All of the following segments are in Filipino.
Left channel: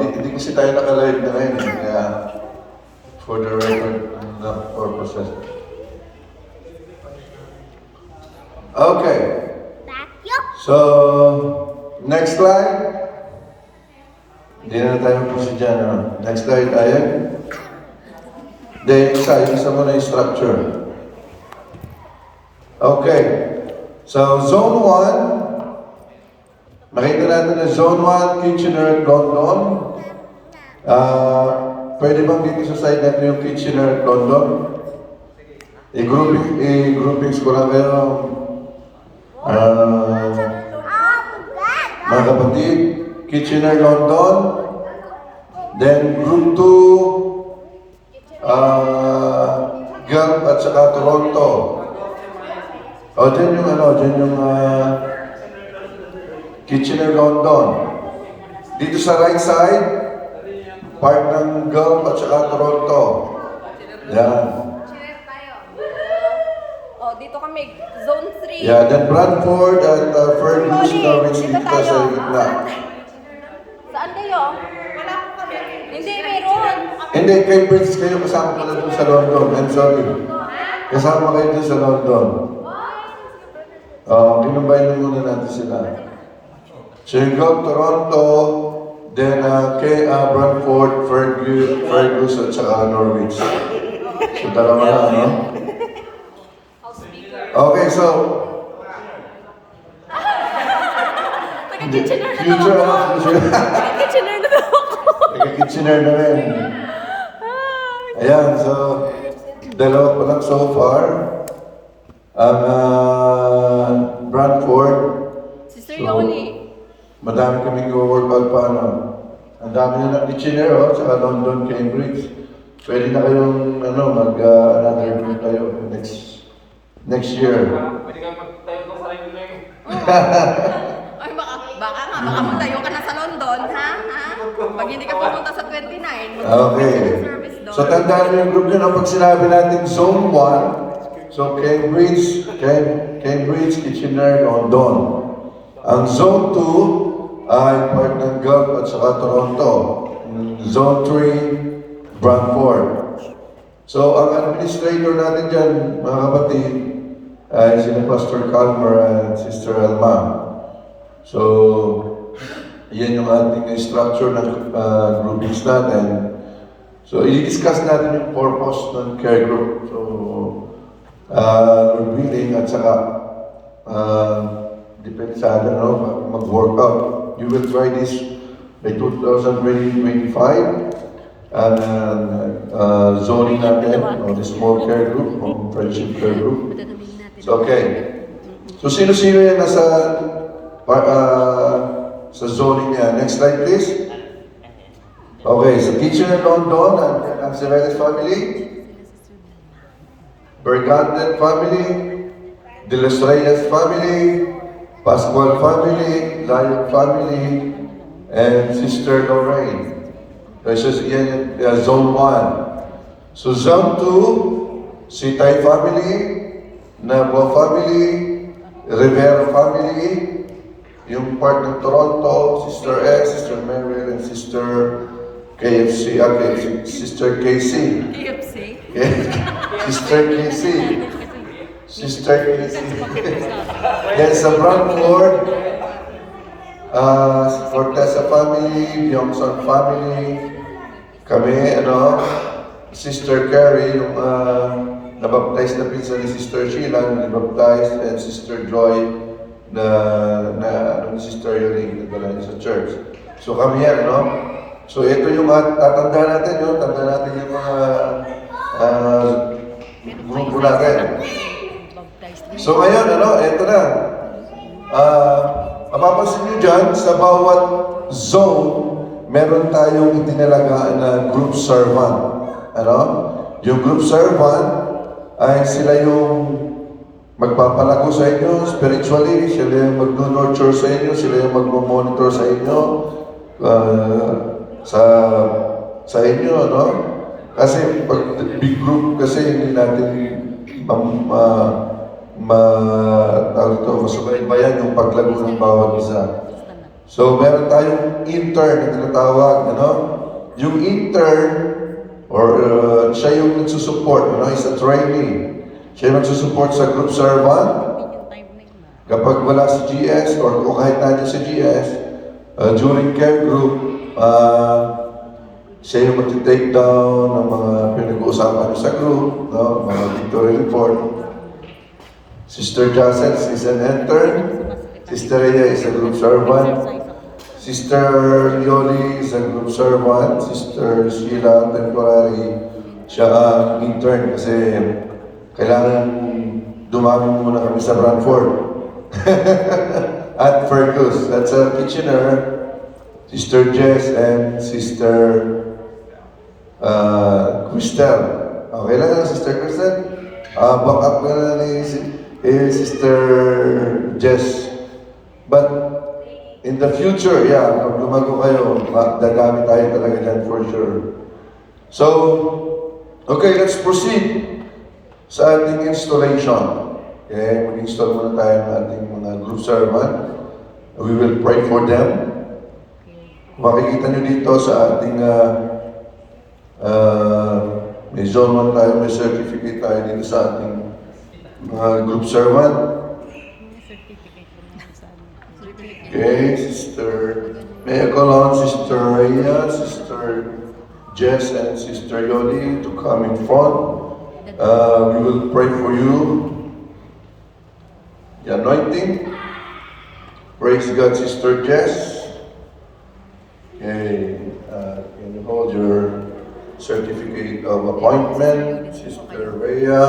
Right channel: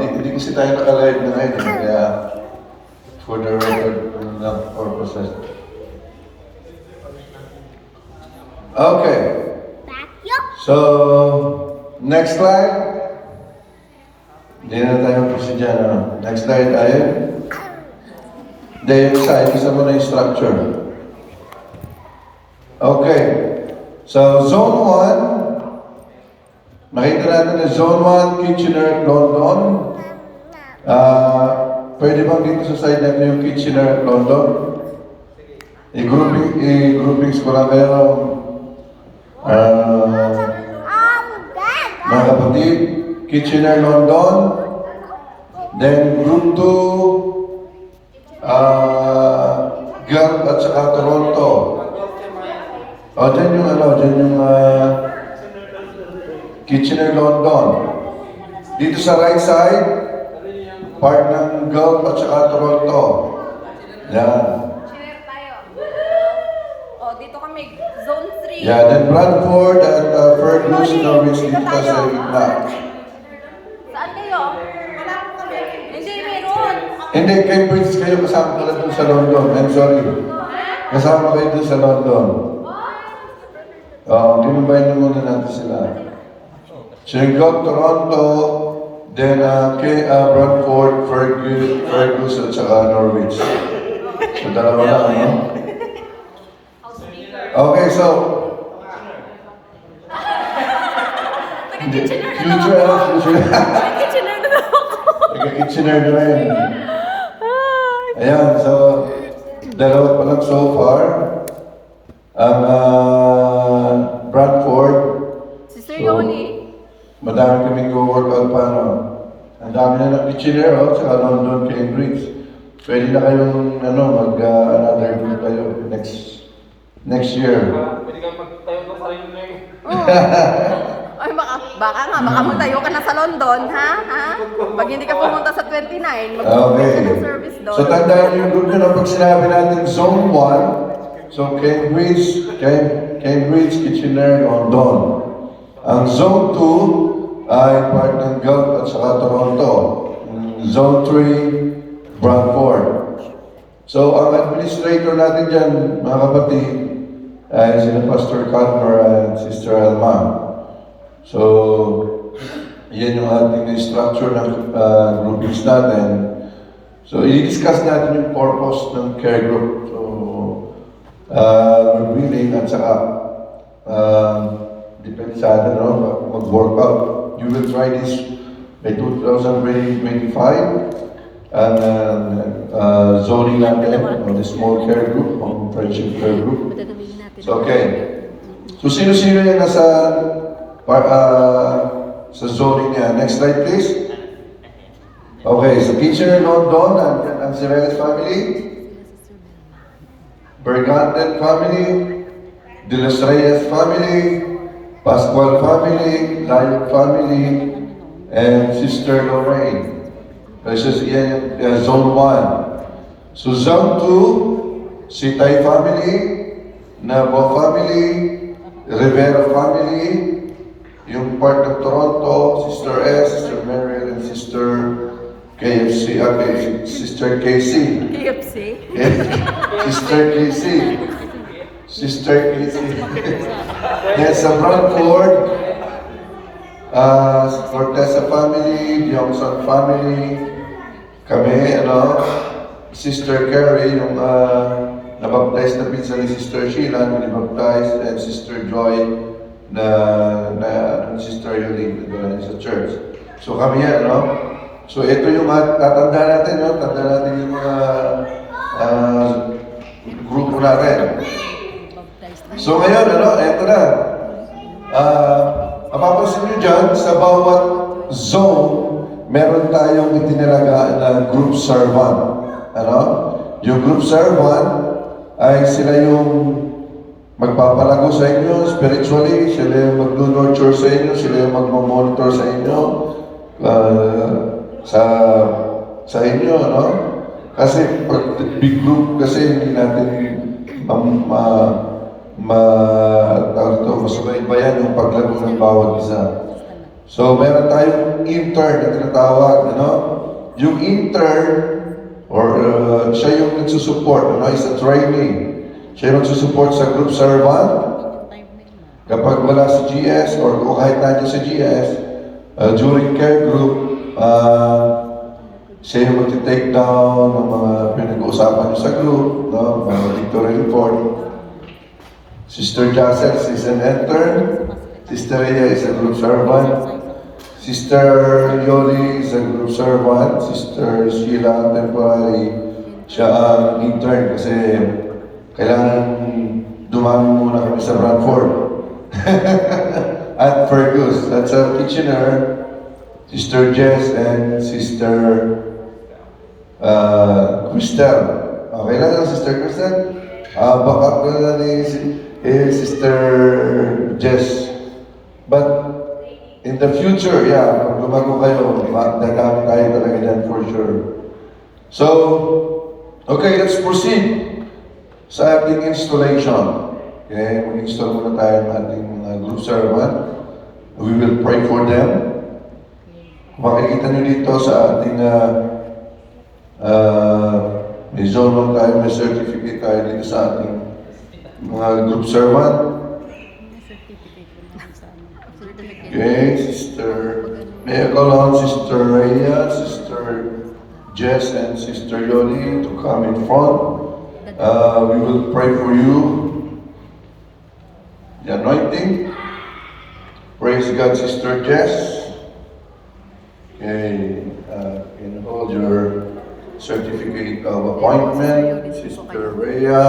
Hindi kasi tayo naka-live na ngayon. Kaya, for the record purposes. Okay. So, next slide. Hindi na tayo kasi dyan. Next slide tayo. Isa mo na yung structure. Okay. So, Zone 1. Nakita natin na Zone 1, Kitchener, London. Pwede bang dito sa side natin yung Kitchener, London? I-groupings ko lang kayo. Mga kapatid, Kitchener, London. Then Group 2, Guelph at saka Toronto. Dyan yung Kitchener, London. Dito sa right side, part ng Guelph at saka Toronto. Yan. Dito kami, Zone 3. Yeah, then Bradford at Fergus, Norwich dito sa gitna. Saan kayo? Wala po kami. Hindi, mayroon. Hindi, Cambridge kayo kasama pala dun sa London. I'm sorry. Kasama kayo dun sa London. Kinumbay muna natin sila. Shergold, Toronto, then Bradford, Fergus at saka Norwich. So, dalawa lang, no? Okay, so... Future. Kitchener na ako. Kitchener na rin. Ayan, so... Dalawa pa lang so far. Ang Bradford. Sister Yoni. Madami kaming go-workout pa, no? Ang dami na ng Kitchener, saka London, Cambridge. Pwede na kayong, another group kayo next year. Ay, baka mo tayo ka na sa London, ha? Pag hindi ka pumunta sa 29, Okay. ka ng service doon. So, tandaan niyo yung group nyo na pag sinabi natin Zone 1, so Cambridge, Kitchener, London. Ang Zone 2 ay part ng Guelph at saka Toronto. Zone 3, Bradford. So, ang administrator natin dyan, mga kapatid, ay sila Pastor Calmer at Sister Alma. So, yan yung ating structure ng groupings natin. So, i-discuss natin yung purpose ng care group. So, revealing at saka depende sa mag-workout. You will try this by 2025. Zoning natin, the small care group, friendship care group. So, okay. So, sino-sino yung nasa sa zoning niya? Next slide, please. Okay, sa Kitchener, London, ang Sireles family, Bergantet family, De Los Reyes family, Pascual family, Lion family, and Sister Lorraine. This is in Zone 1. So Zone 2, Sitay family, Nabo family, Rivera family, yung part ng Toronto, Sister S, Sister Mary, and Sister KFC, Sister KC. KFC? Sister KC. Sister KC. Then sa Bradford, Cortesa family, Johnson family, kami, Sister Carrie, yung nabaptize na pinsan ni Sister Sheila, nabaptize, and Sister Joy, na Sister Yoli, na sa church. So kami yan, So ito yung tatanda natin, tanda natin yung mga grupo natin. So ngayon, ito na. Mapapansin nyo dyan, sa bawat zone, meron tayong itinalagaan na group servant. Yung group servant ay sila yung magpapalago sa inyo spiritually, sila yung mag-nurture sa inyo, sila yung mag-monitor sa inyo, sa inyo, Kasi pag big group kasi hindi natin masubaybayan yung paglago ng bawat isa. So, meron tayong intern na tinatawag, Yung intern, or siya yung nagsusupport, is a trainee. Siya yung nagsusupport sa group servant. Kapag wala si GS, or kahit natin sa GS, during care group, siya yung mag-take down ng mga pinag-uusapan sa group, mga victory report. Sister Jacel is an intern. Sister Rhea is a group servant. Sister Yoli is a group servant. Sister Sheila, temporary, siya ang intern kasi kailangan dumami muna kami sa Brantford. At Fergus, that's our Kitchener. Sister Jess and Sister Cristel. Okay lang na, Sister Cristel? Backup na lang ni Sister Jess. But in the future, pag lumago kayo, dadami tayo talaga dyan for sure. So, okay, let's proceed sa ating installation. Okay, mag-install muna tayo ng ating mga group servant. We will pray for them. Makikita nyo dito sa ating may zone 1 tayo, may certificate tayo dito sa ating mga group servant. Okay, Sister, may I call on Sister Rhea, Sister Jess, and Sister Yoli to come in front. We will pray for you. The anointing. Praise God, Sister Jess. Okay, can you hold your certificate of appointment, Sister Rhea,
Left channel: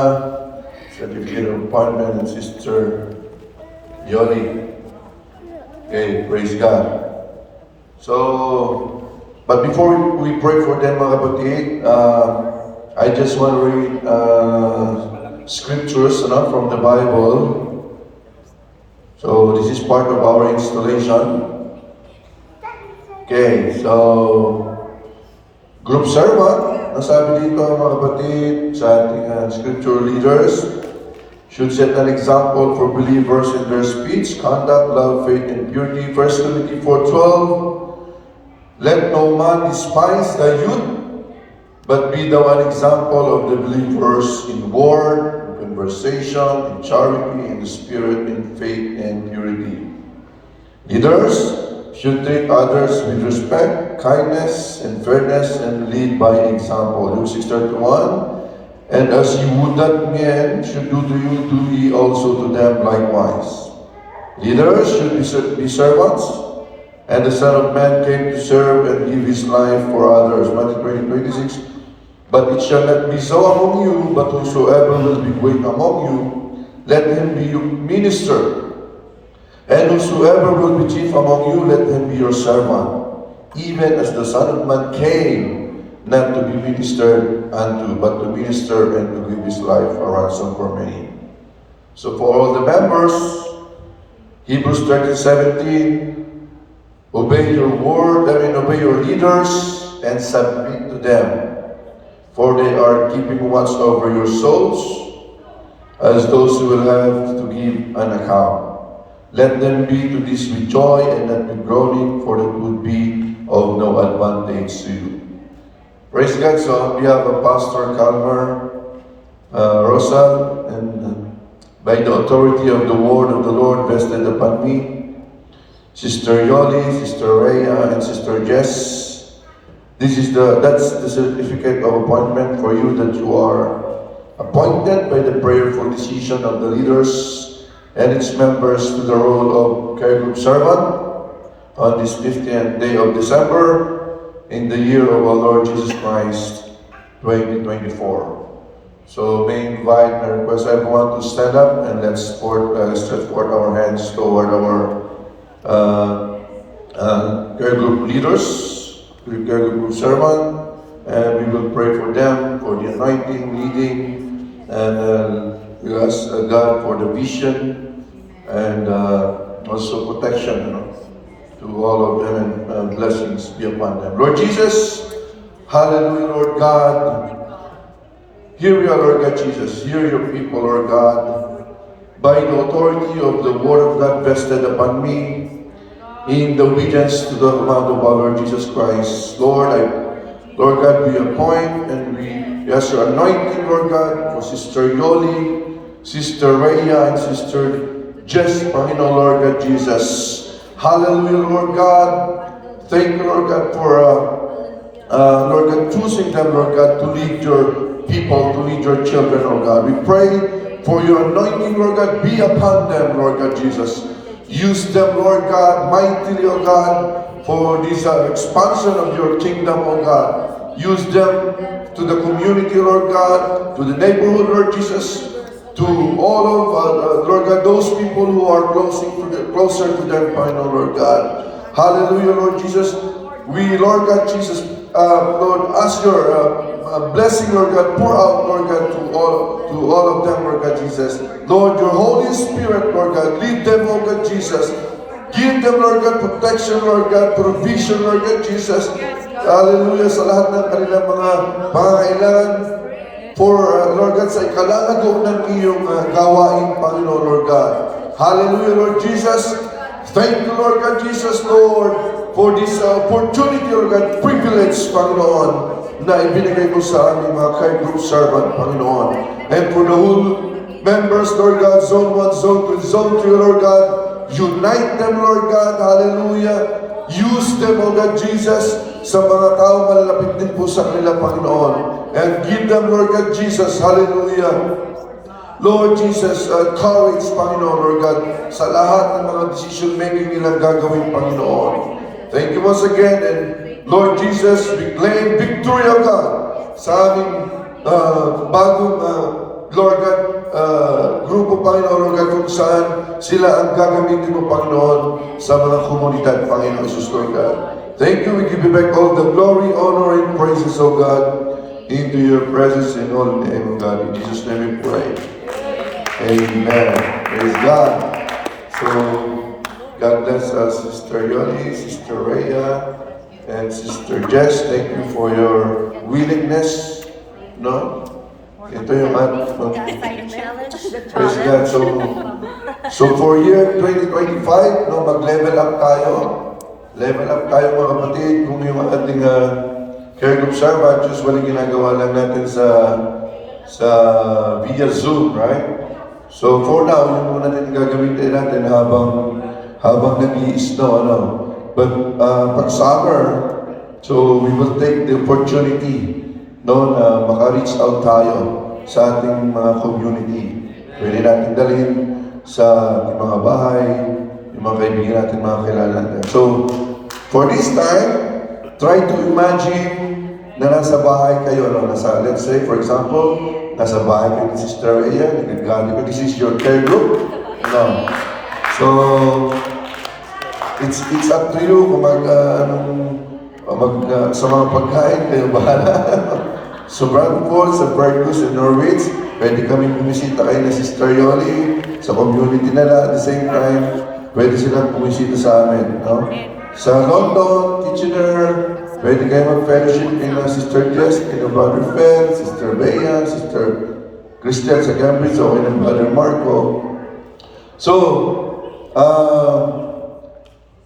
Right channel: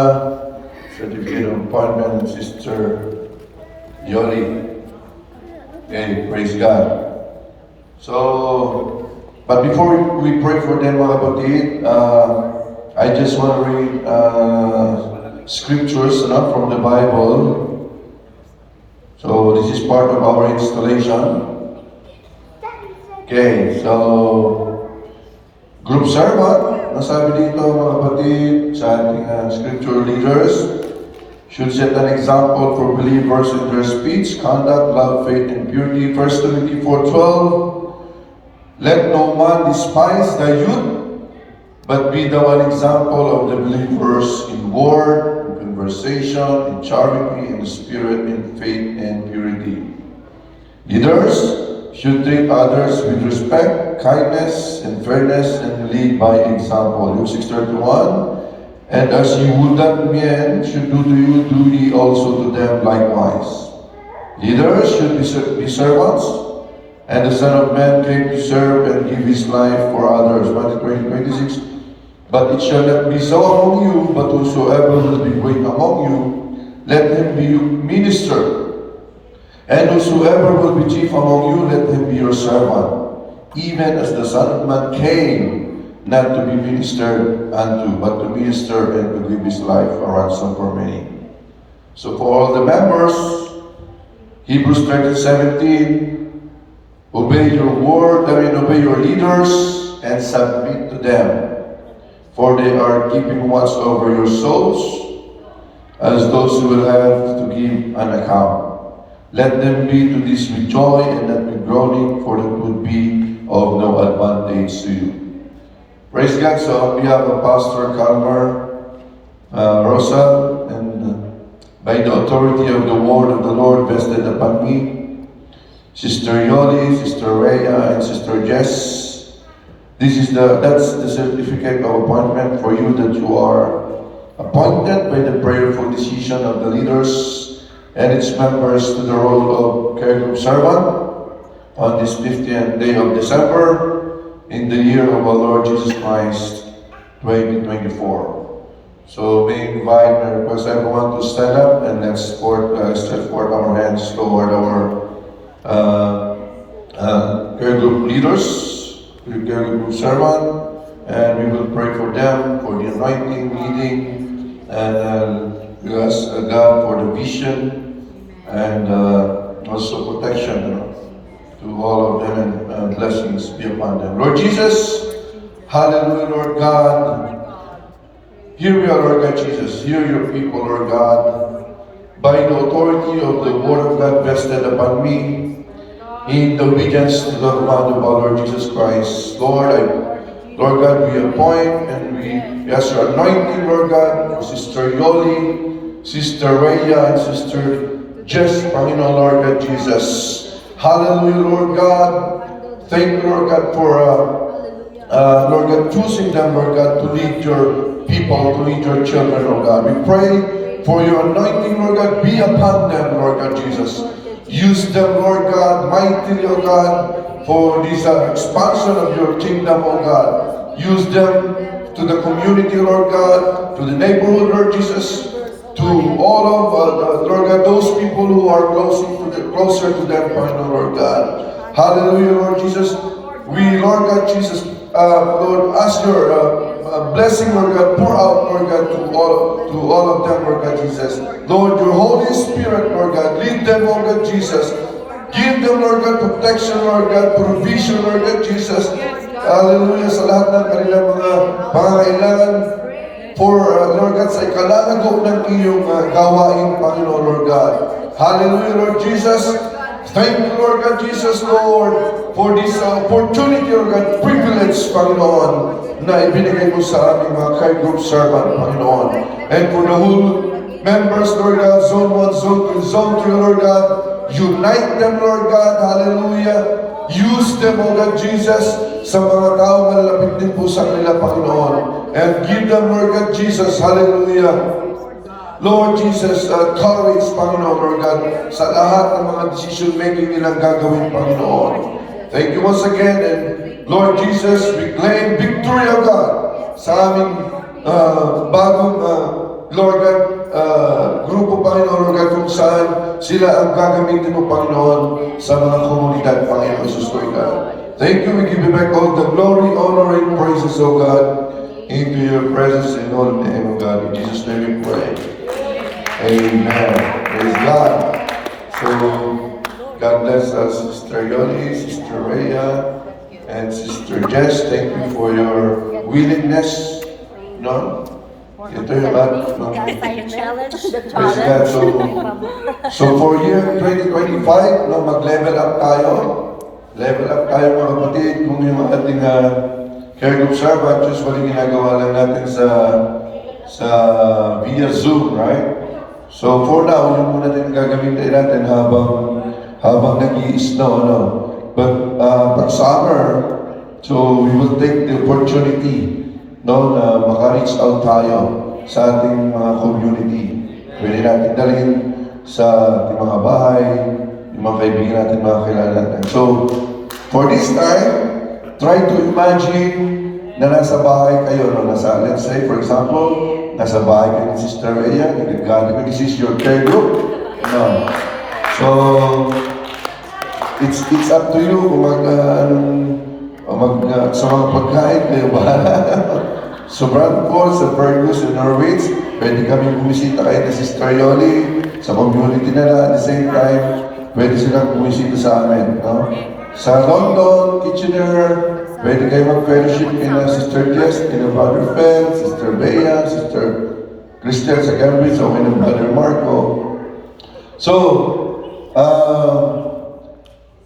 certificate of appointment, and Sister Yoli. Okay, praise God. So, but before we pray for them, mga kapatid, I just want to read scriptures from the Bible. So, this is part of our installation. Okay, so, group servant, nasabi dito mga kapatid sa ating scripture leaders, should set an example for believers in their speech, conduct, love, faith, and purity. 1 Timothy 4:12, let no man despise the youth, but be thou an example of the believers in word, in conversation, in charity, in spirit, in faith, and purity. Leaders should treat others with respect, kindness, and fairness, and lead by example. Luke 6:31, and as ye would that men should do to you, do ye also to them likewise. Leaders should be servants, and the Son of Man came to serve and give his life for others. Matthew 20:26. But it shall not be so among you, but whosoever will be great among you, let him be your minister. And whosoever will be chief among you, let him be your servant. Even as the Son of Man came, not to be ministered unto, but to minister and to give his life a ransom for many. So for all the members, Hebrews 13:17, obey your word, obey your leaders, and submit to them. For they are keeping watch over your souls, as those who will have to give an account. Let them be to this with joy and not with groaning, for it would be of no advantage to you. Praise God. So on behalf of Pastor Calmer, Rosa, and by the authority of the word of the Lord vested upon me, Sister Yoli, Sister Rhea, and Sister Jess, that's the certificate of appointment for you, that you are appointed by the prayerful decision of the leaders and its members to the role of care group servant on this 50th day of December, in the year of our Lord Jesus Christ, 2024. So may invite and request everyone to stand up and let's stretch forth our hands toward our care group leaders, care group servant, and we will pray for them, for the anointing, leading, and we ask God for the vision and also protection, to all of them, and blessings be upon them. Lord Jesus, hallelujah, Lord God. Here we are, Lord God Jesus. Hear your people, Lord God. By the authority of the word of God vested upon me, in obedience to the command of our Lord Jesus Christ. Lord God, we appoint and we ask your anointing, Lord God, for Sister Yoli, Sister Rhea, and Sister Jess, Panginoon, Lord God Jesus. Hallelujah, Lord God. Thank you, Lord God, for Lord God, choosing them, Lord God, to lead your people, to lead your children, Lord God. We pray for your anointing, Lord God, be upon them, Lord God Jesus. Use them, Lord God, mightily, oh God, for this expansion of your kingdom, oh God. Use them to the community, Lord God, to the neighborhood, Lord Jesus, to all of, Lord God, those people who are closer to them, Lord God. Hallelujah, Lord Jesus. We, Lord God Jesus, Lord, ask your blessing, Lord God, pour out, Lord God, to all of them, Lord God Jesus. Lord, your Holy Spirit, Lord God, lead them, Lord God Jesus. Give them, Lord God, protection, Lord God, provision, Lord God Jesus. Hallelujah, sa lahat ng kanilang mga pangangailangan for, Lord God, sa ikalalagok ng iyong gawain, Panginoon, Lord God. Hallelujah, Lord Jesus. Thank you, Lord God Jesus, Lord, for this opportunity, Lord God, privilege, Panginoon, na ibinigay mo sa aming mga care group servant, Panginoon. And for the whole members, Lord God, Zone 1, Zone 2, Zone 3, Lord God, unite them, Lord God, hallelujah. Use them, O God Jesus, sa mga tao malalapit din po sa kanila, Panginoon. And give them, Lord God Jesus, hallelujah. Lord Jesus, courage, Panginoon, Lord God, sa lahat ng mga decision-making nilang gagawin, Panginoon. Thank you once again, and Lord Jesus, we claim victory, O God, sa aming bagong, Lord God, grupo, Panginoon, Lord God, kung saan sila ang gagamitin mo, Panginoon, sa mga komunidad, Panginoon Jesus, Lord God. Thank you, we give you back all the glory, honor, and praises, O God, into your presence in all name, O God. In Jesus' name we pray. Amen. Praise God. So, God bless us, Sister Yoli, Sister Rhea, and Sister Jess. Thank you for your willingness. No? Ito yung praise God. So for year 2025, no, mag-level up tayo. Level up tayo, mga kapatid. Kung yung ating care group servant, usually ginagawa lang natin sa via Zoom, right? So for now, yun muna din gagamitin natin habang nag-i-snow, ano. But pag summer, so we will take the opportunity, no, na maka-reach out tayo sa ating mga community. Pwede natin dalhin sa ating mga bahay, yung mga kaibigan natin, mga kilala natin. So, for this time, try to imagine na nasa bahay kayo, no? Let's say, for example, nasa bahay kayo ni Sister Rhea, nagagaling ko, this is your care group. No. So, it's up to you kung sa mga pagkain, kayo bahala. So, Bradford, sa Fergus, and Norwich, pwede kami bumisita kayo ni Sister Yoli, sa community nila, at the same time, pwede silang bumisita sa amin, no? Sa London, Kitchener, pwede kayo mag-fellowship kina Sister Jess, kina Brother Fel, Sister Bea, Sister Christian sa Cambridge, o kina Brother Marco. So,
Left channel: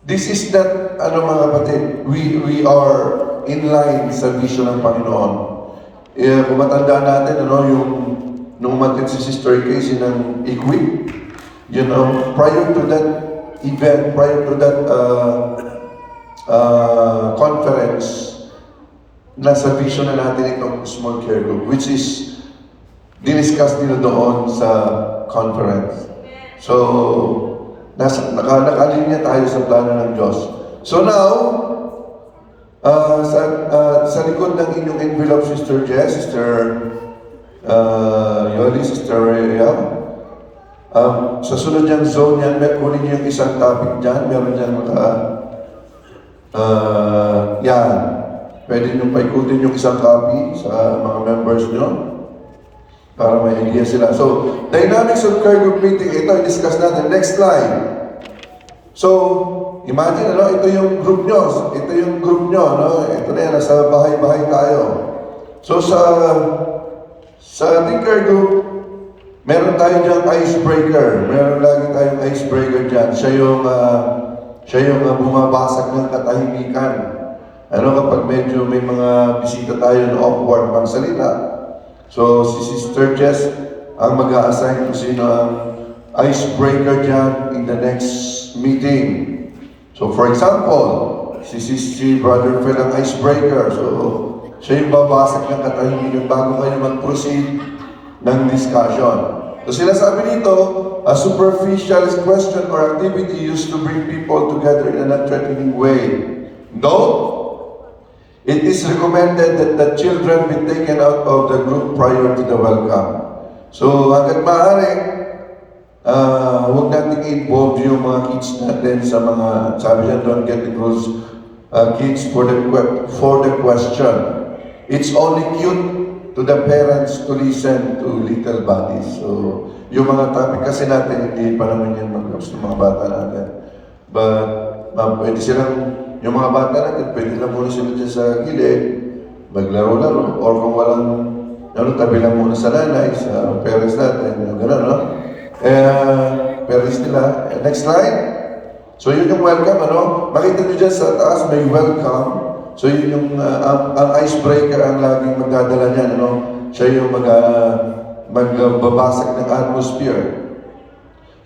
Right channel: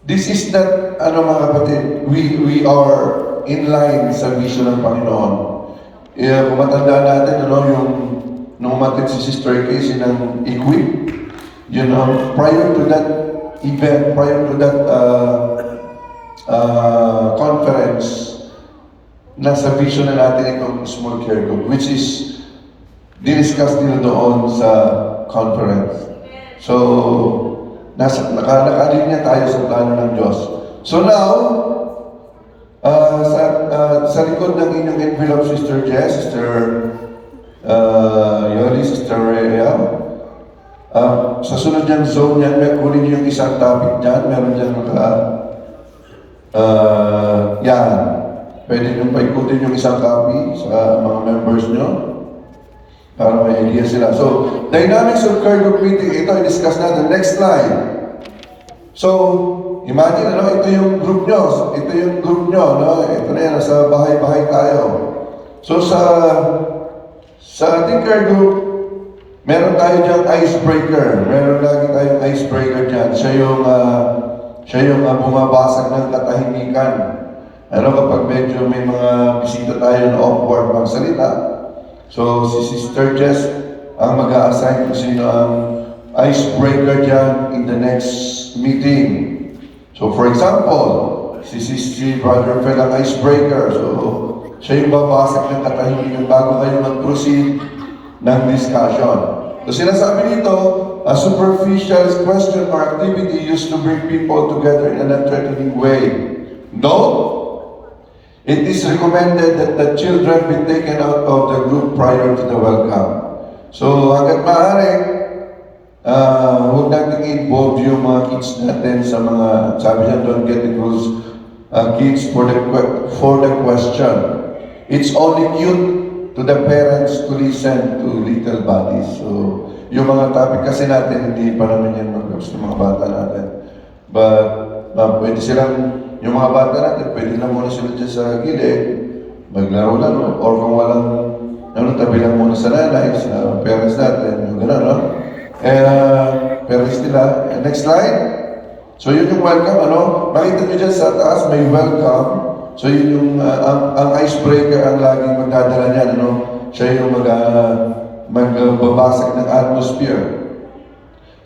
this is not, mga kapatid, we are in line sa vision ng Panginoon. Kung matandaan natin, nung umatin si Sister Casey ng Equip, prior to that event, prior to that conference, nasa vision na natin itong small care group, which is discuss nila doon sa conference. So, nakalinya tayo sa plano ng Diyos. So now, sa likod ng inyong envelope, Sister Jess, Sister Yoli, Sister Rhea, sa sunod niyang zone yan, kunin niyo yung isang topic dyan, meron dyan yan. Pwede nyo paikutin yung isang copy sa mga members nyo para may idea sila. So, dynamics of care group meeting, ito i-discuss natin. Next slide. So, imagine, ito yung group nyo. Ito yung group nyo, Ito na yan, nasa bahay-bahay tayo. So, sa ating care group, meron tayo dyan icebreaker. Meron lagi tayong icebreaker dyan. Siya yung siya yung bumabasag ng katahimikan. Ano kapag medyo may mga bisita tayo na awkward magsalita, so si Sister Jess ang mag-a-assign kung sino ang icebreaker dyan in the next meeting. So for example, si Brother Phil ang icebreaker. So siya yung babasag ng katahimikan bago kayo mag-proceed ng discussion. So sinasabi dito, a superficial question or activity used to bring people together in an unthreatening way. No, it is recommended that the children be taken out of the group prior to the welcome. So hanggat maaari, huwag natin involve yung mga kids natin sa mga, sabi niya, don't get involved kids for the question. It's only cute to the parents to listen to little bodies. So, yung mga topic kasi natin, hindi pa naman yan mag-ups ng mga bata natin. But, pwede silang, yung mga bata natin, pwede lang muna sila dyan sa gilid, maglaro-laro, or kung walang, tabi lang muna sa nanay, sa parents natin, yung gano'n, no? Parents nila. Next slide. So, yun yung welcome, Makita nyo dyan sa taas, may welcome. So yun yung, ang icebreaker ang laging magdadala niyan, Siya yung magbabasag ng atmosphere.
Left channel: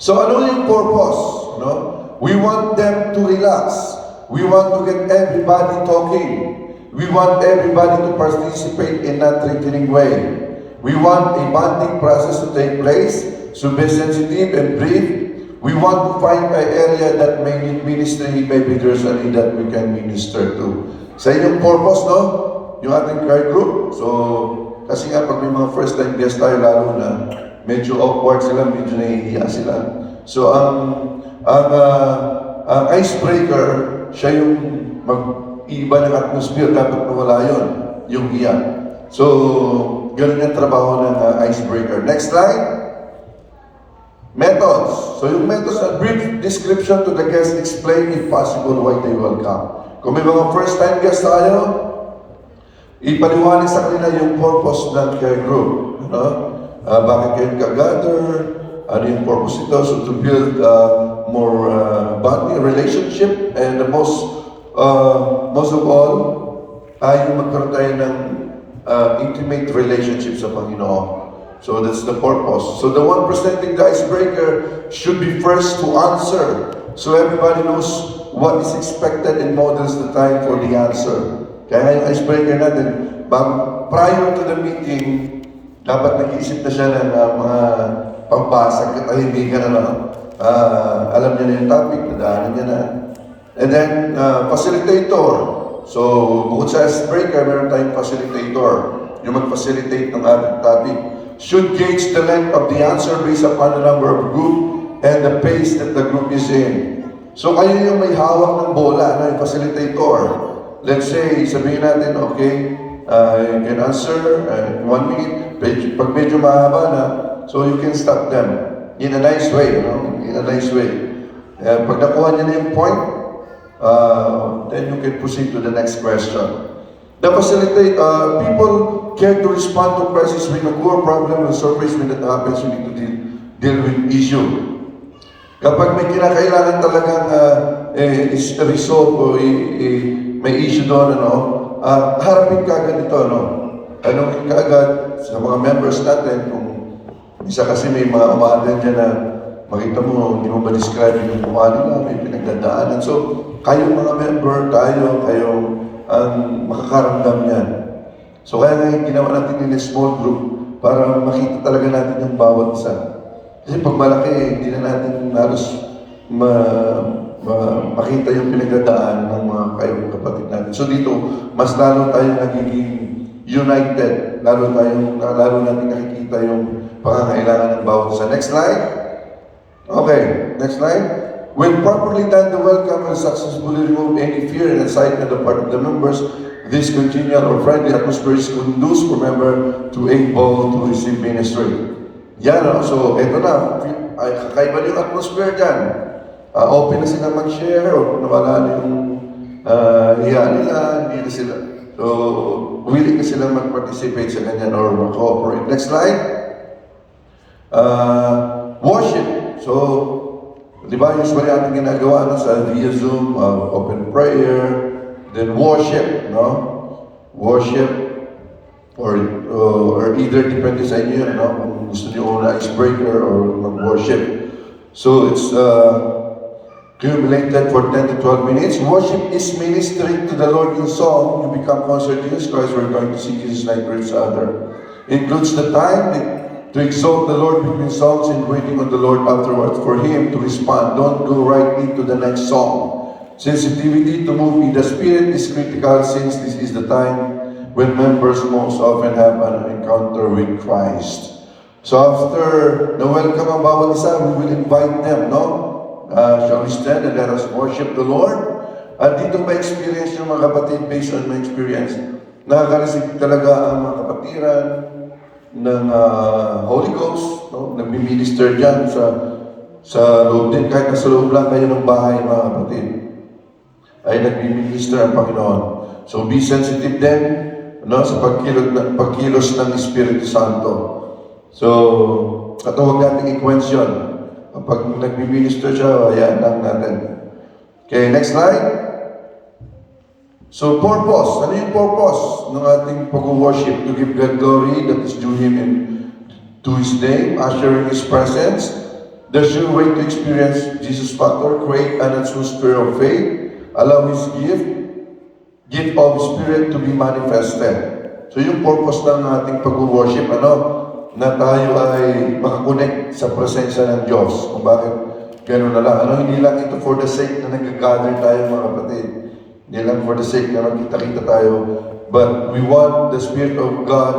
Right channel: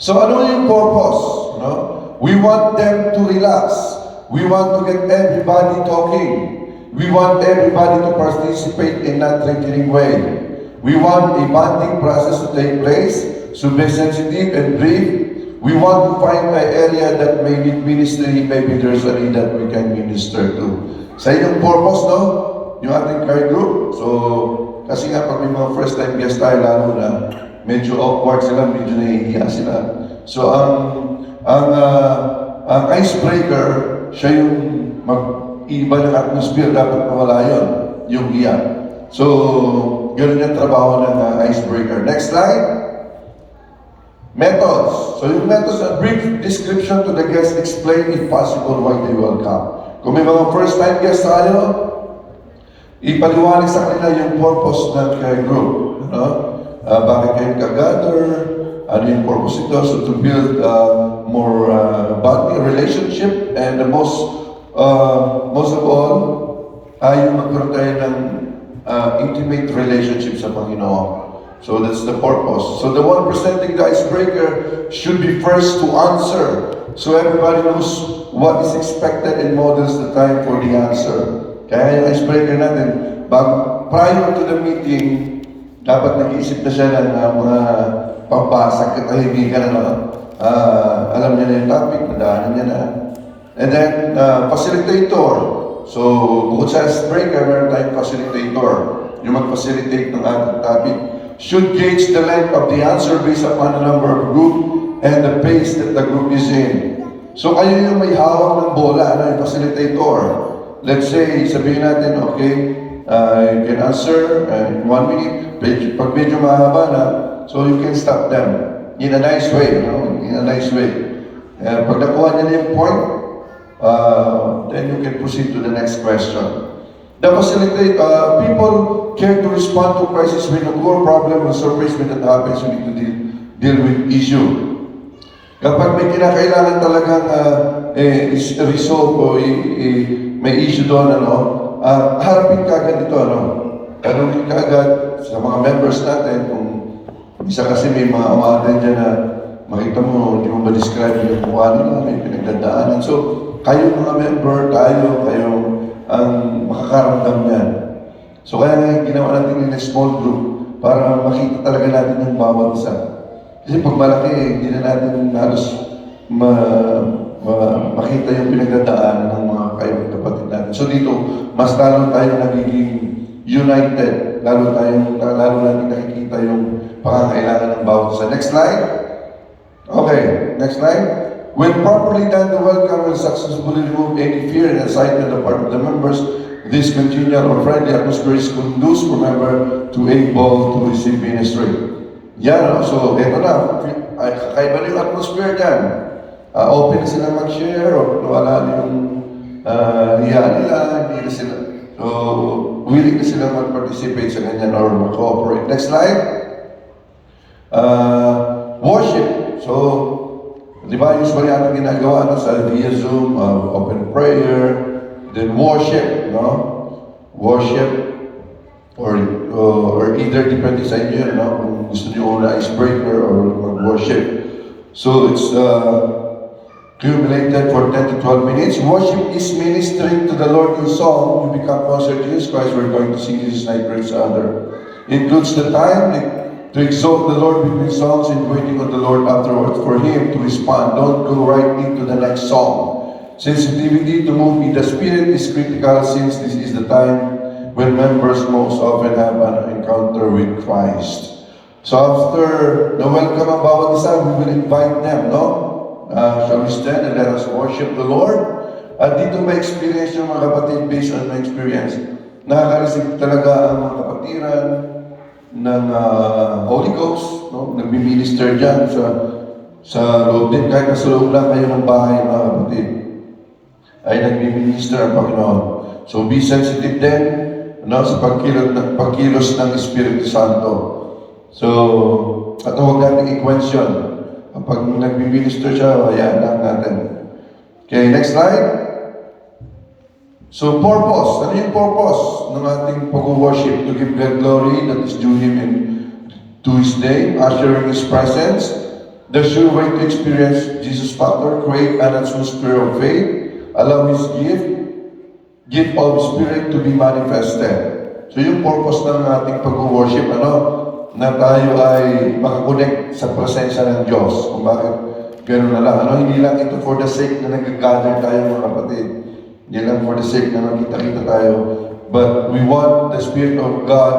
So ano yung purpose, We want them to relax. We want to get everybody talking. We want everybody to participate in that threatening way. We want a bonding process to take place, so be sensitive and brief. We want to find an area that may need ministry, maybe there's a need that we can minister to. Sa inyong purpose, yung ating care group. So, kasi nga pag may mga first time guest tayo, lalo na medyo awkward sila, medyo nahihiya sila. So, ang icebreaker, siya yung mag-iba ng atmosphere, dapat mawala yun, yung hiya. So, ganun yung trabaho ng icebreaker. Next slide. Methods. So, yung methods, a brief description to the guests, explain if possible why they will come. Kung may mga first time guests tayo, ipaliwanag sa kanila yung purpose ng care group. Bakit kayo nag-gather? Ano yung purpose ito? So to build more bonding relationship, and the most of all, ay magkaroon tayo ng intimate relationship sa Panginoon. So that's the purpose. So the one presenting the icebreaker should be first to answer, so everybody knows what is expected and models the time for the answer. Kaya yung icebreaker natin, prior to the meeting, dapat nag-iisip na siya ng mga pampasag katahimikan alam niya na yung topic, nadaanan niya na. And then, facilitator. So, bukod sa icebreaker, meron tayong facilitator. Yung mag-facilitate ng ating topic. Should gauge the length of the answer based upon the number of group and the pace that the group is in. So kayo yung may hawak ng bola, yung facilitator. Let's say, sabihin natin, okay, you can answer in 1 minute. Pag medyo mahaba na, so you can stop them in a nice way, in a nice way. Pag nakuha niya na yung point, then you can proceed to the next question. The facilitator, people care to respond to crisis when occur, problem, and surprise when that happens, we need to deal with issue. Kapag may kinakailangan talagang resolve o may issue doon, harapin ka agad ito, tanongin ka agad sa mga members natin kung isa kasi may mga umaten dyan na makita mo, hindi mo ba-describe yung kuha nila, may pinagdadaanan. So, kayo mga member, kayo ang makakaramdam niyan. So, kaya nga ginawa natin yung small group para makita talaga natin yung bawat isa. Kasi pag malaki, hindi na natin halos makita yung pinagdadaanan ng mga kapatid natin. So dito, mas lalo tayong nagiging united, lalo natin nakikita yung pangangailangan ng bawat isa. Next slide. Okay, next slide. When properly done, the welcome will successfully remove any fear and excitement on the part of the members. This congenial or friendly atmosphere is conducive for member to able to receive ministry. Yan, so eto na, kakaiba yung atmosphere dyan. Open na sila mag-share, o nawala na yung hiya nila, hindi na sila. So, willing na sila mag-participate sa ganyan or mag-cooperate. Next slide. Worship. So, di ba, usually ating ginagawa sa via Zoom, open prayer, then worship, no? Worship, or either depende sa inyo, no? Kung gusto nyo una icebreaker or mag-worship. So it's cumulated for 10 to 12 minutes. Worship is ministering to the Lord in song. We become closer to Jesus Christ. We're going to see this like each other. Includes the time to exalt the Lord between songs and waiting on the Lord afterwards for Him to respond. Don't go right into the next song. Sensitivity to move in the Spirit is critical since this is the time when members most often have an encounter with Christ. So after na-welcome ang bawat isa, we will invite them, no? Shall we stand and let us worship the Lord? At dito ma-experience yung mga kapatid based on my experience. Nakaka-receive talaga ang mga kapatiran ng Holy Ghost, no? Nagmi-minister dyan sa loob din, kahit nasa loob lang kayo ng bahay, mga kapatid, ay nagmi-minister ang Panginoon. So be sensitive din, no, sa pagkilos ng Espiritu Santo. So, at huwag natin i-question. Kapag nagbi-minister siya, hayaan lang natin. Okay, next slide. So, purpose. Ano yung purpose ng ating pag-worship? To give God glory that is due Him and to His name, ushering His presence. The sure way to experience Jesus' factor, create an atmosphere of faith, allow His gift of Spirit to be manifested. So, yung purpose ng ating pag-worship, na tayo ay makakonect sa presensya ng Diyos. Kung bakit gano'n na lang. Hindi lang ito for the sake na nag-gather tayo, mga kapatid. Hindi lang for the sake na magkita-kita tayo. But we want the Spirit of God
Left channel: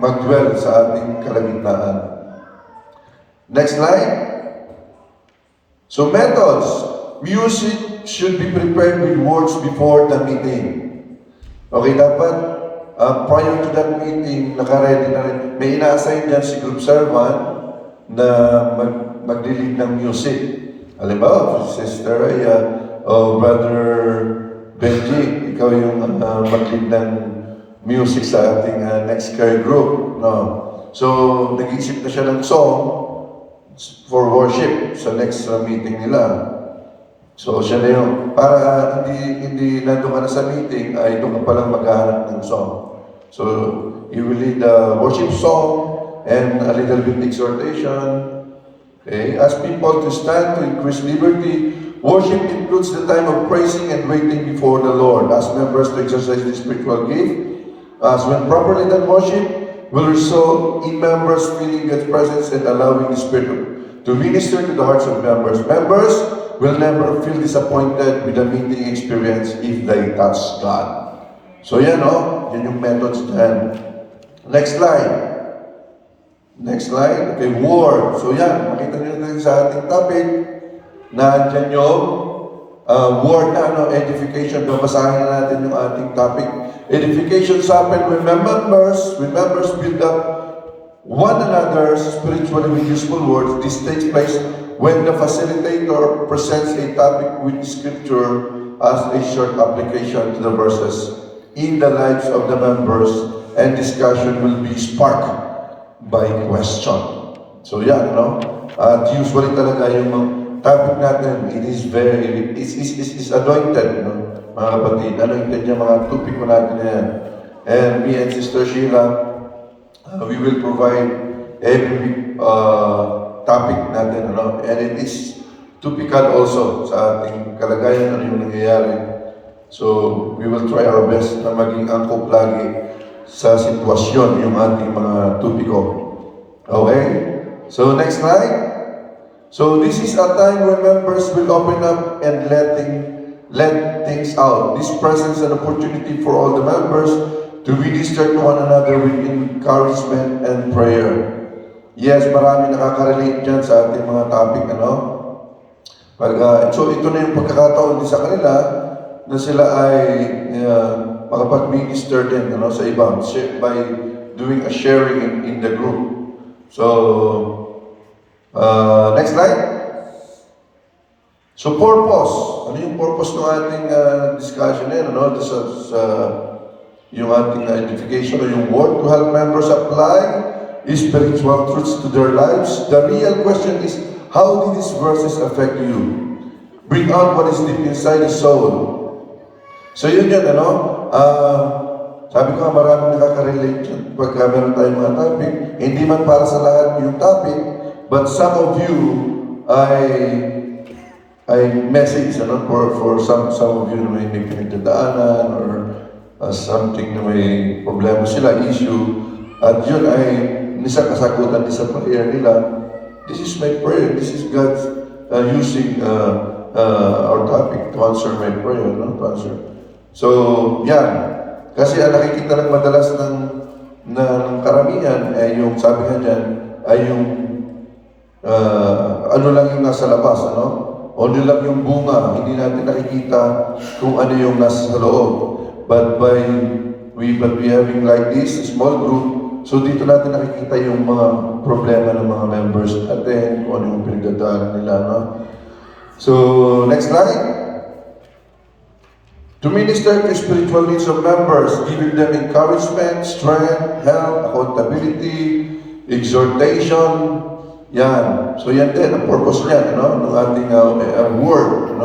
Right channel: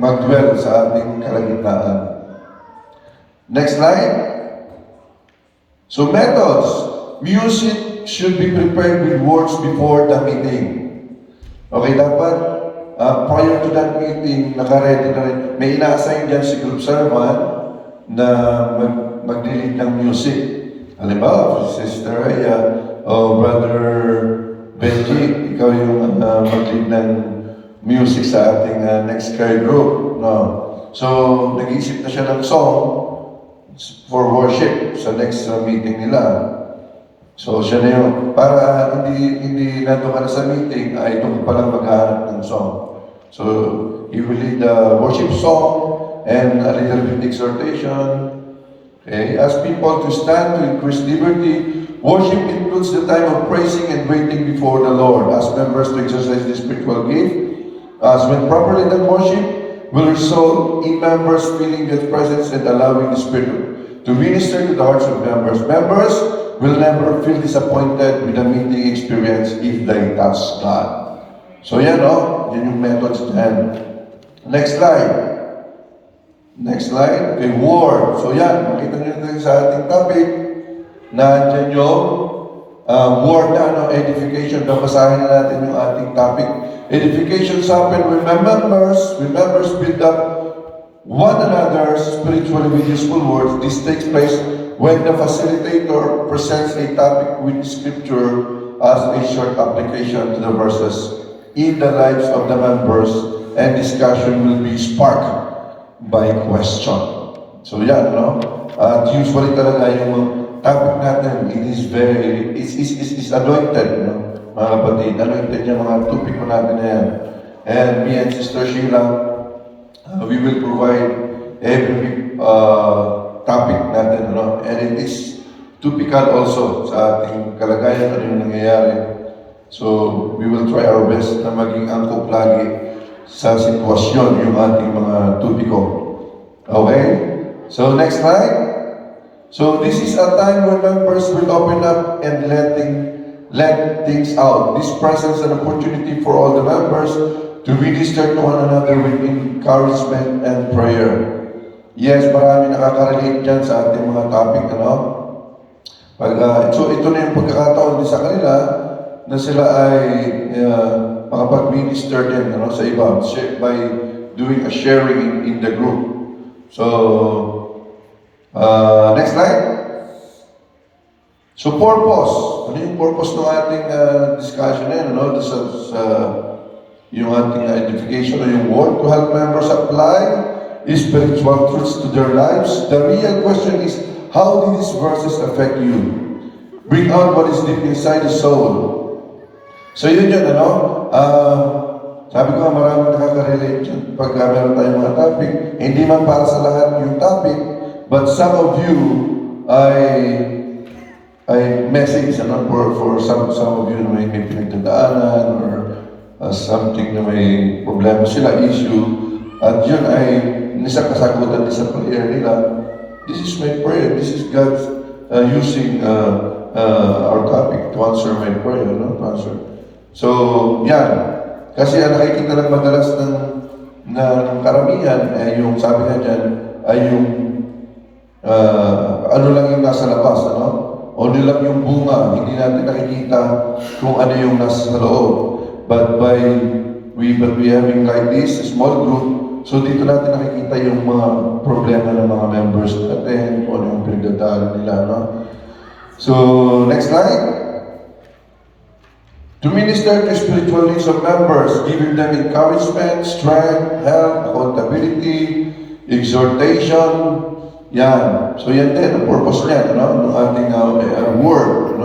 mag-dwell sa ating kalagitnaan. Next slide. So methods. Music should be prepared with words before the meeting. Okay, dapat prior to that meeting, naka-ready na rin. May ina-assign dyan si group servant na mag-lead ng music. Halimbawa, Sister Raya o Brother Benji, ikaw yung mag-lead ng music sa ating next care group. No? So, nag-iisip na siya ng song for worship sa next meeting nila. So, siya na yun. Para hindi nandun ka na sa meeting, ay doon ka palang maghahanap ng song. So, you will lead the worship song and a little bit exhortation. Okay? Ask people to stand to increase liberty. Worship includes the time of praising and waiting before the Lord. Ask members to exercise the spiritual gift. As when properly done, worship will result in members feeling God's presence and allowing the Spirit to minister to the hearts of members. Members will never feel disappointed with the meeting experience if they touch God. So yan, yan yung methods dyan. Next slide. Next slide. Okay, word. So yan, makita niyo natin sa ating topic na dyan yung word na edification. Babasahin na natin yung ating topic. Edification happen when members build up one another's spiritually with useful words. This takes place when the facilitator presents a topic with scripture as a short application to the verses in the lives of the members, and discussion will be sparked by question. So yan, at usually talaga yung topic natin, it's anointed, mga kapatid. Anointed yung mga tupiko natin na yan. And me and Sister Sheila, we will provide every topic natin, and it is typical also sa ating kalagayan, ano yung nangyayari. So, we will try our best na maging angkop lagi sa sitwasyon yung ating mga tupiko. Okay? So, next slide. So, this is a time when members will open up and let things out. This presents an opportunity for all the members to minister to one another with encouragement and prayer. Yes, marami nakaka-relate dyan sa ating mga topic, So, ito na yung pagkakataon din sa kanila na sila ay makapag-minister din sa iba by doing a sharing in the group. So, next slide. So, purpose. Ano yung purpose ng ating discussion yan? Yung ating edification o yung word to help members apply spiritual truths to their lives. The real question is, how do these verses affect you? Bring out what is deep inside the soul. So yun yun, sabi ko nga maraming nakaka-relate yun pag meron tayong mga topic. Hindi man para sa lahat yung topic, but some of you I message for some of you na may pinagdadaanan or something na may problema sila, issue. At yun ay isang kasagutan din sa prayer nila. This is my prayer. This is God using our topic to answer my prayer, to answer. So, yan. Kasi ang nakikita lang madalas ng karamihan ay yung sabi nga dyan ay yung ano lang yung nasa labas, o ano lang yung bunga, hindi natin nakikita kung ano yung nasa loob. But we having like this, a small group, so dito natin nakikita yung mga problema ng mga members natin, kung ano yung pinagdadaanan nila, So, next slide. To minister to spiritual needs of members, giving them encouragement, strength, help, accountability, exhortation. Yan. So yan din ang purpose niya, ng ating word,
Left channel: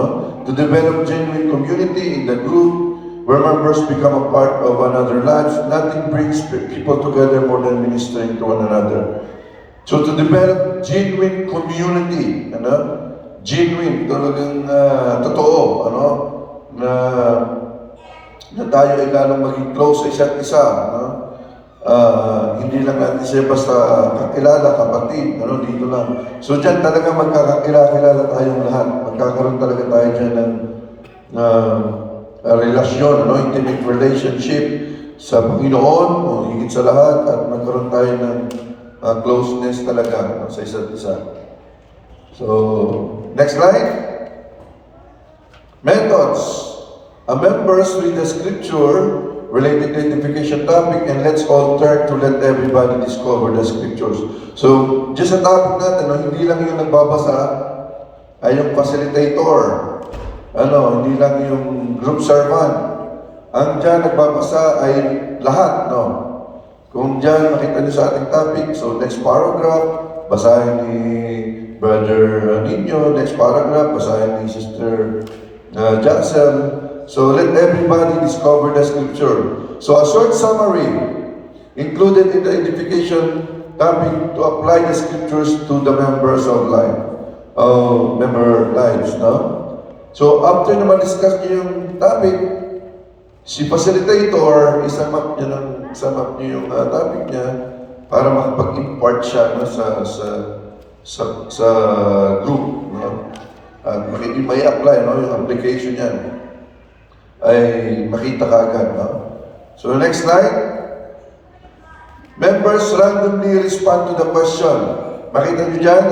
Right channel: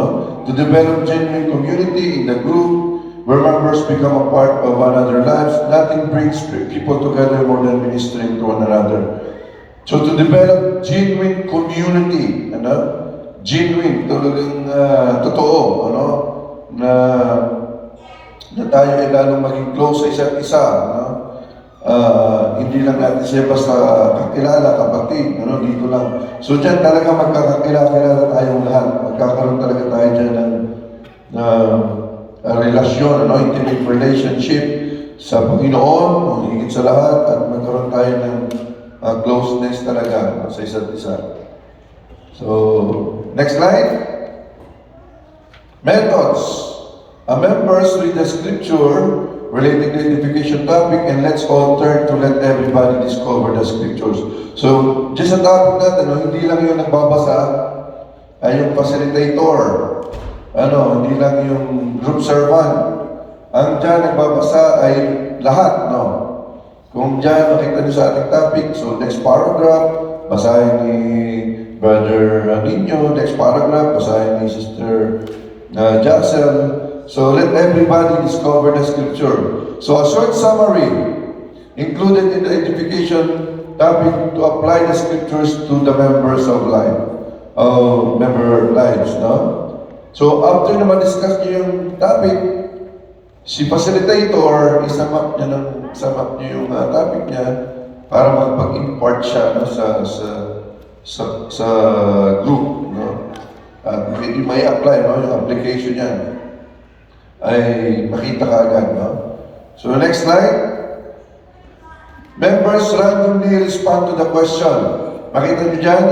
to develop genuine community in the group where members become a part of another lives. Nothing brings people together more than ministering to one another. So to develop genuine community, genuine, talagang totoo, na tayo ay lalong maging close sa isa't isa, hindi lang natin siya basta kakilala, kapatid, dito lang. So dyan talaga magkakakilala tayong lahat. Magkakaroon talaga tayo dyan ng relasyon, intimate relationship sa Panginoon, higit sa lahat, at magkaroon tayo ng closeness talaga sa isa't isa. So, next slide. Methods. Members read the scripture related to identification topic, and let's all turn to let everybody discover the scriptures. So, just sa topic natin, hindi lang yung nagbabasa, ay yung facilitator. Hindi lang yung group servant. Ang dyan nagbabasa ay lahat, Kung dyan makita nyo sa ating topic, so next paragraph, basahin ni Brother Nino, next paragraph, basahin ni Sister Jackson. So let everybody discover the scripture. So a short summary included in the edification topic to apply the scriptures to the members of member lives, So after na ma-discuss niyo yung topic, si facilitator, isama niyo yung topic niya para makapag-impart siya sa group, At may apply, yung application yan ay makita ka agad, So next slide. Members randomly respond to the question. Makita niyo dyan,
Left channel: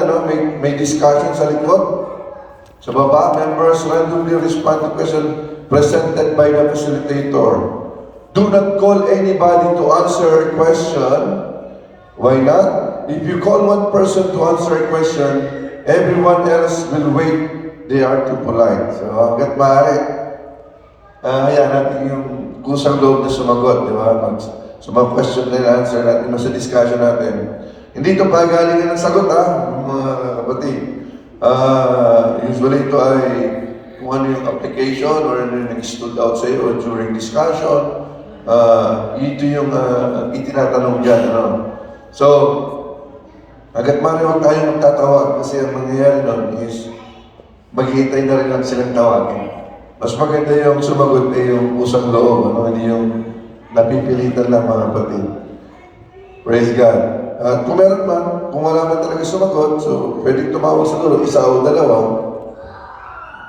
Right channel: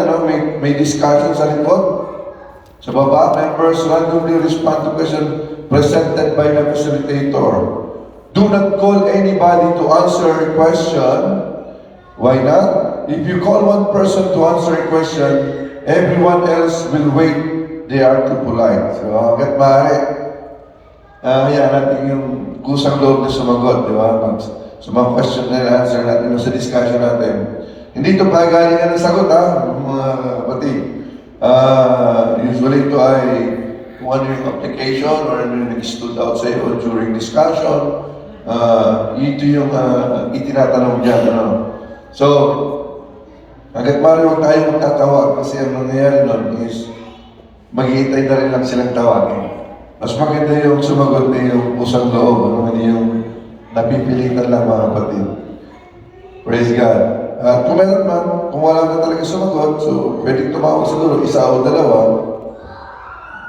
may discussion sa likod. Sa baba, members randomly respond to question presented by the facilitator. Do not call anybody to answer a question. Why not? If you call one person to answer a question, everyone else will wait. They are too polite. So, hanggat maaari, hayaan natin yung kusang loob na sumagot, di ba? Sa mga question na answer natin, sa discussion natin. Hindi ito pagalingan ng sagot, mga kapatid. Usually ito ay kung ano yung application or ano yung nag-stood out sa iyo during discussion. Ito yung itinatanong dyan, So, hanggat maaari huwag tayo magtatawag kasi ang nangyayari nun is maghihintay na rin lang silang tawagin. Mas maganda yung sumagot na yung pusang loob, hindi yung napipilitan lang, mga kapatid. Praise God. Kung meron man, kung wala man talaga sumagot, so pwede tumawag siguro isa o dalawa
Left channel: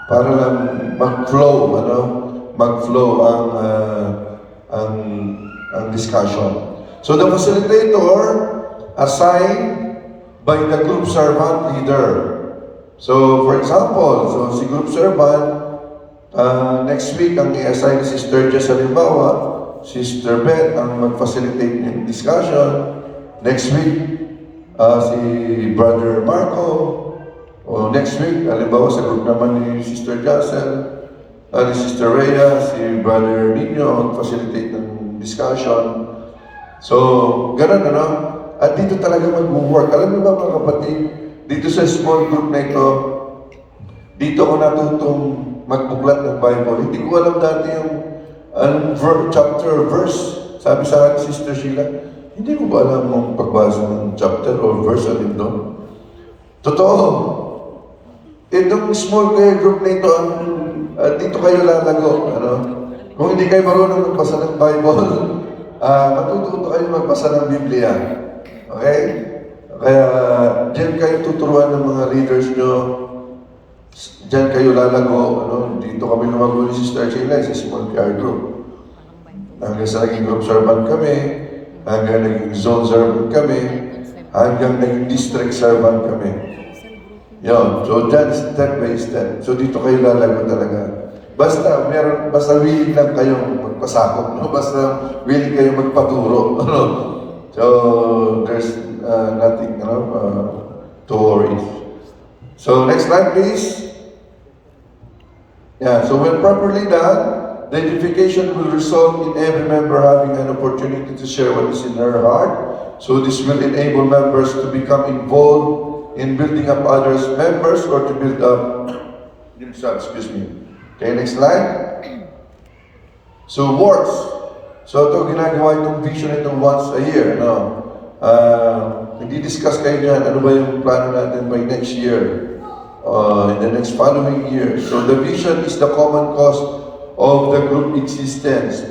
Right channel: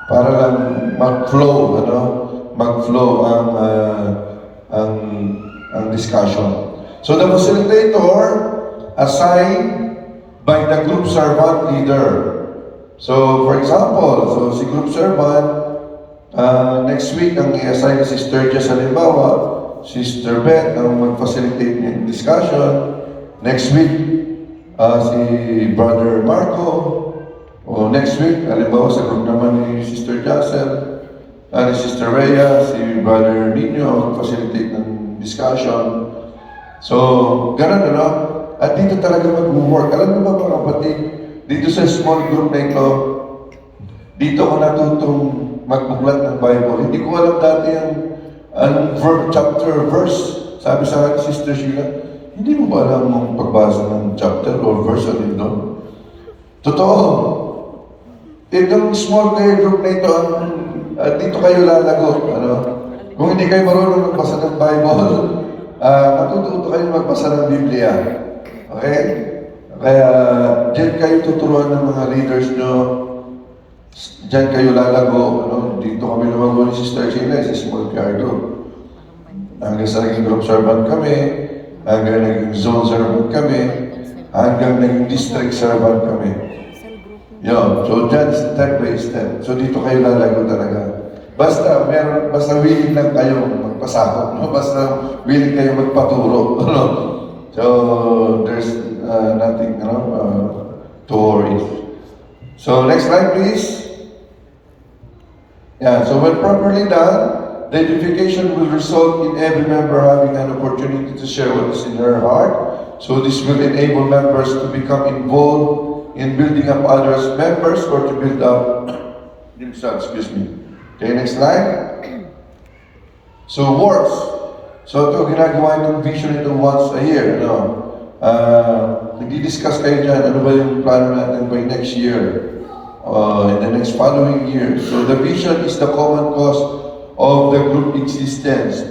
para lang mag-flow, mag-flow ang discussion. So the facilitator assigned by the group servant leader. So, for example, si group servant, next week, ang i-assign ni Sister Jess, halimbawa, Sister Beth ang mag-facilitate yung discussion. Next week, si Brother Marco. O next week, halimbawa, sa group naman ni Sister Jackson, ni Sister Rhea, si Brother Nino, mag-facilitate ng discussion. So, ganun, At dito talaga mag-work. Alam mo ba, mga kapatid, dito sa small group na ito, dito ako natutong magbuklat ng Bible. Hindi ko alam dati yung chapter, verse. Sabi sa akin, Sister Sheila, hindi mo ba alam mong pagbasa ng chapter or verse alin doon? Totoo. Itong small care group na ito, dito kayo lalago. Ano? Kung hindi kayo marunong magbasa ng Bible, matututo kayo magbasa ng Biblia. Okay? Kaya dyan kayo tuturuan ng mga leaders nyo. Dyan kayo lalago. Ano? Dito kami lumago ni Sister Sheila sa small care group. Hanggang sa naging group servant kami, hanggang naging zone servant kami, hanggang naging district servant kami. Yun. So, dyan, step by step. So, dito kayo lalago talaga. Basta willing lang kayong magpasakop, no? Basta willing kayong magpaturo, no? So, there's nothing, to worry. So, next slide, please. Yeah, so when properly done, the edification will result in every member having an opportunity to share what is in their heart. So this will enable members to become involved in building up others' members or to build up themselves. Okay, next slide. So works. So ito ginagawa itong vision ito once a year. No? Hindi discuss kayo dyan, ano ba yung plano natin by next year, in the next following year. So the vision is the common cause of the group existence.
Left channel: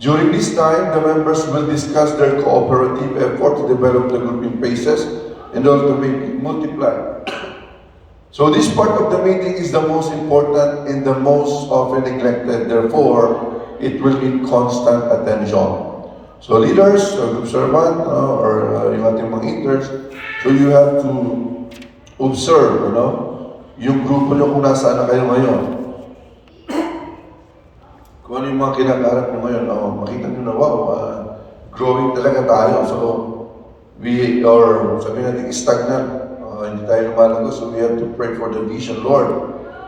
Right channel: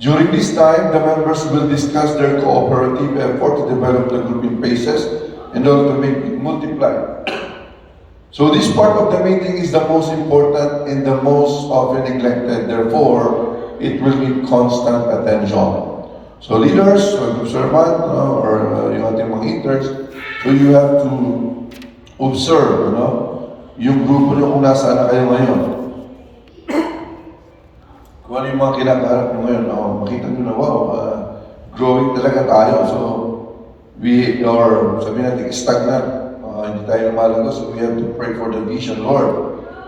During this time, the members will discuss their cooperative effort to develop the group in phases in order to make it multiply. So this part of the meeting is the most important and the most often neglected. Therefore, it will need constant attention. So leaders, group servant, or yung ating mga interns, so you have to observe, yung grupo nyo kung nasaan na kayo ngayon. Kung ano yung mga kinakaharap mo ngayon, makita nyo na, wow, growing talaga tayo. So, sabi natin, stagnant. Hindi tayo lumalago, so we have to pray for the vision, Lord.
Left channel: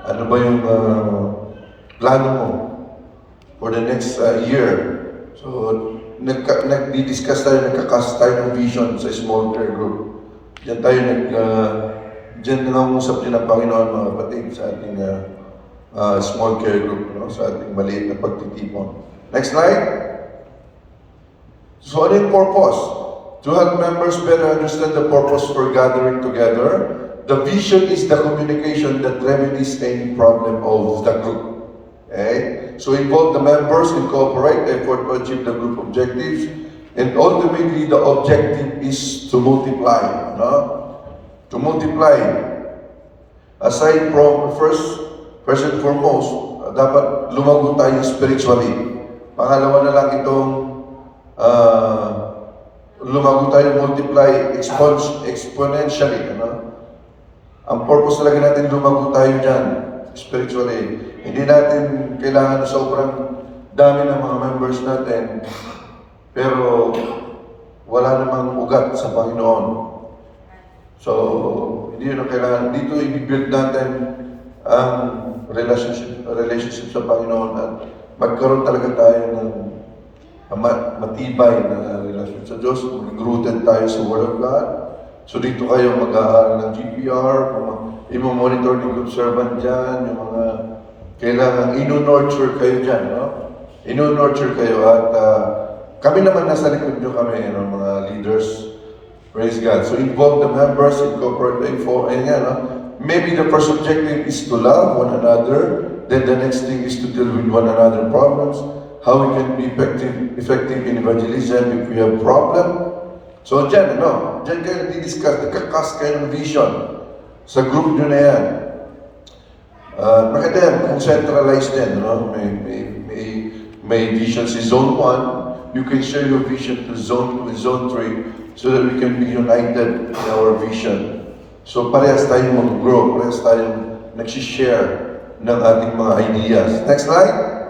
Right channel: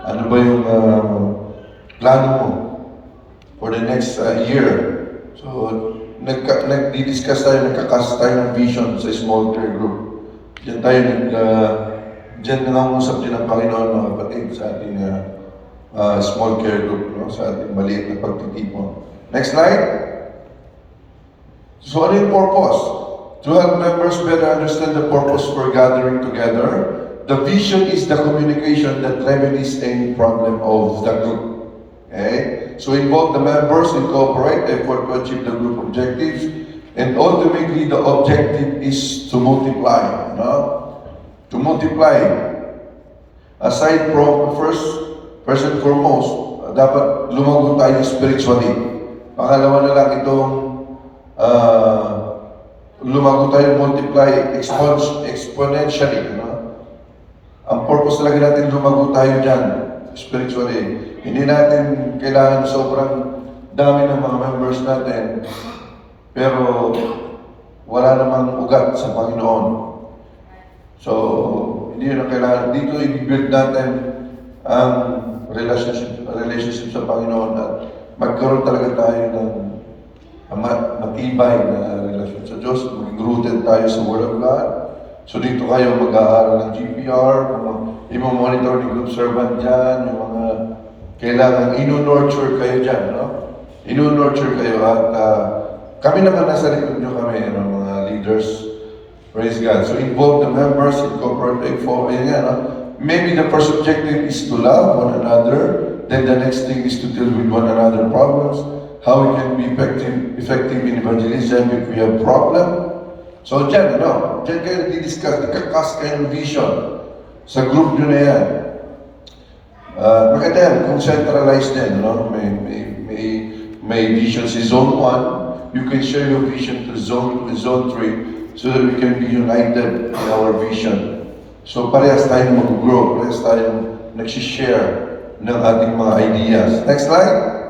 Ano ba yung plano mo for the next year? So, nag-discuss tayo, nagkakas tayo ng vision sa small care group. Diyan tayo diyan nangangasap din ang Panginoon, mga kapatid, sa ating small care group, sa ating maliit na pagtitipon. Next slide. So ano yung purpose? To help members better understand the purpose for gathering together, the vision is the communication that remedies any problem of the group. Okay? So involve the members in cooperate effort to achieve the group objectives, and ultimately the objective is to multiply. To multiply. Aside from first and foremost, dapat lumago tayo spiritually. Pangalawa na lang itong lumago tayo multiply exponentially. Ang purpose talaga natin lumago tayo dyan spiritually. Hindi natin kailangan sobrang dami ng mga members natin, pero wala namang ugat sa Panginoon. So, hindi yun ang kailangan. Dito i-build natin ang relationship sa Panginoon at magkaroon talaga tayo ng matibay na relasyon sa Diyos. Maging rooted tayo sa Word of God. So dito kayo mag-aaral ng GPR, i-monitor ni group servant dyan, yung mga kailangan ino-nurture kayo dyan, ino-nurture kayo at kami naman nasa likod nyo kami, mga leaders. Praise God. So involve the members, incorporate maybe the first objective is to love one another, then the next thing is to deal with one another problems, how we can be effective in evangelism if we have problem. So dyan, dyan kayo nag-discuss, nagkakas kayo ng vision sa group nyo na yan. Maganda yan, kung centralized yan, may vision si Zone 1, you can share your vision to Zone 2 and Zone 3 so that we can be united in our vision. So parehas tayong mag-grow, parehas tayong nagsishare ng ating mga ideas. Next slide.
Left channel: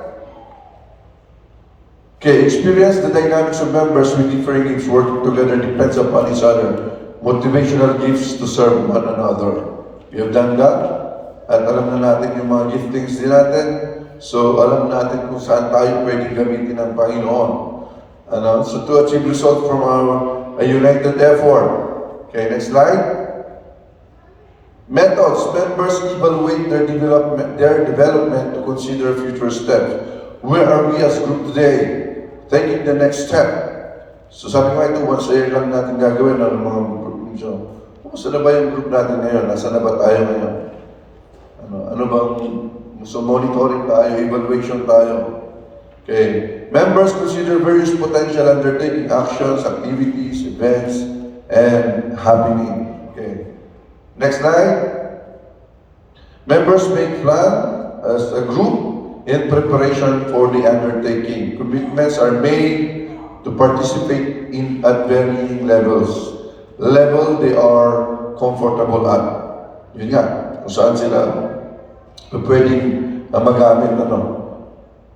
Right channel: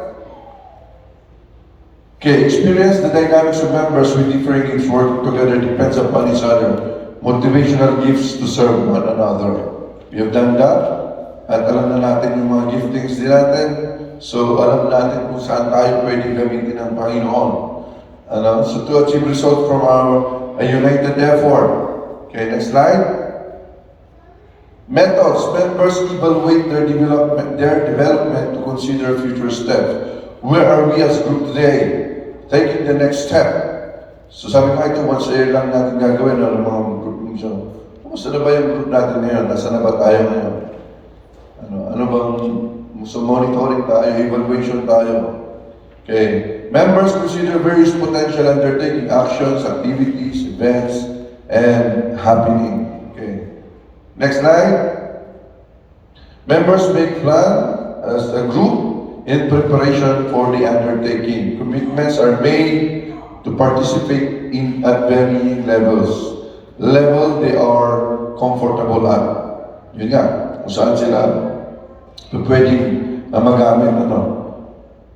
Okay, experience the dynamics of members with different gifts working together depends upon each other. Motivational gifts to serve one another. We have done that. At alam na natin yung mga giftings din natin. So alam natin kung saan tayo pwedeng gamitin ng Panginoon. So to achieve results from a united effort. Okay, next slide. Methods. Members evaluate their development to consider future steps. Where are we as group today? Taking the next step. So sabi ko ito, once a year lang natin gagawin ng mga group. So, kumusta na ba yung group natin ngayon? Nasaan na ba tayo ngayon? Ano bang, so monitoring tayo, evaluation tayo. Okay. Members consider various potential undertaking actions, activities, events, and happening. Okay. Next slide. Members make plan as a group in preparation for the undertaking. Commitments are made to participate in at varying levels. Level they are comfortable at. Yun nga, kung saan sila pwedeng magamit,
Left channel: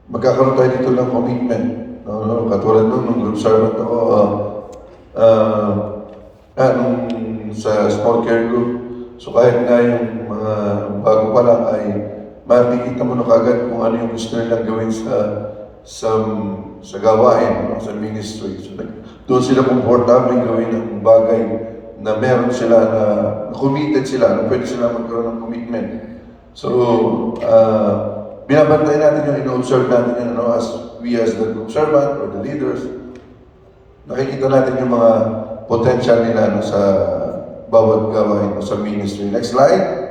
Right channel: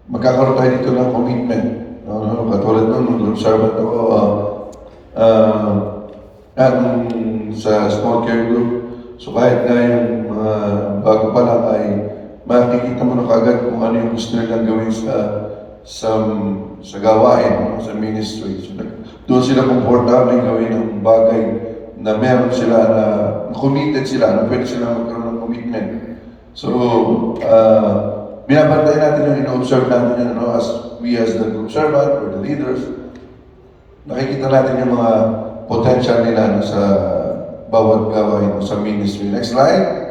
magkakaroon tayo dito ng commitment. Katulad nung group servant ako, sa small care group. So kahit na yung bago pa lang ay makikita mo na kagad kung ano yung gusto nilang gawin sa gawain, sa ministry. So, doon sila komportable gawin ng bagay na meron sila na committed sila, na pwede sila magkaroon ng commitment. So, binabantayan natin yung ino-observe natin yun, as we as the group servant or the leaders, nakikita natin yung mga potential nila sa bawat gawain o sa ministry. Next slide.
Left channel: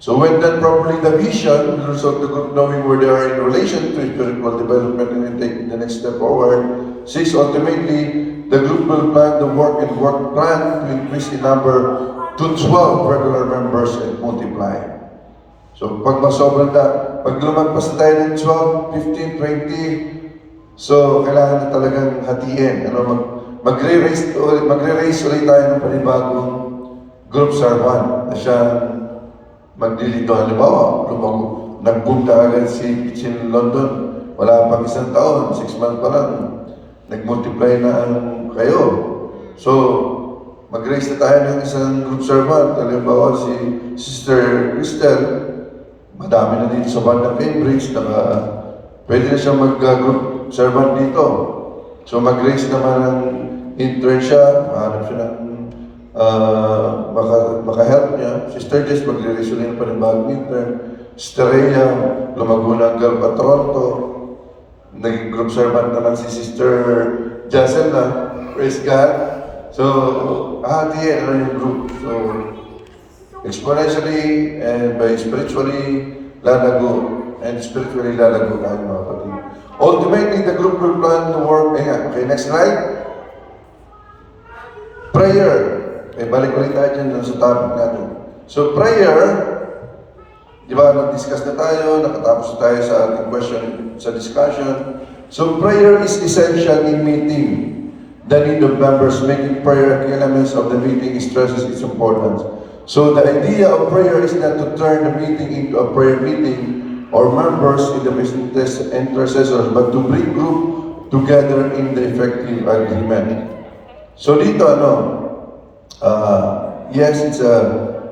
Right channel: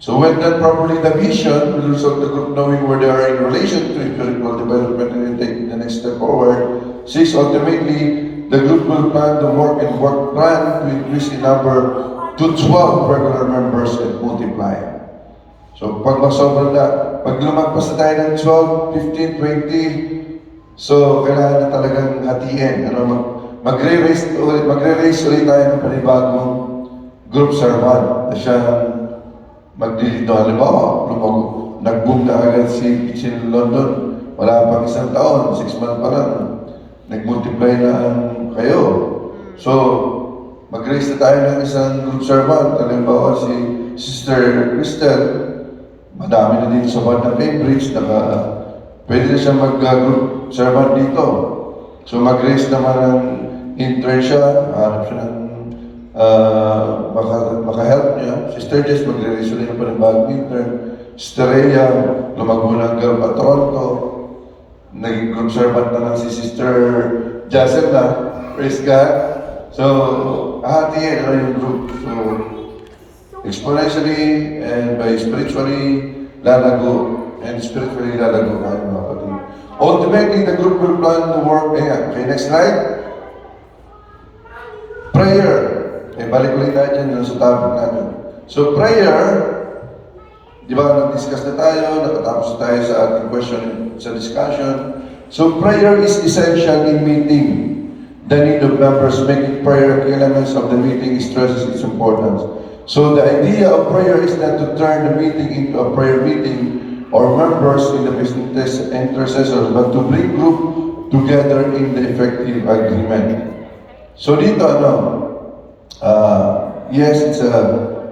So when done properly, the vision will result in the group knowing where they are in relation to spiritual development and taking the next step forward. 6. Ultimately, the group will plan the work and work plan to increase in number to 12 regular members and multiply. So pag masobra na, pag lumagpas na tayo ng 12, 15, 20, so kailangan na talagang hatiin. Magre-raise ulit tayo ng panibagong group servant na siyang maglilito. Halimbawa, nag-boom na agad si Kitchen London. Wala pang isang taon, 6 months pa lang, nag-multiply na kayo. So, mag-raise na tayo ng isang group servant. Halimbawa, si Sister Crystal, madami na dito sa bandang Cambridge, pwede na siya mag-group servant dito. So, mag-raise naman ng intern siya, mahanap siya ng maka-help niya. Sister Jess, mag-raise na yung panibagong intern. Sister Rhea, lumago na ang girl at Toronto. Naging group servant naman si Sister Jacelna. Praise God. So, hahatiin yung group. So, exponentially and by spiritually lalago. And spiritually lalago tayo mga kapatid. Ultimately, the group will plan to work. Okay, next slide. Prayer. Okay, balik-balik tayo dyan sa topic natin. So, prayer, di ba, nag-discuss na tayo, nakatapos na tayo sa ating question, sa discussion. So, prayer is essential in meeting the need of members. Making prayer key elements of the meeting stresses its importance. So, the idea of prayer is not to turn the meeting into a prayer meeting or members in the business intercessors, but to bring group together in the effective agreement. So dito yes, it's a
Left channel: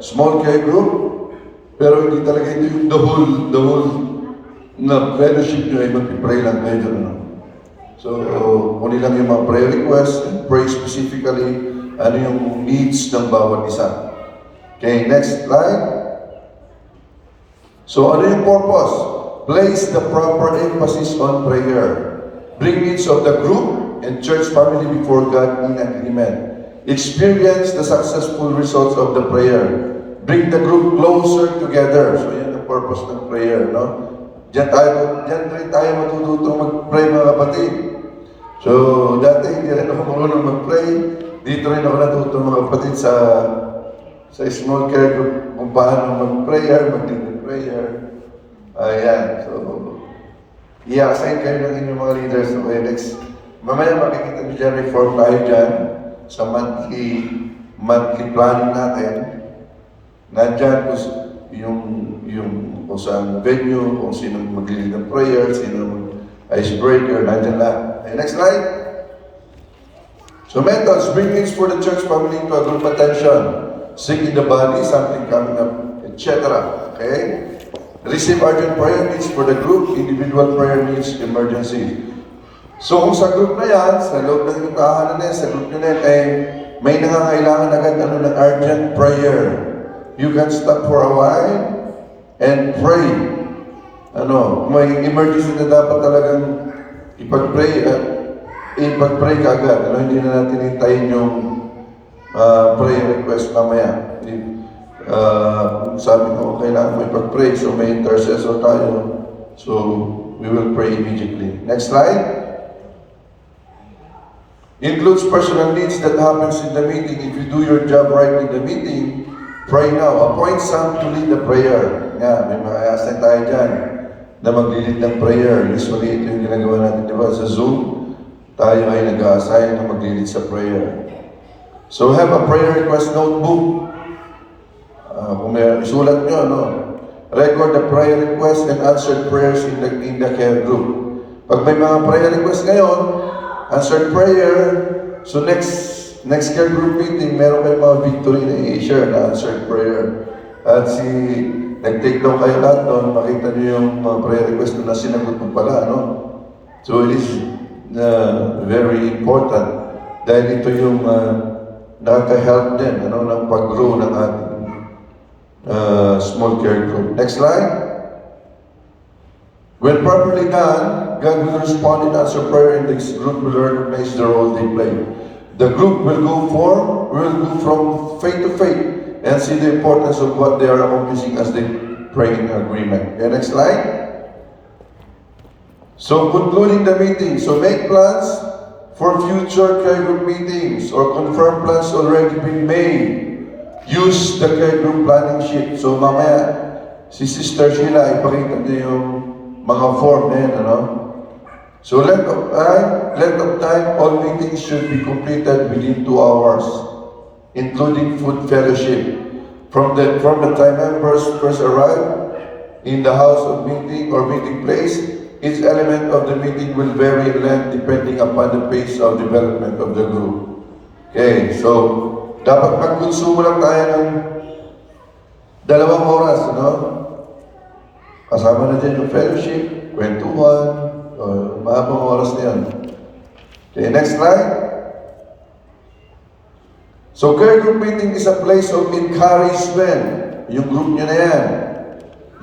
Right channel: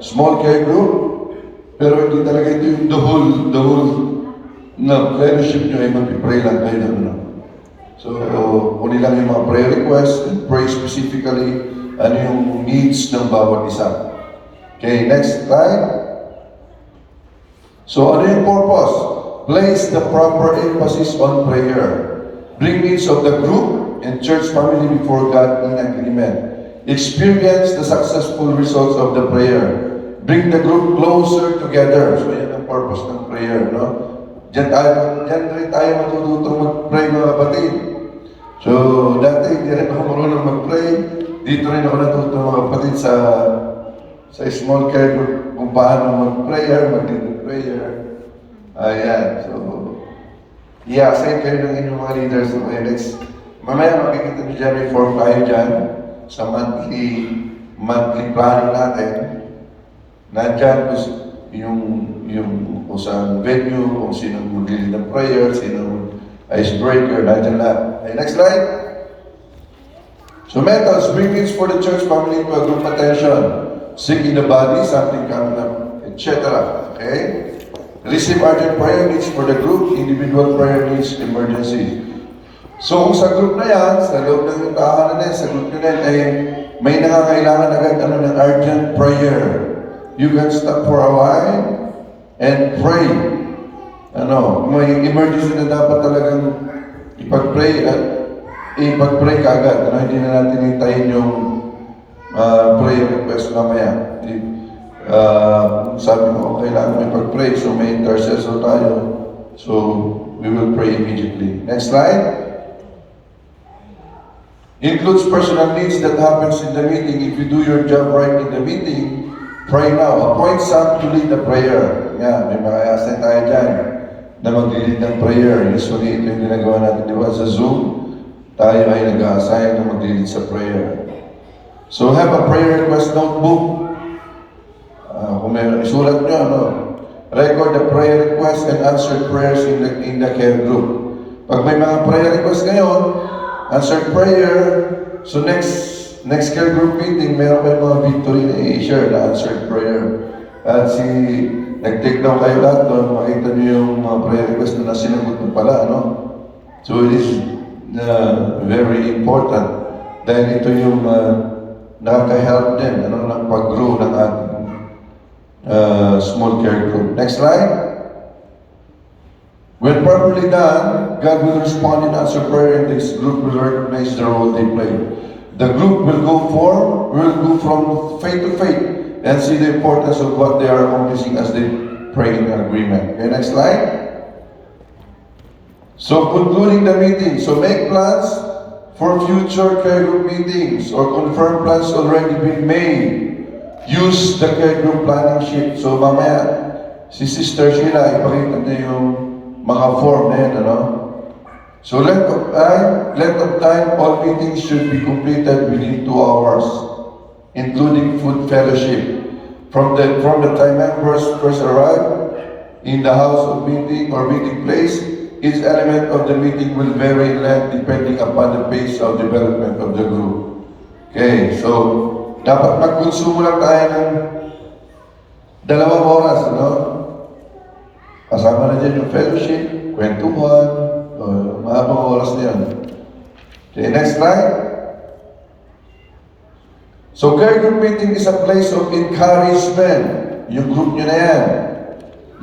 small care group, pero hindi talaga ito yung the whole na fellowship nyo ay mag-pray lang kayo. So, kunin lang yung mga prayer requests and pray specifically ano yung needs ng bawat isa. Okay, next slide. So, ano yung purpose? Place the proper emphasis on prayer. Bring needs of the group and church family before God in agreement. Experience the successful results of the prayer. Bring the group closer together. So, yan ang purpose ng prayer, Diyan rin tayo matututong mag-pray, mga kapatid. So, dati, hindi rin ako marunong mag-pray. Dito rin ako natutong, mga kapatid, sa small care group, kung paano mag-prayer, mag-prayer. Ayan. So, i-assign kayo ng inyong mga leaders. Okay, next. Mamaya makikita nyo dyan, reform tayo dyan sa monthly planning natin. Nandyan yung kung saan venue, kung sino mag-lead ng prayer, sino icebreaker, nandyan lahat. Okay, next slide. So methods, bring needs for the church family into a group attention. Sick in the body, something coming up, etc. Okay? Receive urgent prayer needs for the group, individual prayer needs, emergency. So kung sa group na yan, sa loob ng tahanan na yan, sa group na yan, ay may nangangailangan agad ng urgent prayer, you can stop for a while and pray. May emergency na dapat talagang ipag-pray at ipag-pray ka agad. Hindi na natin hintayin yung prayer request mamaya. Sabi ko, kailangan mo ipag-pray, so may intercessor tayo. So, we will pray immediately. Next slide. Includes personal needs that happens in the meeting. If you do your job right in the meeting, pray now. Appoint some to lead the prayer. May makakasang tayo dyan na mag-lead ng prayer. Usually, ito yung ginagawa natin, di ba? Sa Zoom, tayo ay nag-assign na mag-lead sa prayer. So, have a prayer request notebook. Kung may sulat nyo, record the prayer request and answered prayers in the care group. Pag may mga prayer request ngayon, answered prayer, so next care group meeting, meron kayo mga victory na i-share na answered prayer. At nag-take down kayo lahat doon, makita niyo yung mga prayer request na sinagot mo pala, So it is very important dahil ito yung nakaka-help din, ng pag-grow ng ating small care group. Next slide. When properly done, God will respond and answer prayer, and this group will recognize the role they play. The group will go from faith to faith and see the importance of what they are accomplishing as they pray in agreement. Okay, next slide. So concluding the meeting, so make plans for future care group meetings or confirm plans already been made. Use the care group planning sheet. So mamaya, si Sister Sheila, ipakita niya yung mga form na yun, So length of time, all meetings should be completed within 2 hours, including food fellowship. From the time members first arrive in the house of meeting or meeting place, each element of the meeting will vary in length depending upon the pace of development of the group. Okay, so dapat magkonsumo lang tayo ng 2 oras, Kasama na dyan yung fellowship, kwentuhan, mahabang oras na yan. Okay, next slide. So, care group meeting is a place of encouragement. Yung group nyo na yan.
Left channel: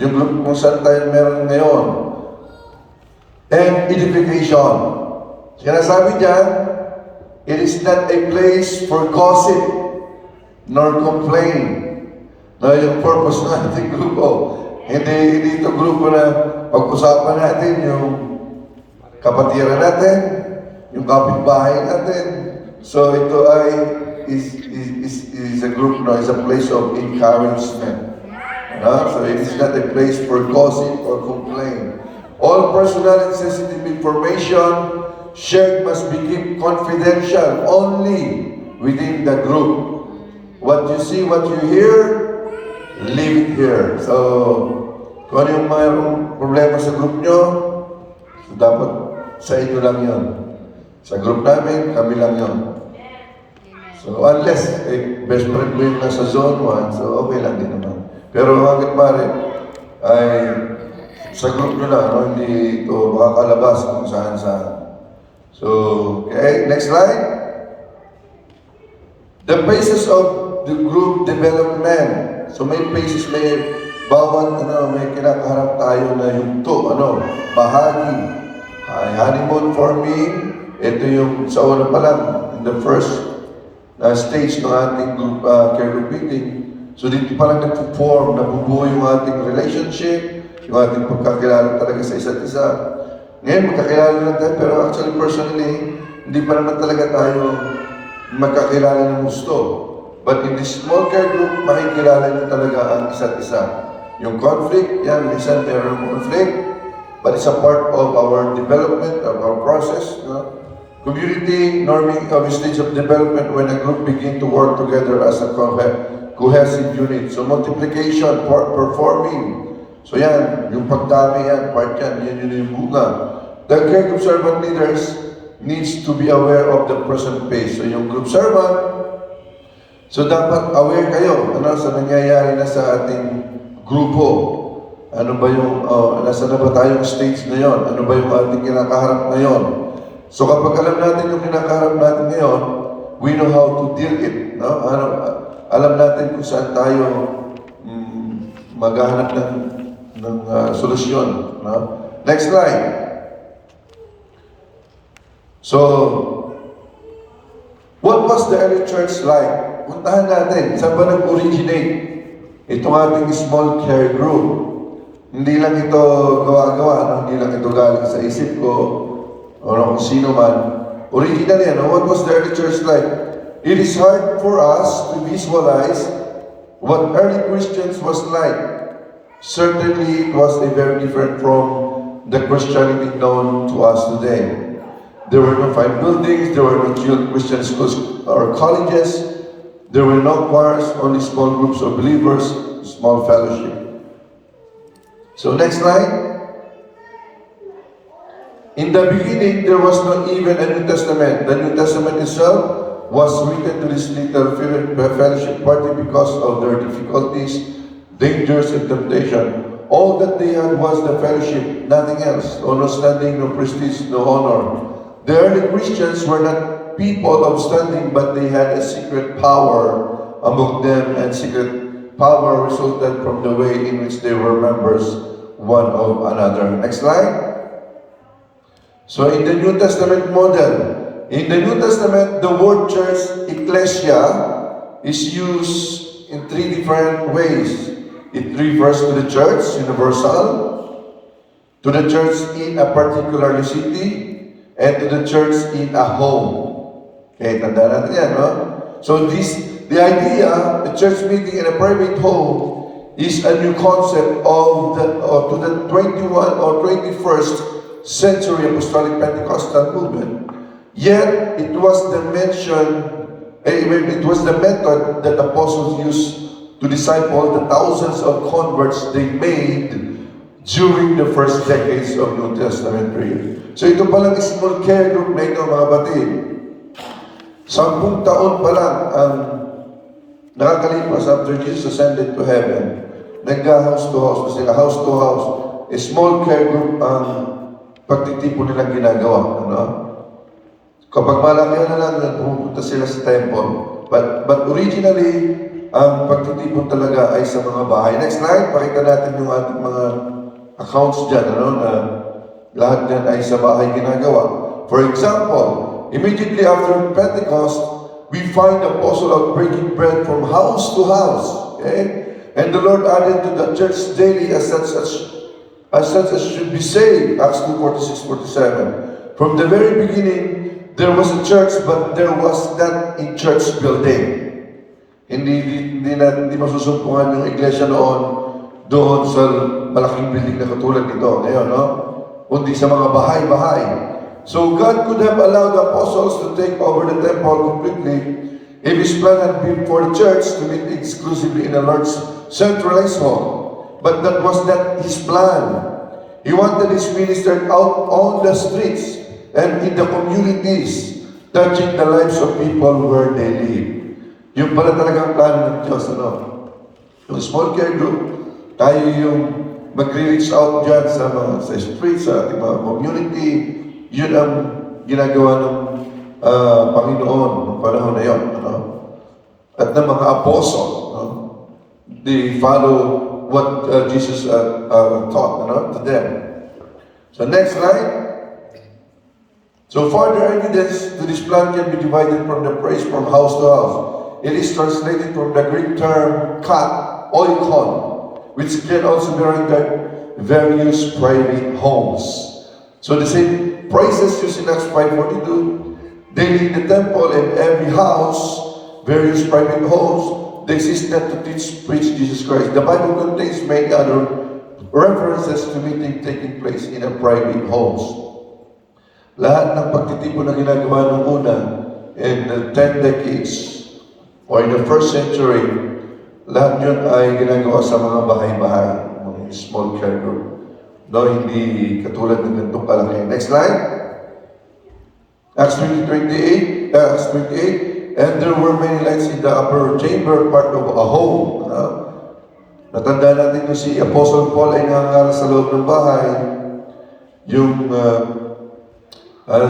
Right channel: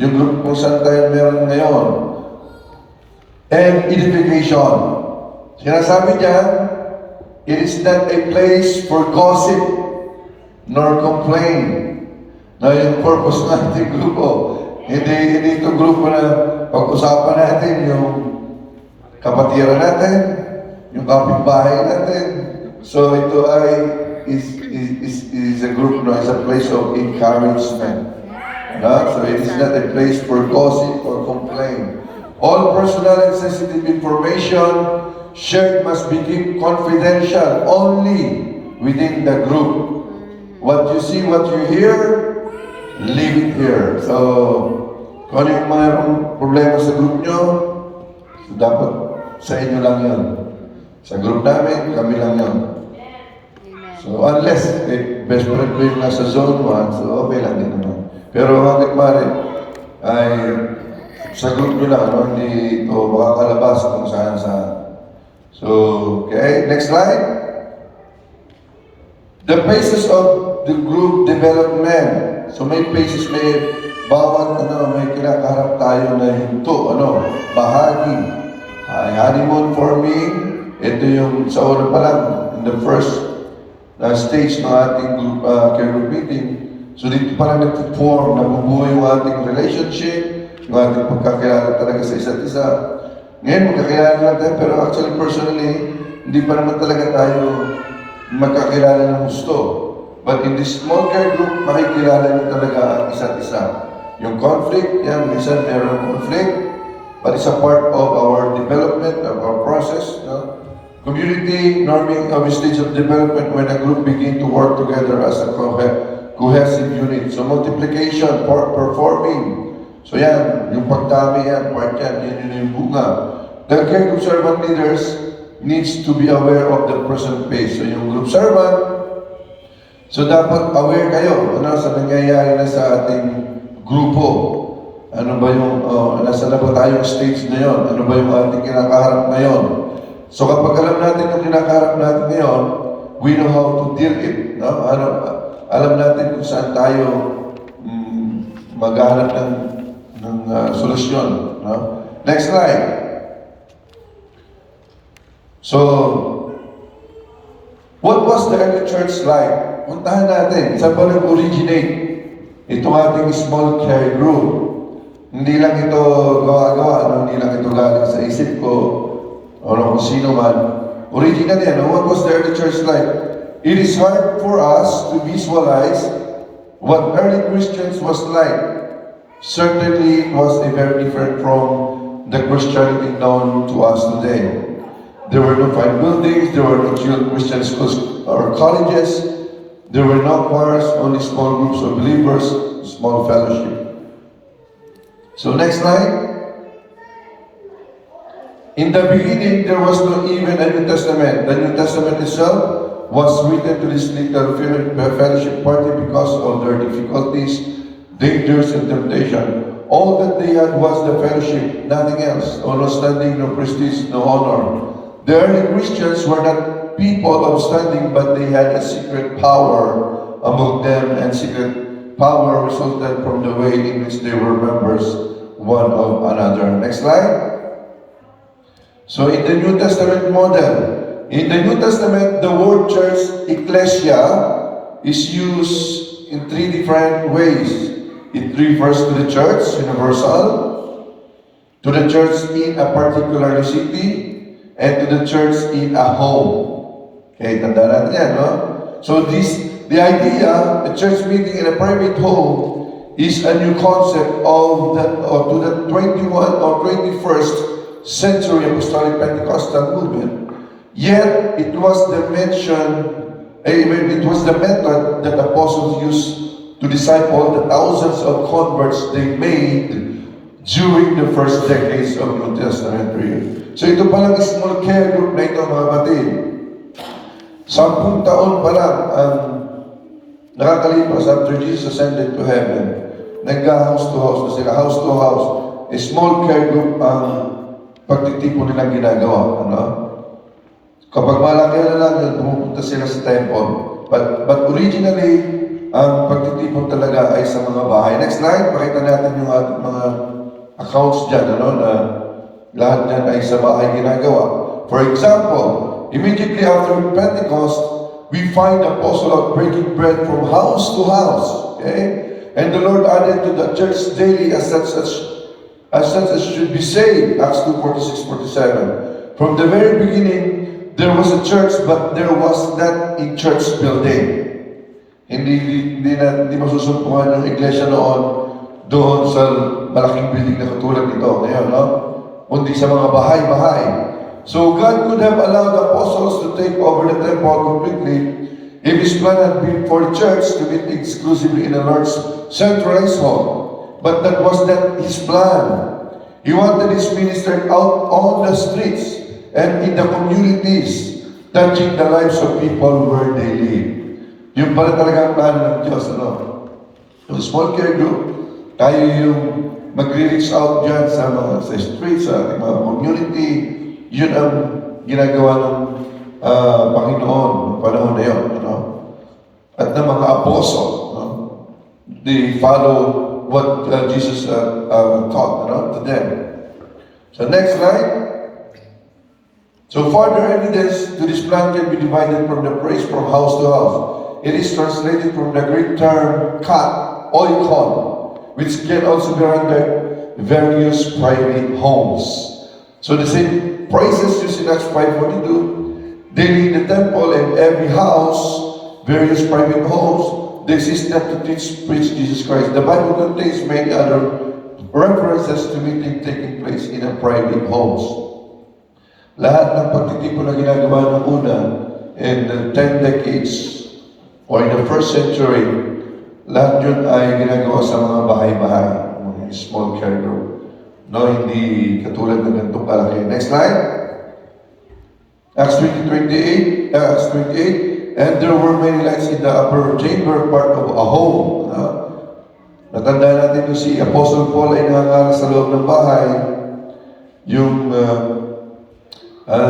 Yung group kung saan tayo meron ngayon. And edification. Sinasabi dyan, it is not a place for gossip nor complain. Yung purpose ng ating grupo. Hindi ito grupo na pag-usapan natin yung kapatiran natin, yung kapitbahay natin. So ito is a group, is a place of encouragement. So it is not a place for gossip or complaint. All personal and sensitive information shared must be kept confidential only within the group. What you see, what you hear, leave it here. So, kung ano yung mayroong problema sa group nyo, dapat sa inyo lang yun. Sa group namin, kami lang yun. So, unless best friend mo yung nasa zone 1, so okay lang din naman. Pero hanggang mare, ay sa group nyo lang, hindi ito makakalabas kung saan-saan. So, okay, next slide. The phases of the group development. So may phases, may bawat may kinakaharap tayo na yunto, bahagi. Honeymoon forming, ito yung sa una pa lang, in the first stage ng ating group, care group meeting. So dito pa lang nag-form, nabubuo yung ating relationship, yung ating pagkakilala talaga sa isa't isa. Ngayon, magkakilala lang tayo, pero actually, personally, hindi pa naman talaga tayo magkakilala ng gusto. But in this small care group, makikilala nyo talaga ang isa't isa. Yung conflict, yan, minsan meron conflict, but it's a part of our development, of our process. Community norming of a stage of development when a group begin to work together as a cohesive unit. So multiplication, performing. So yan, yung pagdami yan, part yan, yun yung bunga. The care group servant leaders needs to be aware of the present pace. So yung group servant, so dapat aware kayo sa nangyayari na sa ating grupo. Ano ba yung, nasa na ba tayong stage na yon? Ano ba yung ating kinakaharap ngayon? So kapag alam natin yung kinakaharap natin ngayon, we know how to deal it. No? Alam natin kung saan tayo maghahanap ng solusyon. No? Next slide. So, what was the early church like? Puntahan natin, saan ba nag-originate itong ating small care group? Hindi lang ito gawa-gawa, no? Hindi lang ito galing sa isip ko o kung sino man. Originally, what was the early church like? It is hard for us to visualize what early Christians was like. Certainly, it was very different from the Christianity known to us today. There were no fine buildings, there were no Christian schools or colleges, there were no choirs, only small groups of believers, small fellowship. So next slide. In the beginning, there was not even a New Testament. The New Testament itself was written to this little fellowship party because of their difficulties, dangers, and temptation. All that they had was the fellowship, nothing else. No standing, no prestige, no honor. The early Christians were not people of standing, but they had a secret power among them, and secret power resulted from the way in which they were members one of another. Next slide. So in the New Testament model, in the New Testament, the word church, ecclesia, is used in three different ways. It refers to the church, universal, to the church in a particular city, and to the church in a home. Okay, tanda natin yan, no? So the idea, a church meeting in a private home, is a new concept to the 21 or 21st century Apostolic Pentecostal movement. Yet, it was the method that apostles used to disciple the thousands of converts they made during the first decades of New Testament period. So ito palang small care group na ito, mga batid. 10 taon pa lang ang nakakalipas after Jesus ascended to heaven. Nagka-house to house na sila, house to house. A small care group ang pagtitipon nilang ginagawa. Ano? Kapag malaki na lang, pupunta sila sa temple. But originally, ang pagtitipon talaga ay sa mga bahay. Next slide, pakita natin yung ating mga accounts dyan, na lahat yan ay sa bahay ginagawa. For example, immediately after Pentecost, we find the apostle out breaking bread from house to house. Okay? And the Lord added to the church daily as such as should be saved. Acts 2:46-47. From the very beginning, there was a church, but there was not a church building. Hindi masusumpungan yung iglesia doon sa malaking building na katulad nito ngayon, no? Kundi sa mga bahay-bahay. So God could have allowed the apostles to take over the temple completely if His plan had been for the church to meet exclusively in a large centralized hall. But that was not His plan. He wanted His minister out on the streets and in the communities, touching the lives of people where they live. Yung pala talagang plano ng Diyos, Yung small care group, tayo yung mag-reach out dyan sa streets, sa ating mga community. Yun ang ginagawa ng Panginoon ng panahon na yun. At ng mga apostle, they follow what Jesus taught to them. So next slide. So further evidence to this plan can be divided from the praise from house to house. It is translated from the Greek term kat, oikon, which can also be rendered various private homes. So the same phrases used in Acts 5:42, daily in the temple and every house, various private homes, they existed to teach, preach Jesus Christ. The Bible contains many other references to meeting taking place in a private homes. Lahat ng pagtitipon na ginagawa noong una in the 10 decades or in the first century, lahat yun ay ginagawa sa mga bahay-bahay, mga small care group. Hindi katulad ng ganitong kalaki. Next slide. Acts 28, and there were many lights in the upper chamber, part of a home. Natanda natin yung si Apostle Paul ay nangangaral sa loob ng bahay. Yung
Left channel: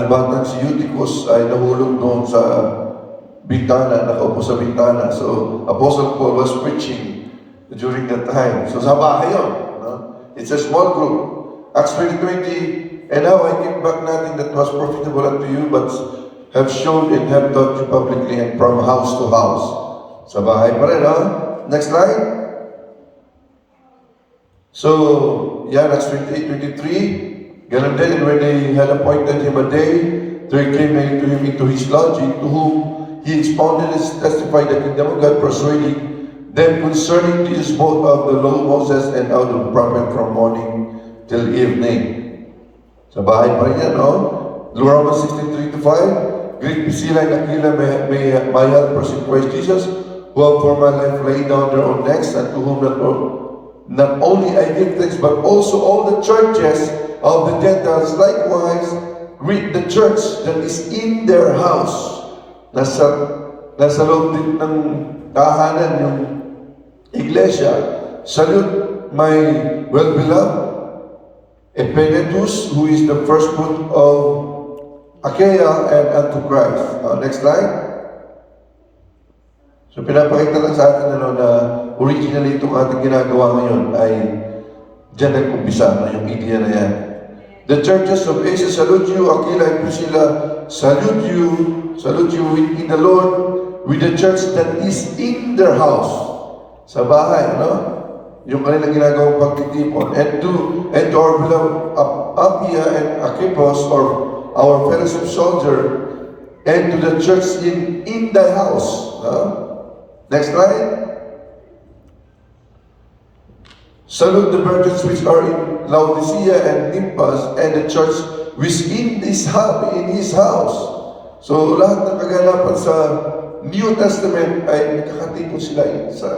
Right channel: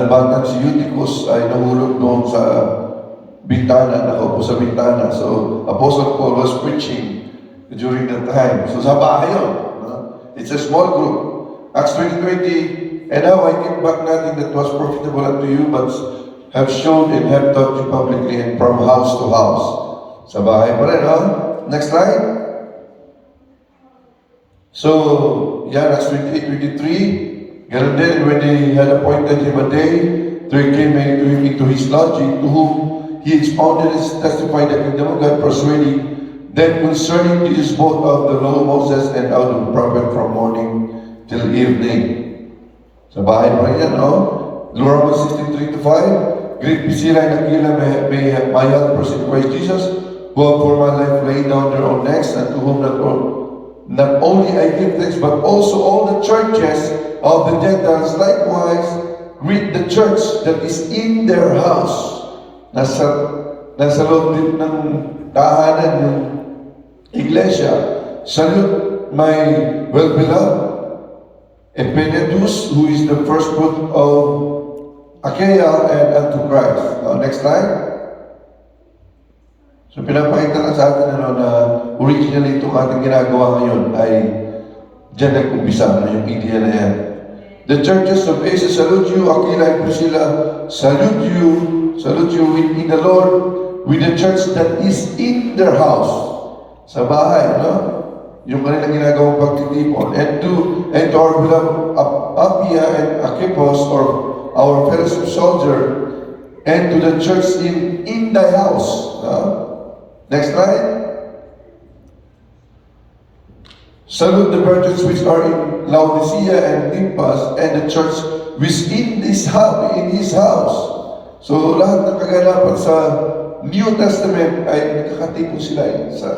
batang si Eutychus ay nahulog doon sa bintana, nakaupo sa bintana. So, Apostle Paul was preaching during that time. So, sa bahay yun. No? It's a small group. Acts 20:20, and now I give back nothing that was profitable unto you, but have shown and have taught you publicly and from house to house. Sa bahay pa rin, no? Next slide. So, yan, Acts 28:23. Ganun din, when they had appointed him a day, there came to him into his lodging, to whom he expounded and testified the kingdom of God, persuading them concerning this both of the law of Moses and of the prophet from morning till evening. Sa bahay pa rin yan, no? Romans 16:3-5. Great Priscilla and Aquila, may my helpers in Christ Jesus, who have for my life laid down their own necks, and to whom not only I give thanks, but also all the churches of the Gentiles likewise greet the church that is in their house. Nasa loob din ng tahanan ng iglesia. Salute my well-beloved Epaenetus, who is the first fruit of Achaia and unto Christ. Next slide. So pinapakita lang sa atin na originally itong ating ginagawa ngayon ay dyan nag-umpisa, yung idea na yan. The churches of Asia salute you, Aquila and Priscilla salute you in the Lord, with the church that is in their house. Sa bahay, no? Yung kanilang ginagawang pagtitipon. And to our beloved Appia and Archippus, or our fellowship soldier, and to the church in thy house. Next slide. Salute the virgins which are in Laodicea and Nymphas, and the church which in his house. So lahat ng kaganapan sa New Testament ay nakakatipon sila sa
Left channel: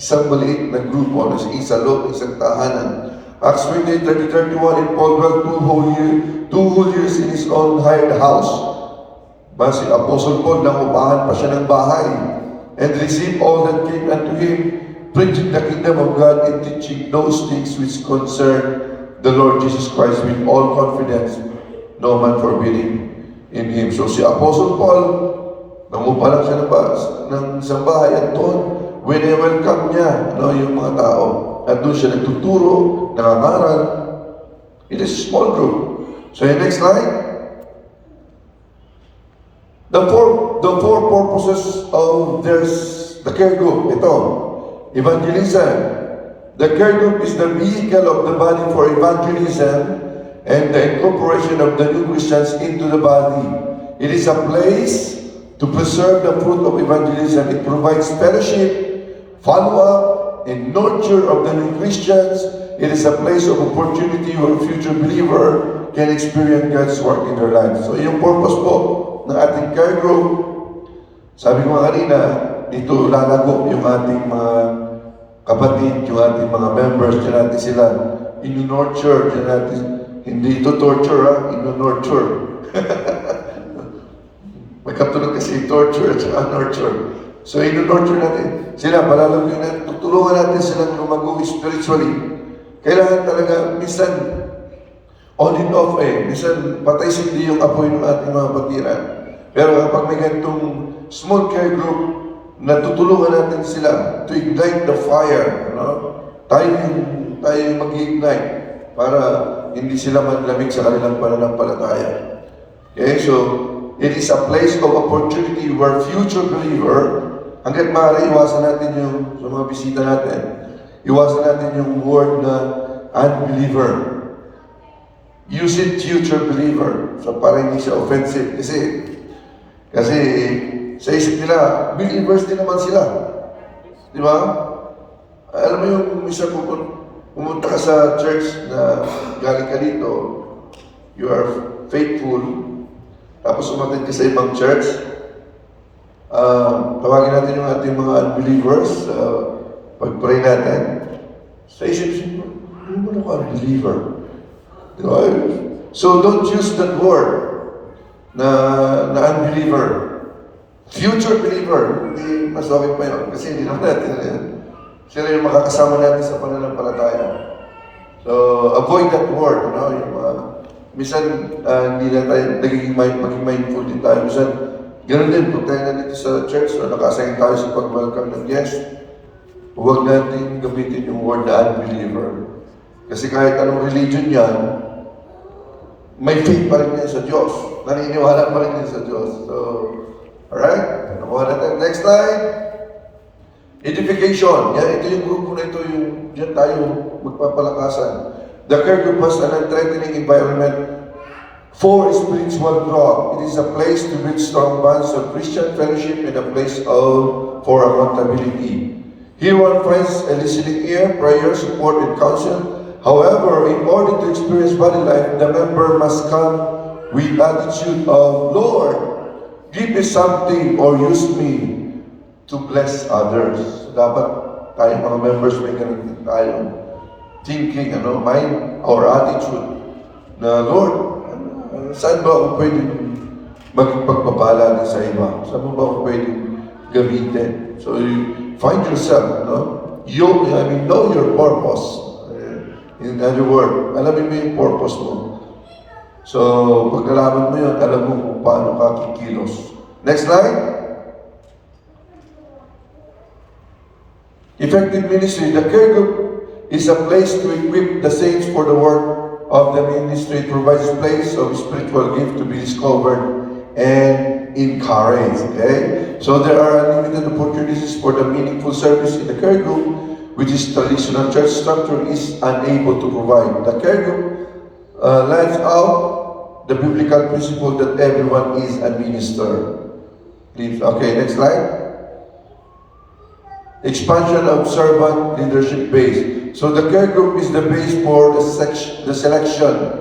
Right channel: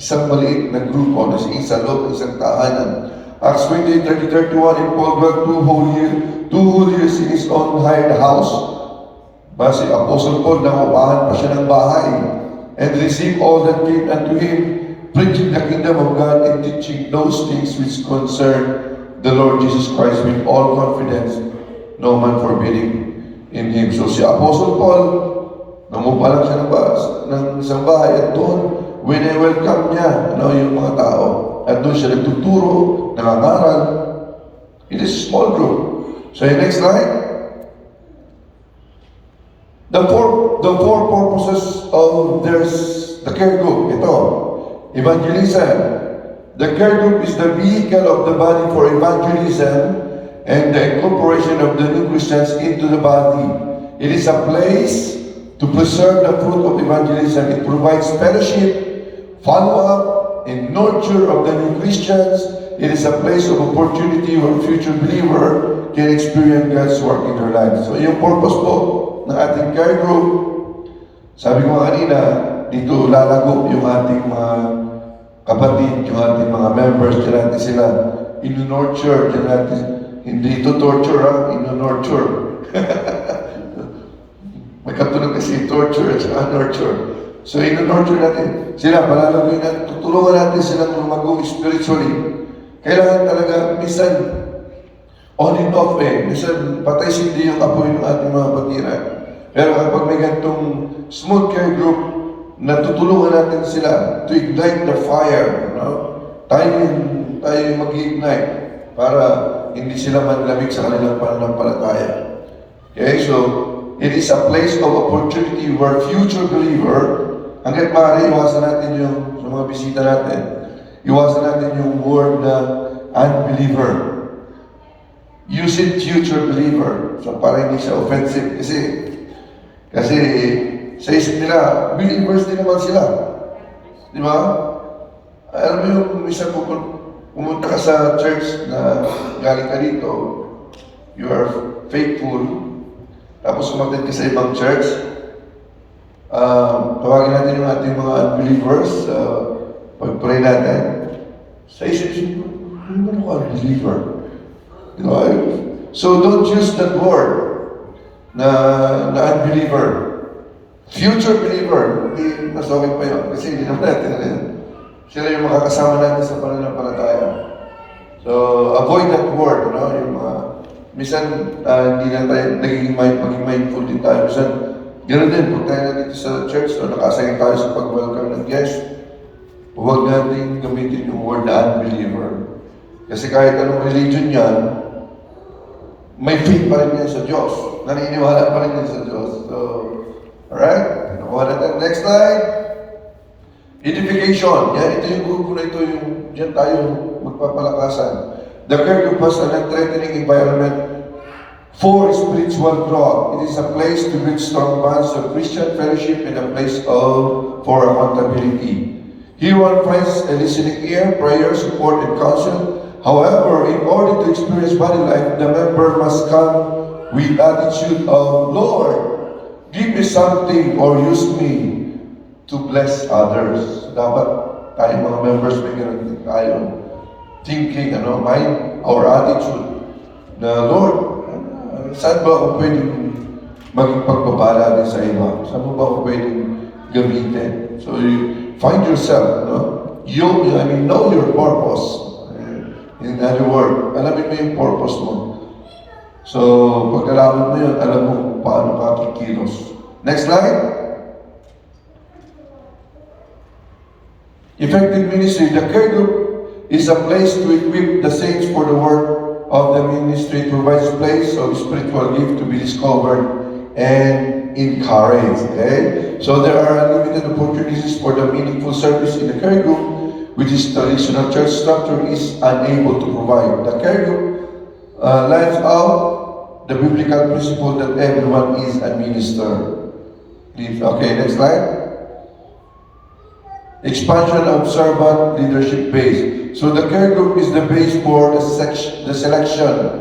isang maliit na grupo na sa loob ng isang tahanan. Acts 28:30-31, and Paul dwelt 2 whole years in his own hired house. Si Apostle Paul, nangupahan pa siya ng bahay, and received all that came unto him, preaching the kingdom of God and teaching those things which concern the Lord Jesus Christ with all confidence, no man forbidding in him. So si Apostle Paul, nangupa lang siya ng isang bahay, at doon, when welcome niya yung mga tao, at doon siya nagtuturo, nangangaral. It is a small group. So next slide. The four purposes of the care group. Ito, evangelism. The care group is the vehicle of the body for evangelism and the incorporation of the new Christians into the body. It is a place to preserve the fruit of evangelism. It provides fellowship, follow-up, and nurture of the new Christians. It is a place of opportunity where future believer can experience God's work in their lives. So yung purpose po ng ating care group, sabi ko kanina, ito lalago yung ating mga kapatid, yung ating mga members, dyan natin sila inu-nurture, dyan natin, hindi ito torture, inu-nurture. Magkatulad kasi torture at saka nurture. So inu-nurture natin sila, palalagoy natin, tutulungan natin sila lumago spiritually. Kailangan talaga, minsan, on and off minsan patay sindi yung apoy ng ating mga patiran. Pero kapag may ganitong small care group, natutulungan natin sila to ignite the fire. Tayo yung mag-ignite para hindi sila manlamig sa kanilang pananampalataya. Okay, so it is a place of opportunity where future believer, hanggat maaari, iwasan natin yung sa mga bisita natin, iwasan natin yung word na unbeliever. Use it future believer. So para hindi siya offensive. Kasi sa isip nila, believers din naman sila. Di ba? Alam mo yung minsan pumunta ka sa church na galing ka dito, you are faithful, tapos umatid ka sa ibang church, tawagin natin yung ating mga unbelievers, pag-pray natin, sa isip siya, ano ka unbeliever? Diba? So don't use that word na unbeliever. Future believer, hindi mas okay pa yun. Kasi hindi naman natin sila yung makakasama natin sa pananampalataya. So avoid that word. Yung, minsan hindi na tayo maging mindful din tayo. Minsan Ganun din, kung tayo na dito sa church, o nakasign tayo sa pag-welcome ng guest, huwag natin gamitin yung word na unbeliever. Kasi kahit anong religion yan, may faith pa rin yan sa Diyos. Naniniwala pa rin yan sa Diyos. So, alright? Nakuha natin. Next slide. Edification. Yan, ito yung grupo na ito, yung diyan tayo magpapalakasan. The care group has an unthreatening environment for spiritual growth. It is a place to build strong bonds of Christian fellowship and a place for accountability. Here one finds a listening ear, prayer, support, and counsel. However, in order to experience body life, the member must come with attitude of, Lord, give me something or use me to bless others. Dapat tayo mga members may ganun din tayong thinking, mind or attitude na, Lord, saan ba ako pwedeng maging pagpapala din sa iba? Saan mo ba ako pwedeng gamitin? So you find yourself, know your purpose. In other words, alamin mo yung purpose mo. So, pag nalaman mo yun, alam mo kung paano ka kikilos. Next slide. Effective ministry. The care group is a place to equip the saints for the work of the ministry. It provides a place of spiritual gift to be discovered and encouraged. Okay? So there are unlimited opportunities for the meaningful service in the care group, which is traditional church structure is unable to provide. The care group lets out the biblical principle that everyone is a minister. Please, okay, next slide. Expansion of servant leadership base. So the care group is the base for the selection,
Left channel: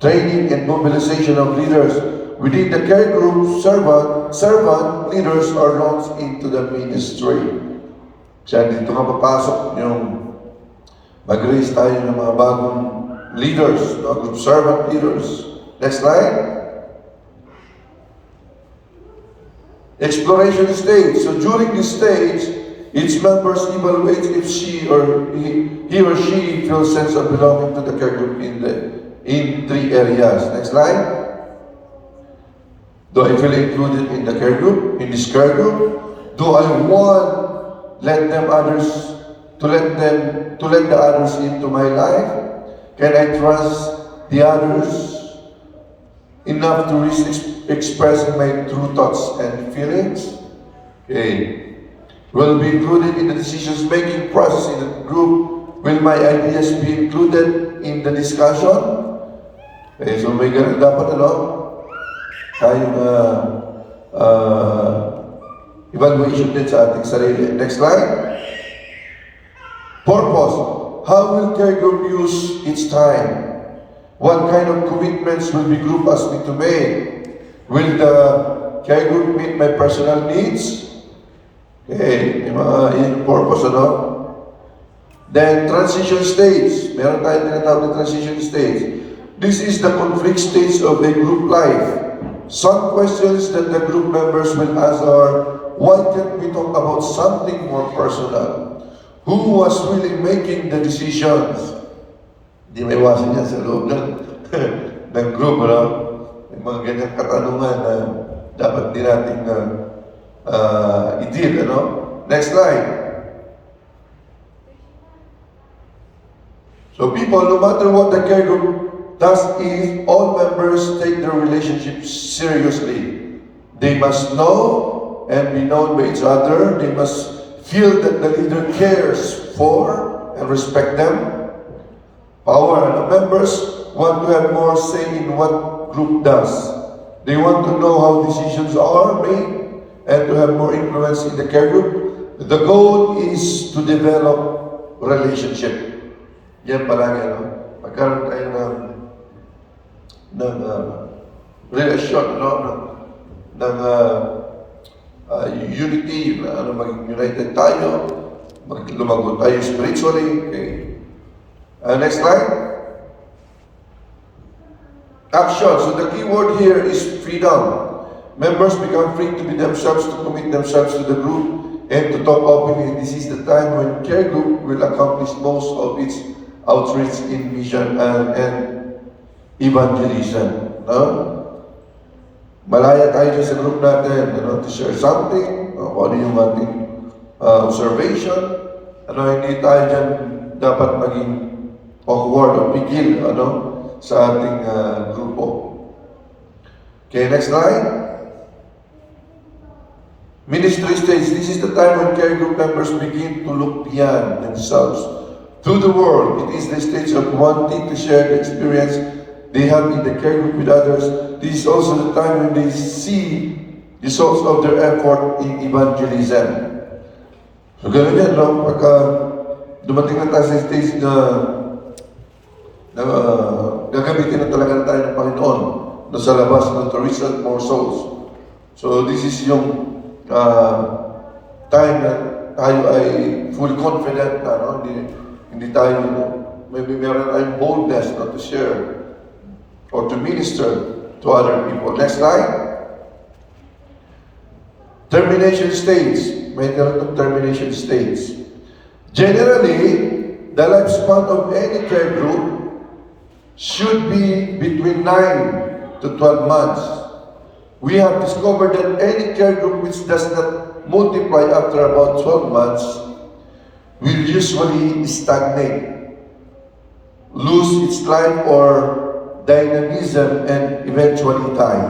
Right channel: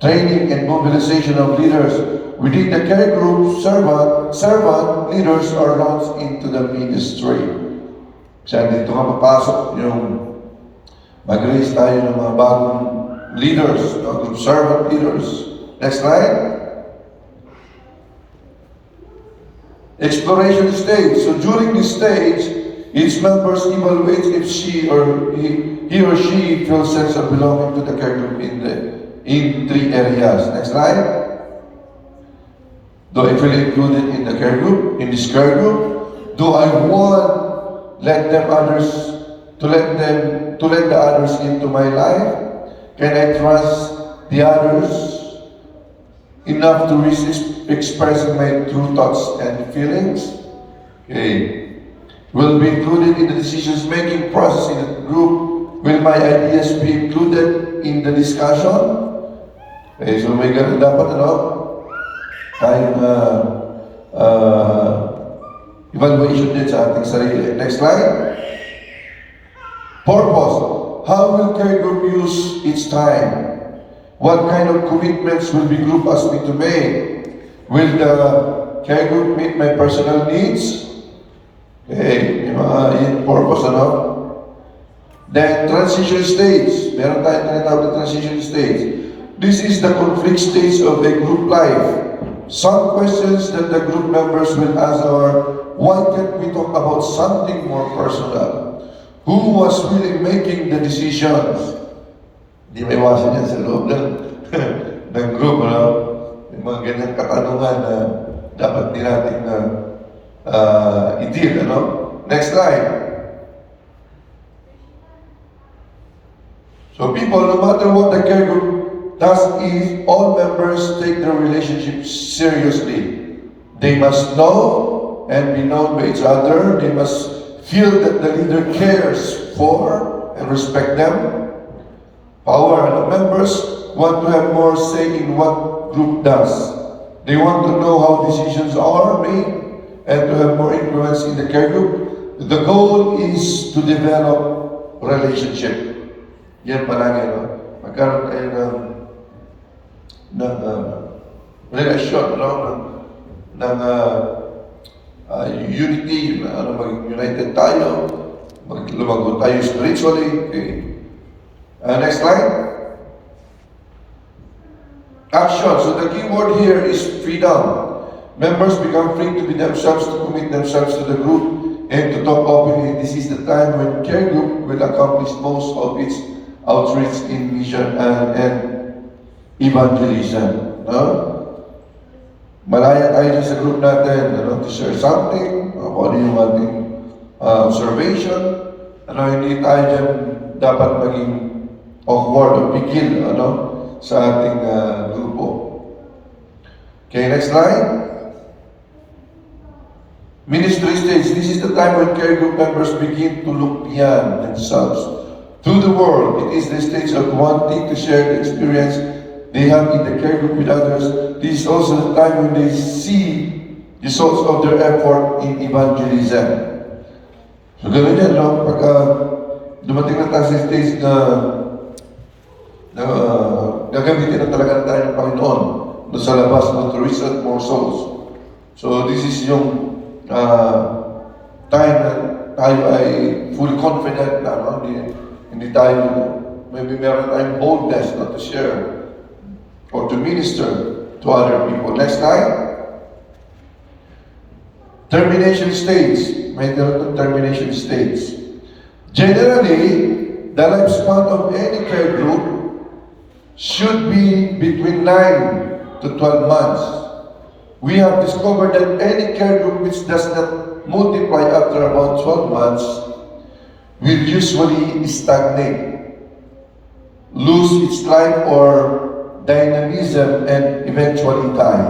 training, and mobilization of leaders. Within the care group, servant leaders are launched into the ministry. So dito nga papasok yung mag-release tayo ng mga bagong leaders, group servant leaders. Next slide. Exploration stage. So during this stage, each member evaluates if he or she feels sense of belonging to the care group in 3 areas. Next slide. Do I feel included in the care group? In this care group? Do I want let the others into my life? Can I trust the others enough to risk expressing my true thoughts and feelings? Okay. Will be included in the decisions-making process in the group? Will my ideas be included in the discussion? Okay, so may ganun dapat tayong evaluation din sa ating sarili. Next slide. Purpose. How will care group use its time? What kind of commitments will the group ask me to make? Will the care group meet my personal needs? Okay, yung purpose, Then, transition stage. Meron tayong tinatawag na transition stage. This is the conflict stage of a group life. Some questions that the group members will ask are, why can't we talk about something more personal? Who was really making the decisions? Hindi may iwasan yan sa loob ng group, May mga ganyang katanungan na dapat din natin i-deal, Next slide. So people, no matter what the care group does, if all members take their relationships seriously, they must know and be known by each other. They must feel that the leader cares for and respect them. Power, the members want to have more say in what group does. They want to know how decisions are made and to have more influence in the care group. The goal is to develop relationship. Yan palagi, magkaroon tayo ng relasyon, ng unity, maging united tayo, lumago tayo spiritually. Okay. Next slide. Action. So the key word here is freedom. Members become free to be themselves, to commit themselves to the group, and to talk openly. This is the time when care group will accomplish most of its outreach in mission and evangelism. malaya tayo dyan sa group natin, to share something, kung ano yung ating observation, hindi tayo dyan dapat maging awkward o pigil, sa ating grupo. Okay, next slide. Ministry stage. This is the time when care group members begin to look beyond themselves to the world. It is the stage of wanting to share the experience they have in the care group with others. This is also the time when they see results of their effort in evangelism. So gano'n yan, pagka dumating na tayo sa stage na gagamitin na talaga tayo ng Panginoon na sa labas to reach out more souls. So this is yung time na tayo ay fully confident na, hindi tayo, maybe meron tayong boldness to share or to minister to other people. Next slide. Termination stage. May termination stage. Generally, the lifespan of any care group should be between 9 to 12 months. We have discovered that any care group which does not multiply after about 12 months will usually stagnate, lose its life or dynamism, and eventually die.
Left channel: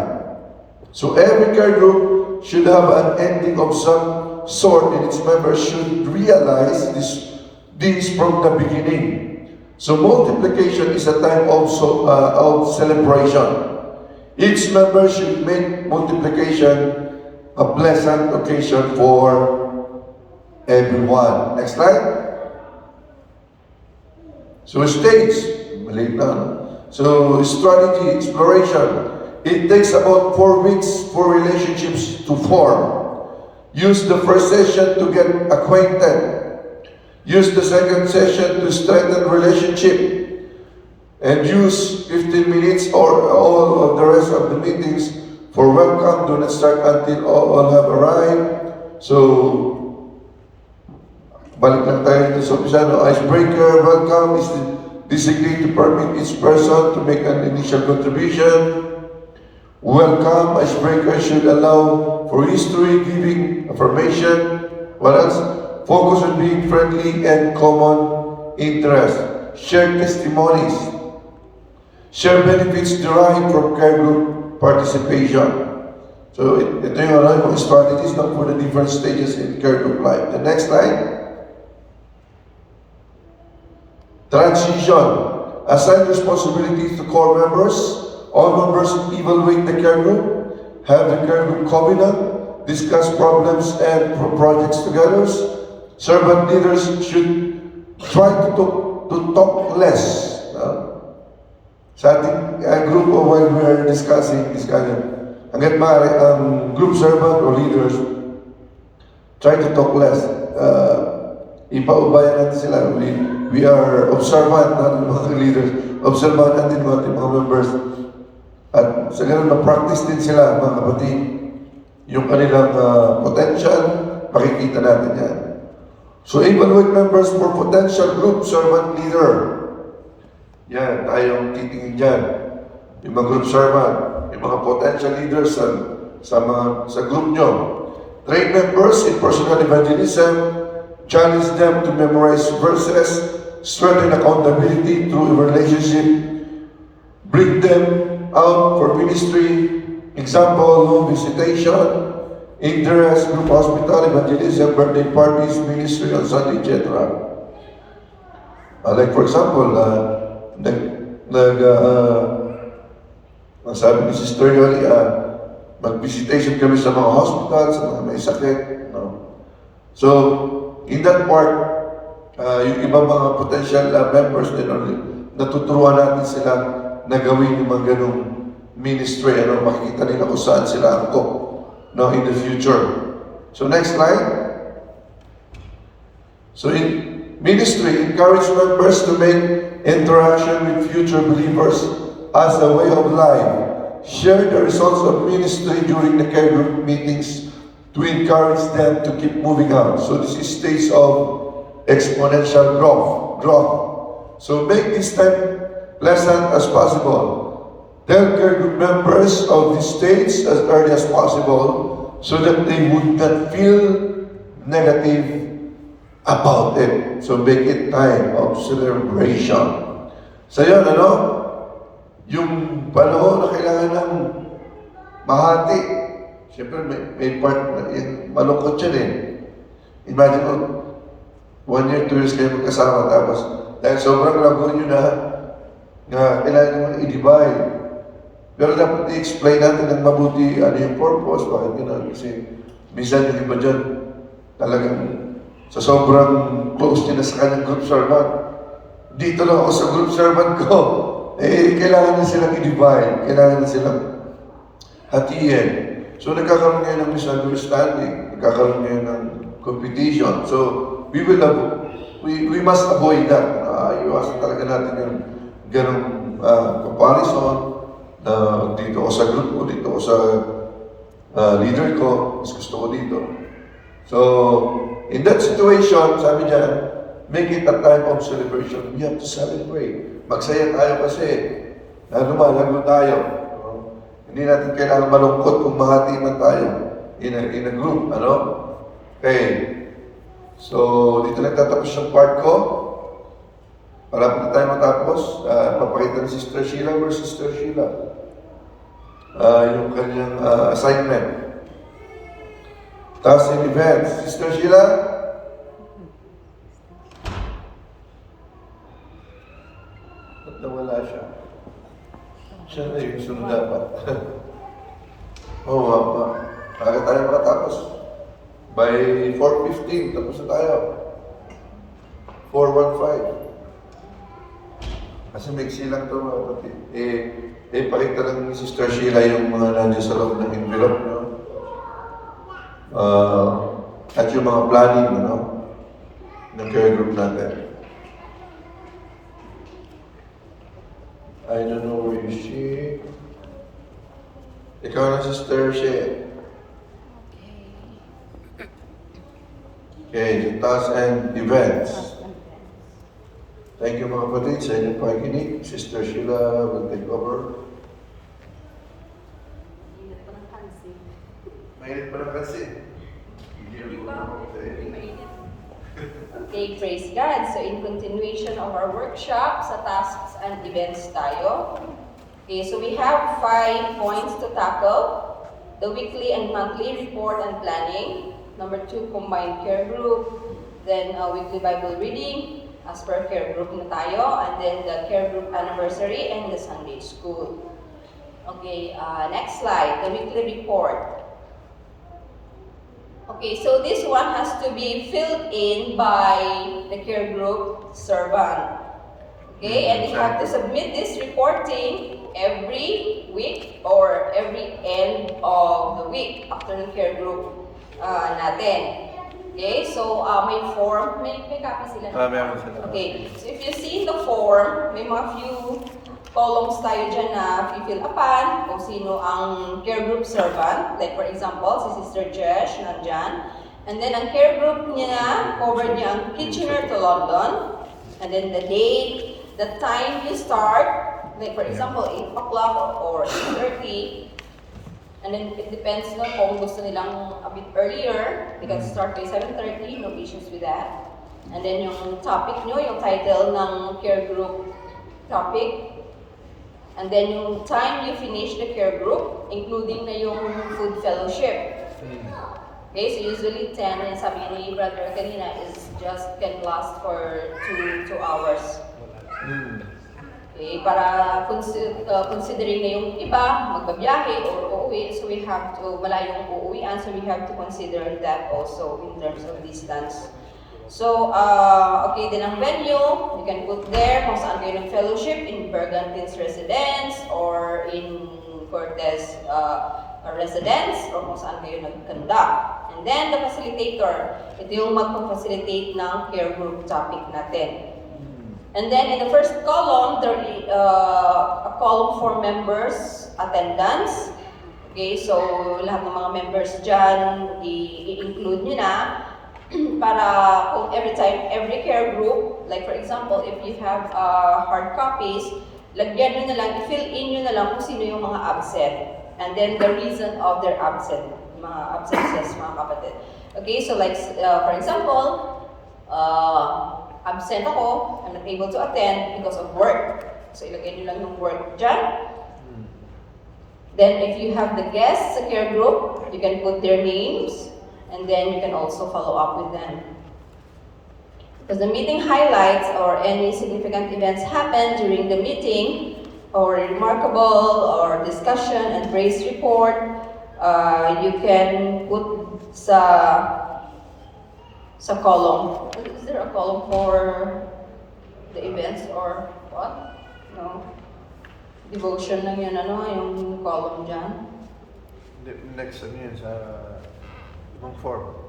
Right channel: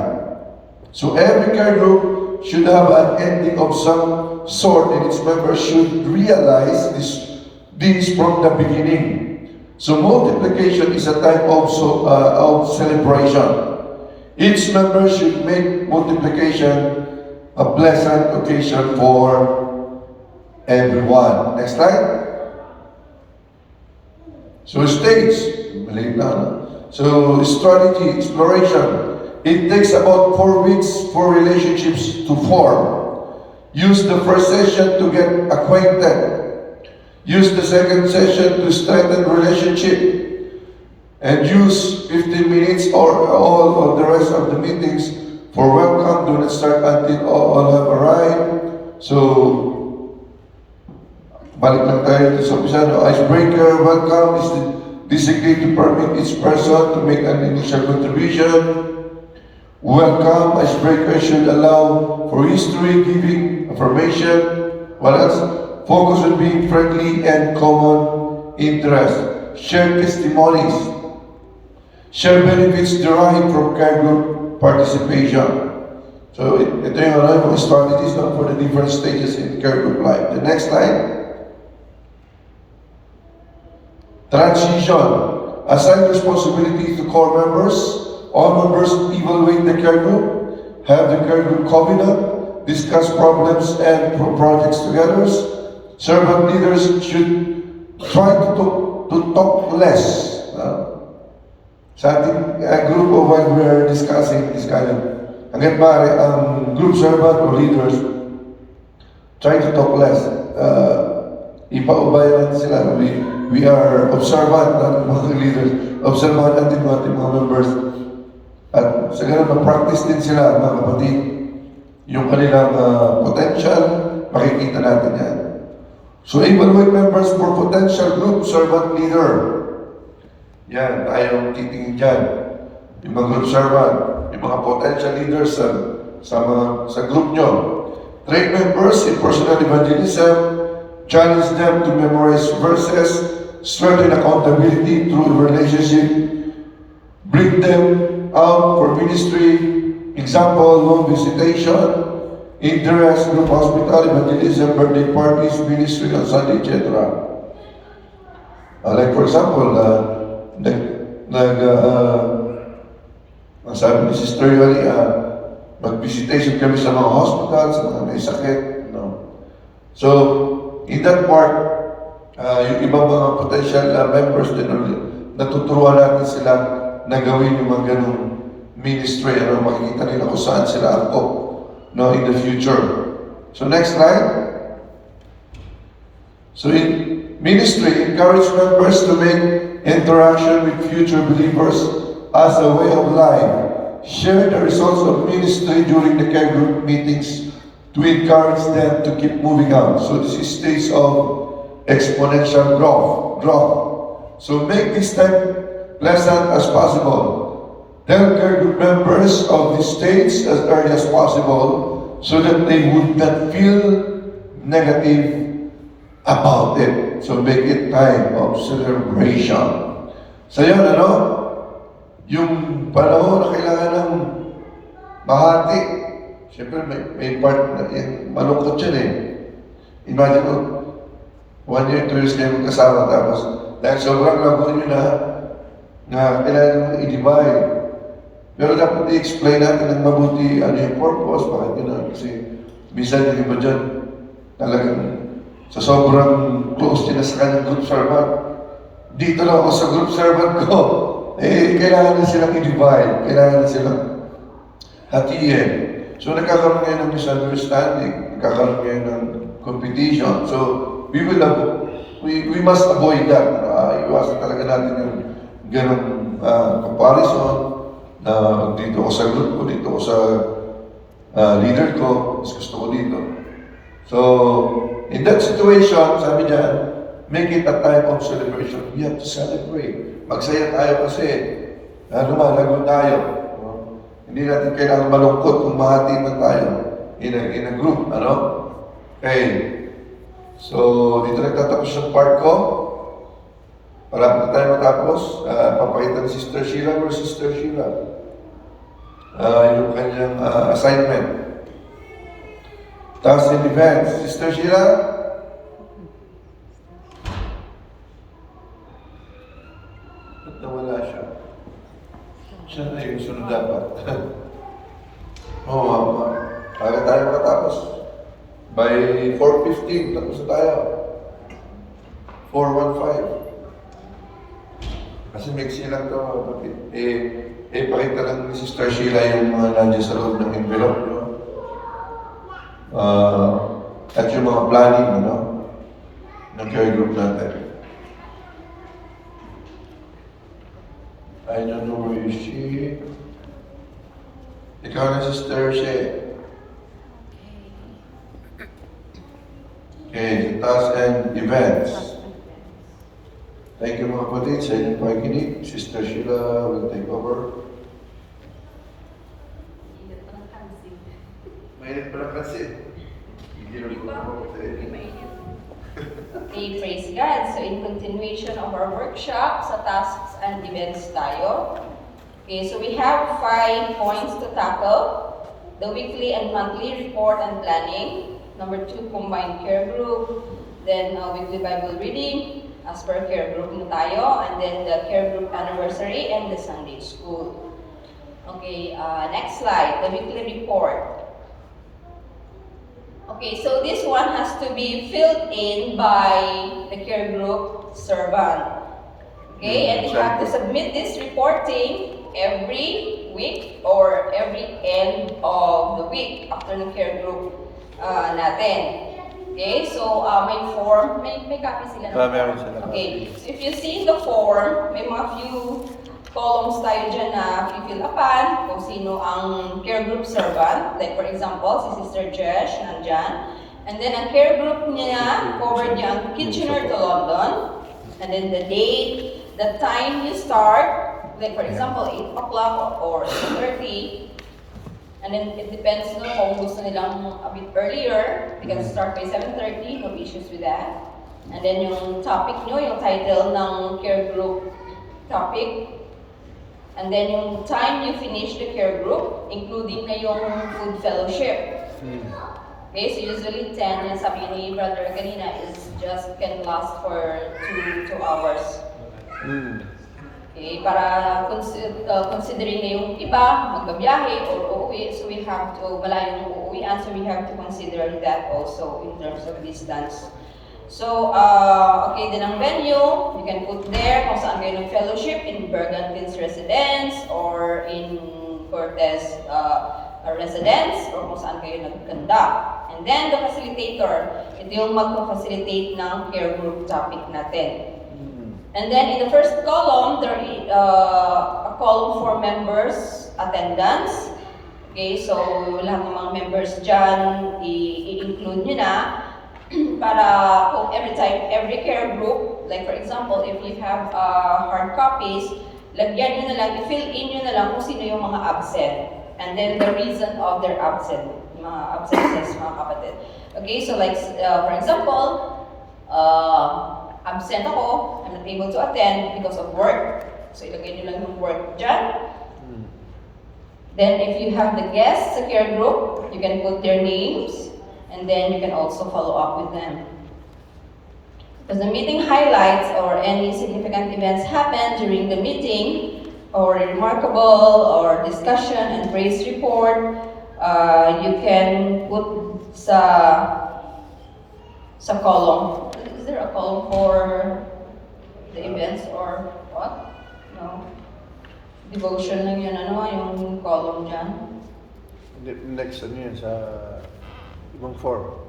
So every care group should have an ending of some sort, and its members should realize this from the beginning. So multiplication is a time also of celebration. Each member should make multiplication a pleasant occasion for everyone. Next slide. So stage, maliit na, So strategy, exploration. It takes about 4 weeks for relationships to form. Use the first session to get acquainted. Use the second session to strengthen relationship. And use 15 minutes or all of the rest of the meetings for welcome. Do not start until all have arrived. So, balik lang tayo sa umpisa, icebreaker, welcome is designate to permit each person to make an initial contribution. Welcome, icebreaker should allow for history, giving, affirmation. What else? Focus on being friendly and common interest. Share testimonies. Share benefits derived from care group participation. So, ito yung strategies for the different stages in care group life. The next slide. Transition. Assign responsibilities to core members. All members evaluate the care group, have the care group covenant, discuss problems and projects together. Servant leaders should try to talk less. Sa ating group of while we are discussing this kind of, hanggang maaari ang group servant or leaders try to talk less. Ipaubaya natin sila. We are observant ng mga leaders. Observant natin mga members. At sa ganun, na-practice din sila, mga kapatid. Yung kanilang potential, makikita natin yan. So, evaluate members for potential group servant leader. Yan, tayong titingin dyan. Yung mga group servant, yung mga potential leaders sa group nyo. Train members in personal evangelism. Challenge them to memorize verses, strengthen accountability through relationship, bring them out for ministry, example, home visitation, interest, group hospital, evangelism, birthday parties, ministry on Sunday, etc. Like for example, ang sabi ni Sister Yoli, mag-visitation kami sa mga hospitals, sa mga may sakit. So, in that part, yung ibang mga potential members din, natuturuan natin sila na gawin yung mga ganong ministry, makikita nila kung saan sila angkop in the future. So next slide. So in ministry, encourage members to make interaction with future believers as a way of life. Share the results of ministry during the care group meetings to encourage them to keep moving on. So this is stage of exponential growth. So make this time pleasant as possible. tell care group members of the states as early as possible so that they would not feel negative about it. So make it time of celebration. So yun, yung panahon na kailangan ng mahati, siyempre may part na malungkot yan eh. Imagine mo, 1 year, 2 years kayo magkasama, tapos dahil sobrang lago nyo na kailangan naman i-divide. Pero dapat i-explain natin ng mabuti ano yung purpose, bakit yun, kasi minsan din ba dyan, talagang sa sobrang close nila sa kanyang group servant. Dito na ako sa group servant ko. Kailangan na silang i-divide. Kailangan na silang hatiin. So nagkakaroon ngayon ng misunderstanding. Nagkakaroon ngayon ng competition. So we must avoid that. Iwasan talaga natin yung ganong comparison na dito ako sa group ko, dito ako sa leader ko, mas gusto ko dito. So, in that situation, sabi niya, make it a time of celebration. We have to celebrate. Magsaya tayo kasi lumalago tayo. Hindi natin kailangan malungkot kung mahati na tayo in a group. Okay. So, dito nagtatapos yung part ko. Para na tayo matapos, papakita ni Sister Sheila or Sister Sheila. Yung kanyang assignment. Tasks and events. Sister Sheila? Ba't nawala siya? Siya na yung sunod dapat. Aga tayo makatapos. By 4:15, tapos na tayo. 4:15. Kasi maiksi lang ito mga kapatid. Pakita lang ni Sister Sheila yung mga nandiyan sa loob ng envelope, no? At yung mga planning, ng care group natin. I don't know where is she. Ikaw na, Sister She. Okay, the tasks and events. Thank you mga kapatid sa inyong pakikinig. Sister Sheila will take over. Mainit pa ng pansin. Okay, praise God. So in continuation of our workshop sa tasks and events tayo. Okay, so we have 5 points to tackle. The weekly and monthly report and planning. Number 2, combined care group. Then weekly Bible reading as per care group na tayo. And then the care group anniversary and the Sunday school. Okay, next slide. The weekly report. Okay, so this one has to be filled in by the care group servant. Okay, and you have to submit this reporting every week or every end of the week after the care group natin. Okay, so may form, may copy sila ng form. Okay, so if you see the form, may mga few columns tayo dyan na fill upan kung sino ang care group servant. Like for example, si Sister Jesh nandyan. And then ang care group niya, covered niya ang Kitchener to London. And then the date, the time you start. Like for example, 8 o'clock or 8:30. And then it depends kung gusto nilang a bit earlier. They can start by 7:30, no issues with that. And then yung topic nyo, yung title ng care group topic. And then yung time you finish the care group, including na yung food fellowship. Okay, so usually 10, yan sabi ni Brother kanina, is just can last for 2 hours. Okay, para considering na yung iba, magbabiyahe or uuwi, so we have to, malayong uuwian, so we have to consider that also in terms of distance. So, okay, din ang venue, you can put there kung saan kayo nag-fellowship, in Bergantin's residence or in Cortez residence, or kung saan kayo nag-conduct. And then, the facilitator, ito yung mag-facilitate ng care group topic natin. And then, in the first column, there is a column for members' attendance. Okay, so lahat ng mga members dyan, i-include nyo na. Para kung every care group, like for example, if you have hard copies, lagyan nyo na lang, i-fill in nyo na lang kung sino yung mga absent. And then the reason of their mga absences, mga kapatid. Okay, so like, for example, absent ako, I'm not able to attend because of work. So ilagay nyo lang yung work dyan. Then if you have the guests at your group, you can put their names, and then you can also follow up with them. Because the meeting highlights or any significant events happen during the meeting, or remarkable, or discussion and praise report, you can put sa column. Is there a column for the events or what? No. Devotion lang yun, yung column dyan. Next ano yan, sa ibang form.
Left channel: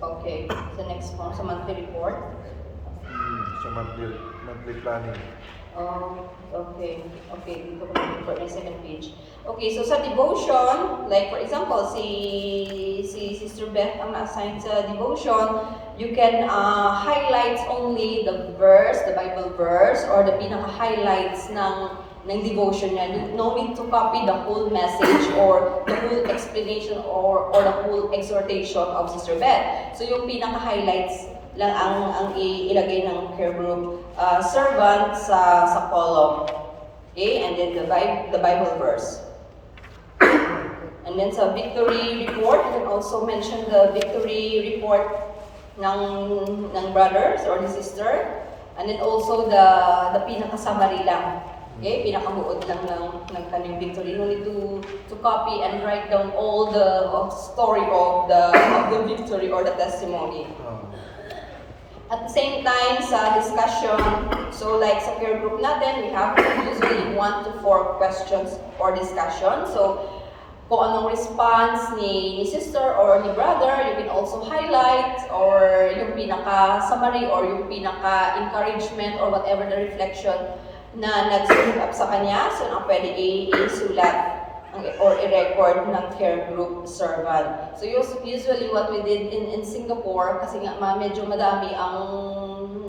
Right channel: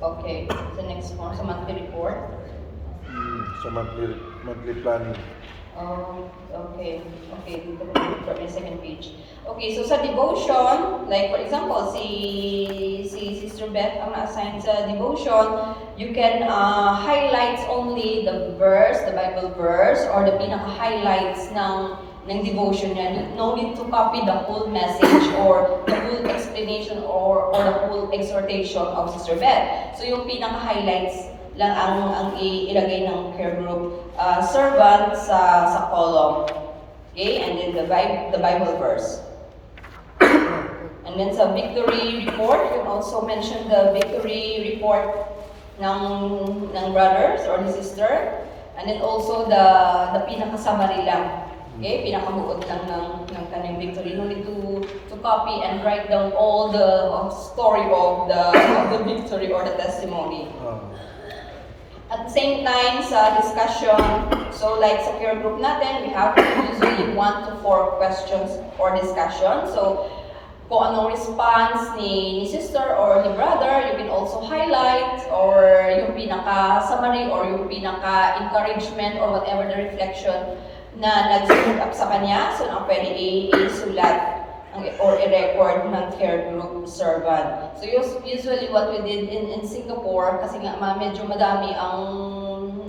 Okay, the next form, sa monthly report. Sa monthly planning. Okay, dito ko na yung second page. Okay, so sa devotion, like for example, si Sister Beth ang na-assign sa devotion, you can highlight only the verse, the Bible verse, or the pinaka-highlights ng devotion niya. No need to copy the whole message or the whole explanation or the whole exhortation of Sister Beth. So yung pinaka-highlights lang ang ilagay ng care group servant sa column. Okay, and then the Bible verse. And then sa victory report, you can also mention the victory report ng brothers or the sister. And then also the pinaka-summary lang. Okay, pinakabuod lang ng kanyang victory. No need to copy and write down all the story of the victory or the testimony. At the same time, sa discussion, so like sa care group natin, we have usually 1 to 4 questions for discussion. So, kung anong response ni sister or ni brother, you can also highlight or yung pinaka-summary or yung pinaka-encouragement or whatever the reflection na nag-stood up sa kanya. So, na pwede isulat or i-record ng care group servant. So usually what we did in Singapore, kasi nga medyo madami ang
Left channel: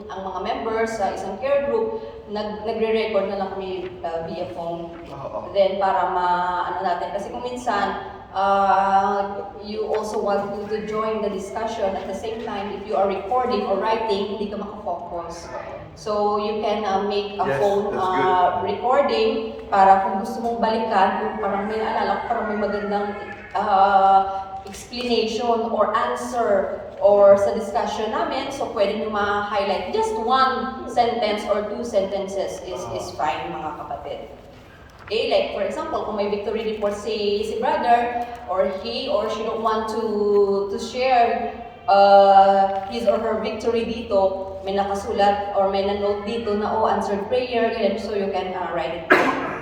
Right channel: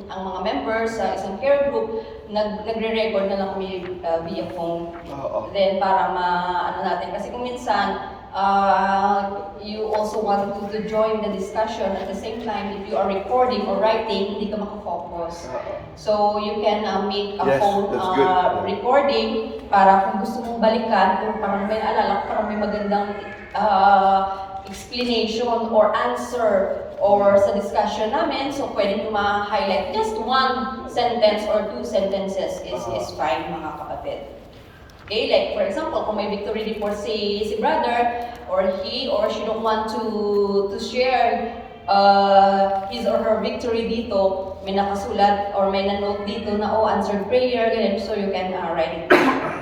mga members sa isang care group, nagre-record na lang kami via phone. Then para ano natin, kasi kung minsan you also want to join the discussion at the same time, if you are recording or writing, hindi ka makafocus. So you can make a phone recording para kung gusto mong balikan, kung parang may naalala, parang may magandang explanation or answer or sa discussion namin, so pwede nyo ma-highlight just 1 sentence or 2 sentences is fine, mga kapatid. Okay, like for example, kung may victory report si brother or he or she don't want to share his or her victory dito, may nakasulat or may na-note dito na answered prayer, and so you can write it down.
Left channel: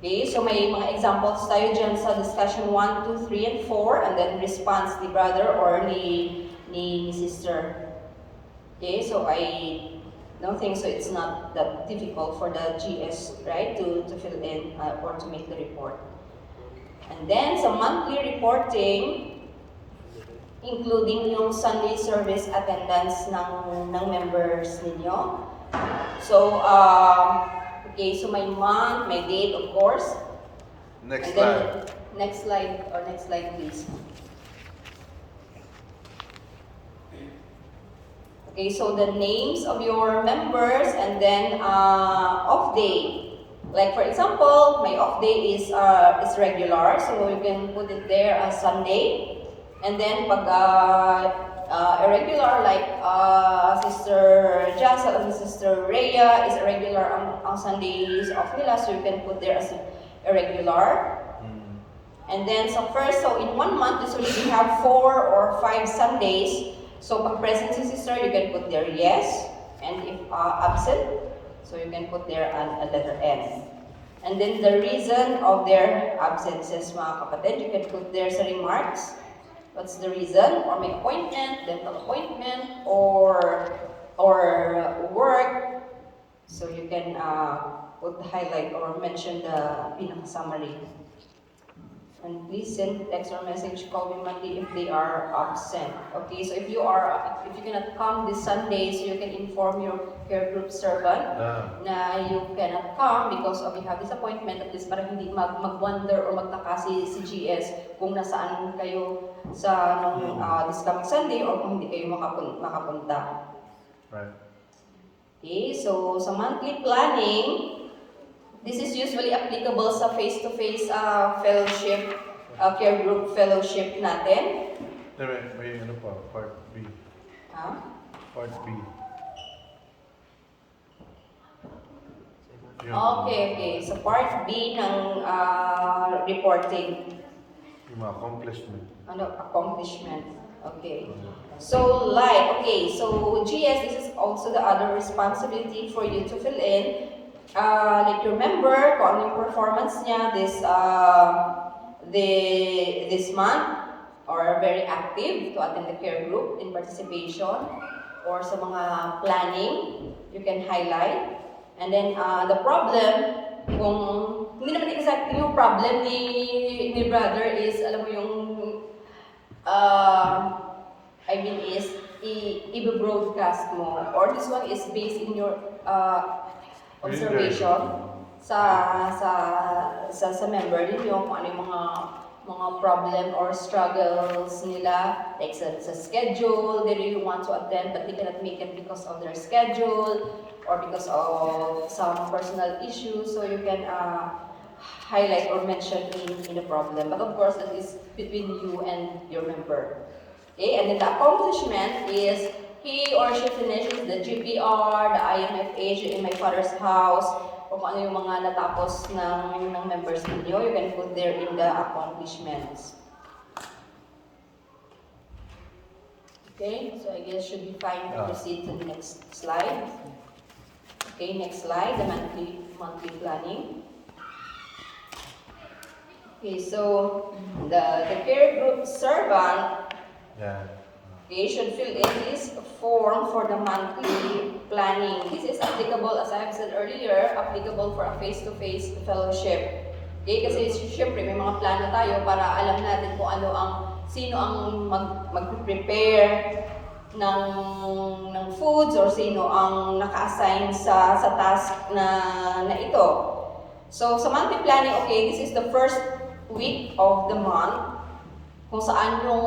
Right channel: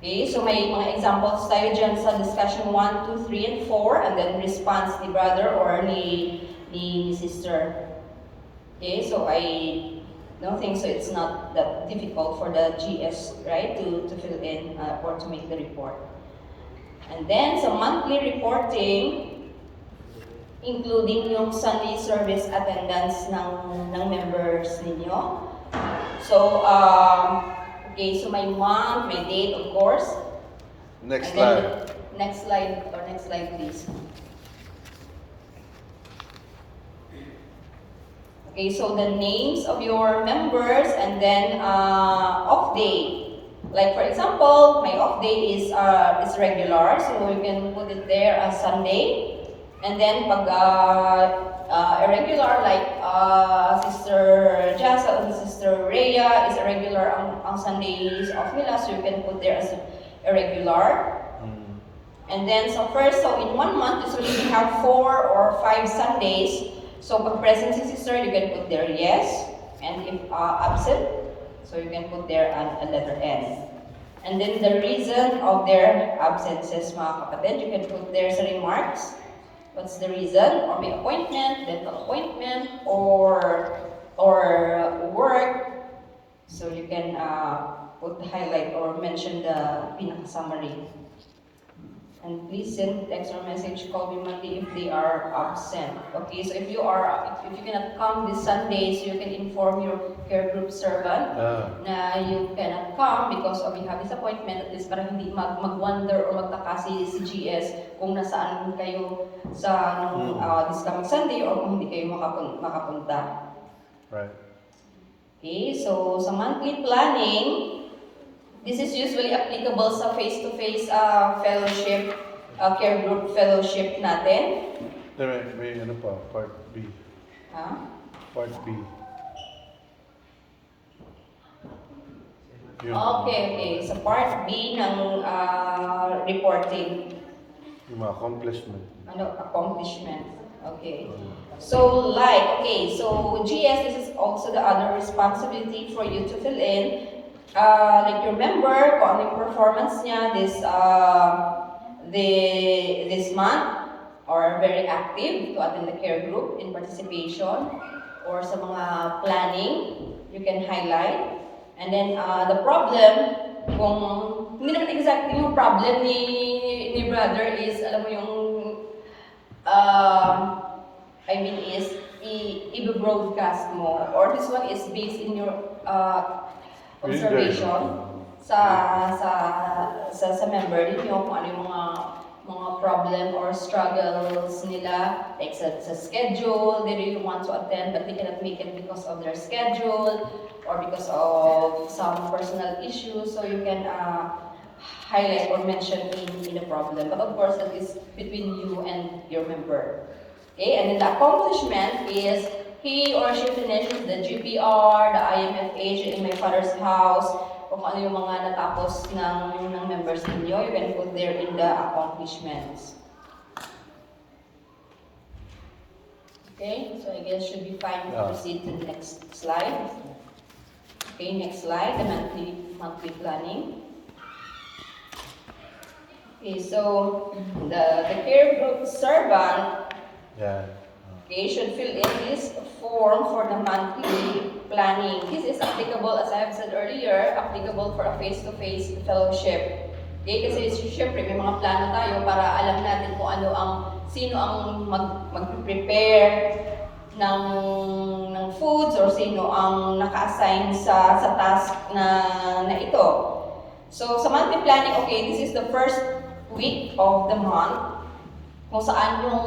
Okay, so may mga examples tayo dyan sa discussion 1, 2, 3, and 4, and then response ni brother or ni sister. Okay, so I don't think so it's not that difficult for the GS, right, to fill in or to make the report. And then sa monthly reporting, including yung Sunday service attendance ng members ninyo. So, okay, so my month, my date, of course. Next slide please. Okay, so the names of your members and then off day. Like for example, my off day is regular, so you can put it there as Sunday. And then pag irregular, like Sister Jasa and Sister Rhea is irregular ang Sundays off nila, so you can put there as irregular. And then so in 1 month, usually we have 4 or 5 Sundays. So pag present si sister, you can put there yes. And if absent, so you can put there a letter N. And then the reason of their absences, mga kapatid, you can put there sa remarks. What's the reason? Or may appointment, dental appointment, or work. So you can put highlight or mention the pinaka-summary. And please send text or message, call me Monday if they are absent. Okay, so if you cannot come this Sunday, so you can inform your care group servant na you cannot come because of you have this appointment, at least para hindi mag-wonder or magtaka si GS kung nasaan kayo sa this coming Sunday or kung hindi kayo makapunta. Right. Okay, so sa monthly planning, this is usually applicable sa face-to-face fellowship, care group fellowship natin. May ano pa, part B. Part B. Okay. Sa part B ng reporting. Yung mga accomplishment. Accomplishment. Okay. So GS, this is also the other responsibility for you to fill in. Like you remember kung ano yung performance niya this month, or very active to attend the care group in participation or sa mga planning, you can highlight. And then the problem, kung hindi naman exactly yung problem ni brother is, alam mo yung is i-broadcast mo, or this one is based in your observation sa member ninyo kung ano yung mga problem or struggles nila, like sa schedule, they really want to attend but they cannot make it because of their schedule or because of some personal issues, so you can highlight or mention in the problem, but of course that is between you and your member. Okay, and then the accomplishment is he or she finishes the GPR, the IMFH in my father's house, kung ano yung mga natapos ng members ninyo, you can put there in the accomplishments. Okay, so I guess should be fine to proceed to the next slide. Okay, next slide, the monthly planning. Okay, so the care group servant should fill in this form for the monthly planning. This is applicable, as I have said earlier, applicable for a face-to-face fellowship. Okay, kasi syempre may mga plano tayo para alam natin kung sino ang mag-prepare ng foods or sino ang naka-assign sa task na ito. So sa monthly planning, okay, this is the first week of the month, kung saan yung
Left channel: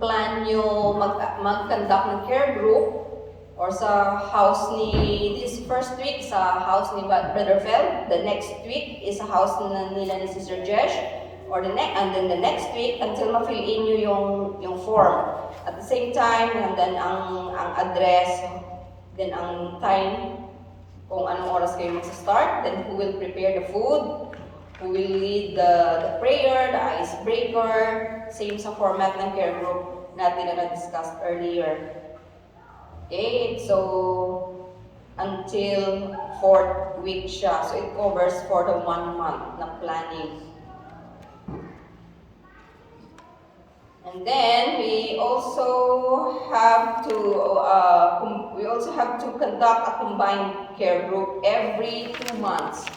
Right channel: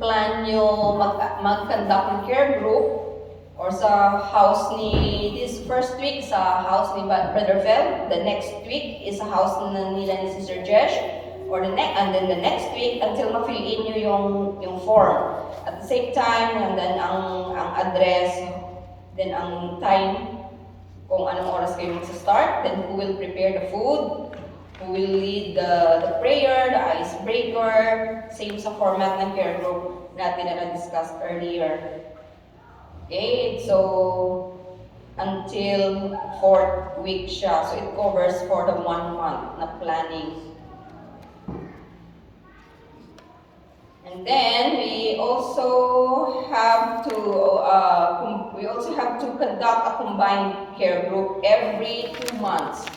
plan nyo mag-conduct ng care group or sa house this first week sa house ni Brother Fel, the next week is sa house nila ni Sister Jesh, and then the next week until ma-fill in nyo yung form. At the same time, and then ang address, then ang time, kung anong oras kayo magsa-start, then who will prepare the food, who will lead the prayer, the icebreaker, same sa format ng care group natin na na-discussed earlier. Okay, so until 4th week siya. So it covers for the 1 month na planning. And then we also have to conduct a combined care group every 2 months.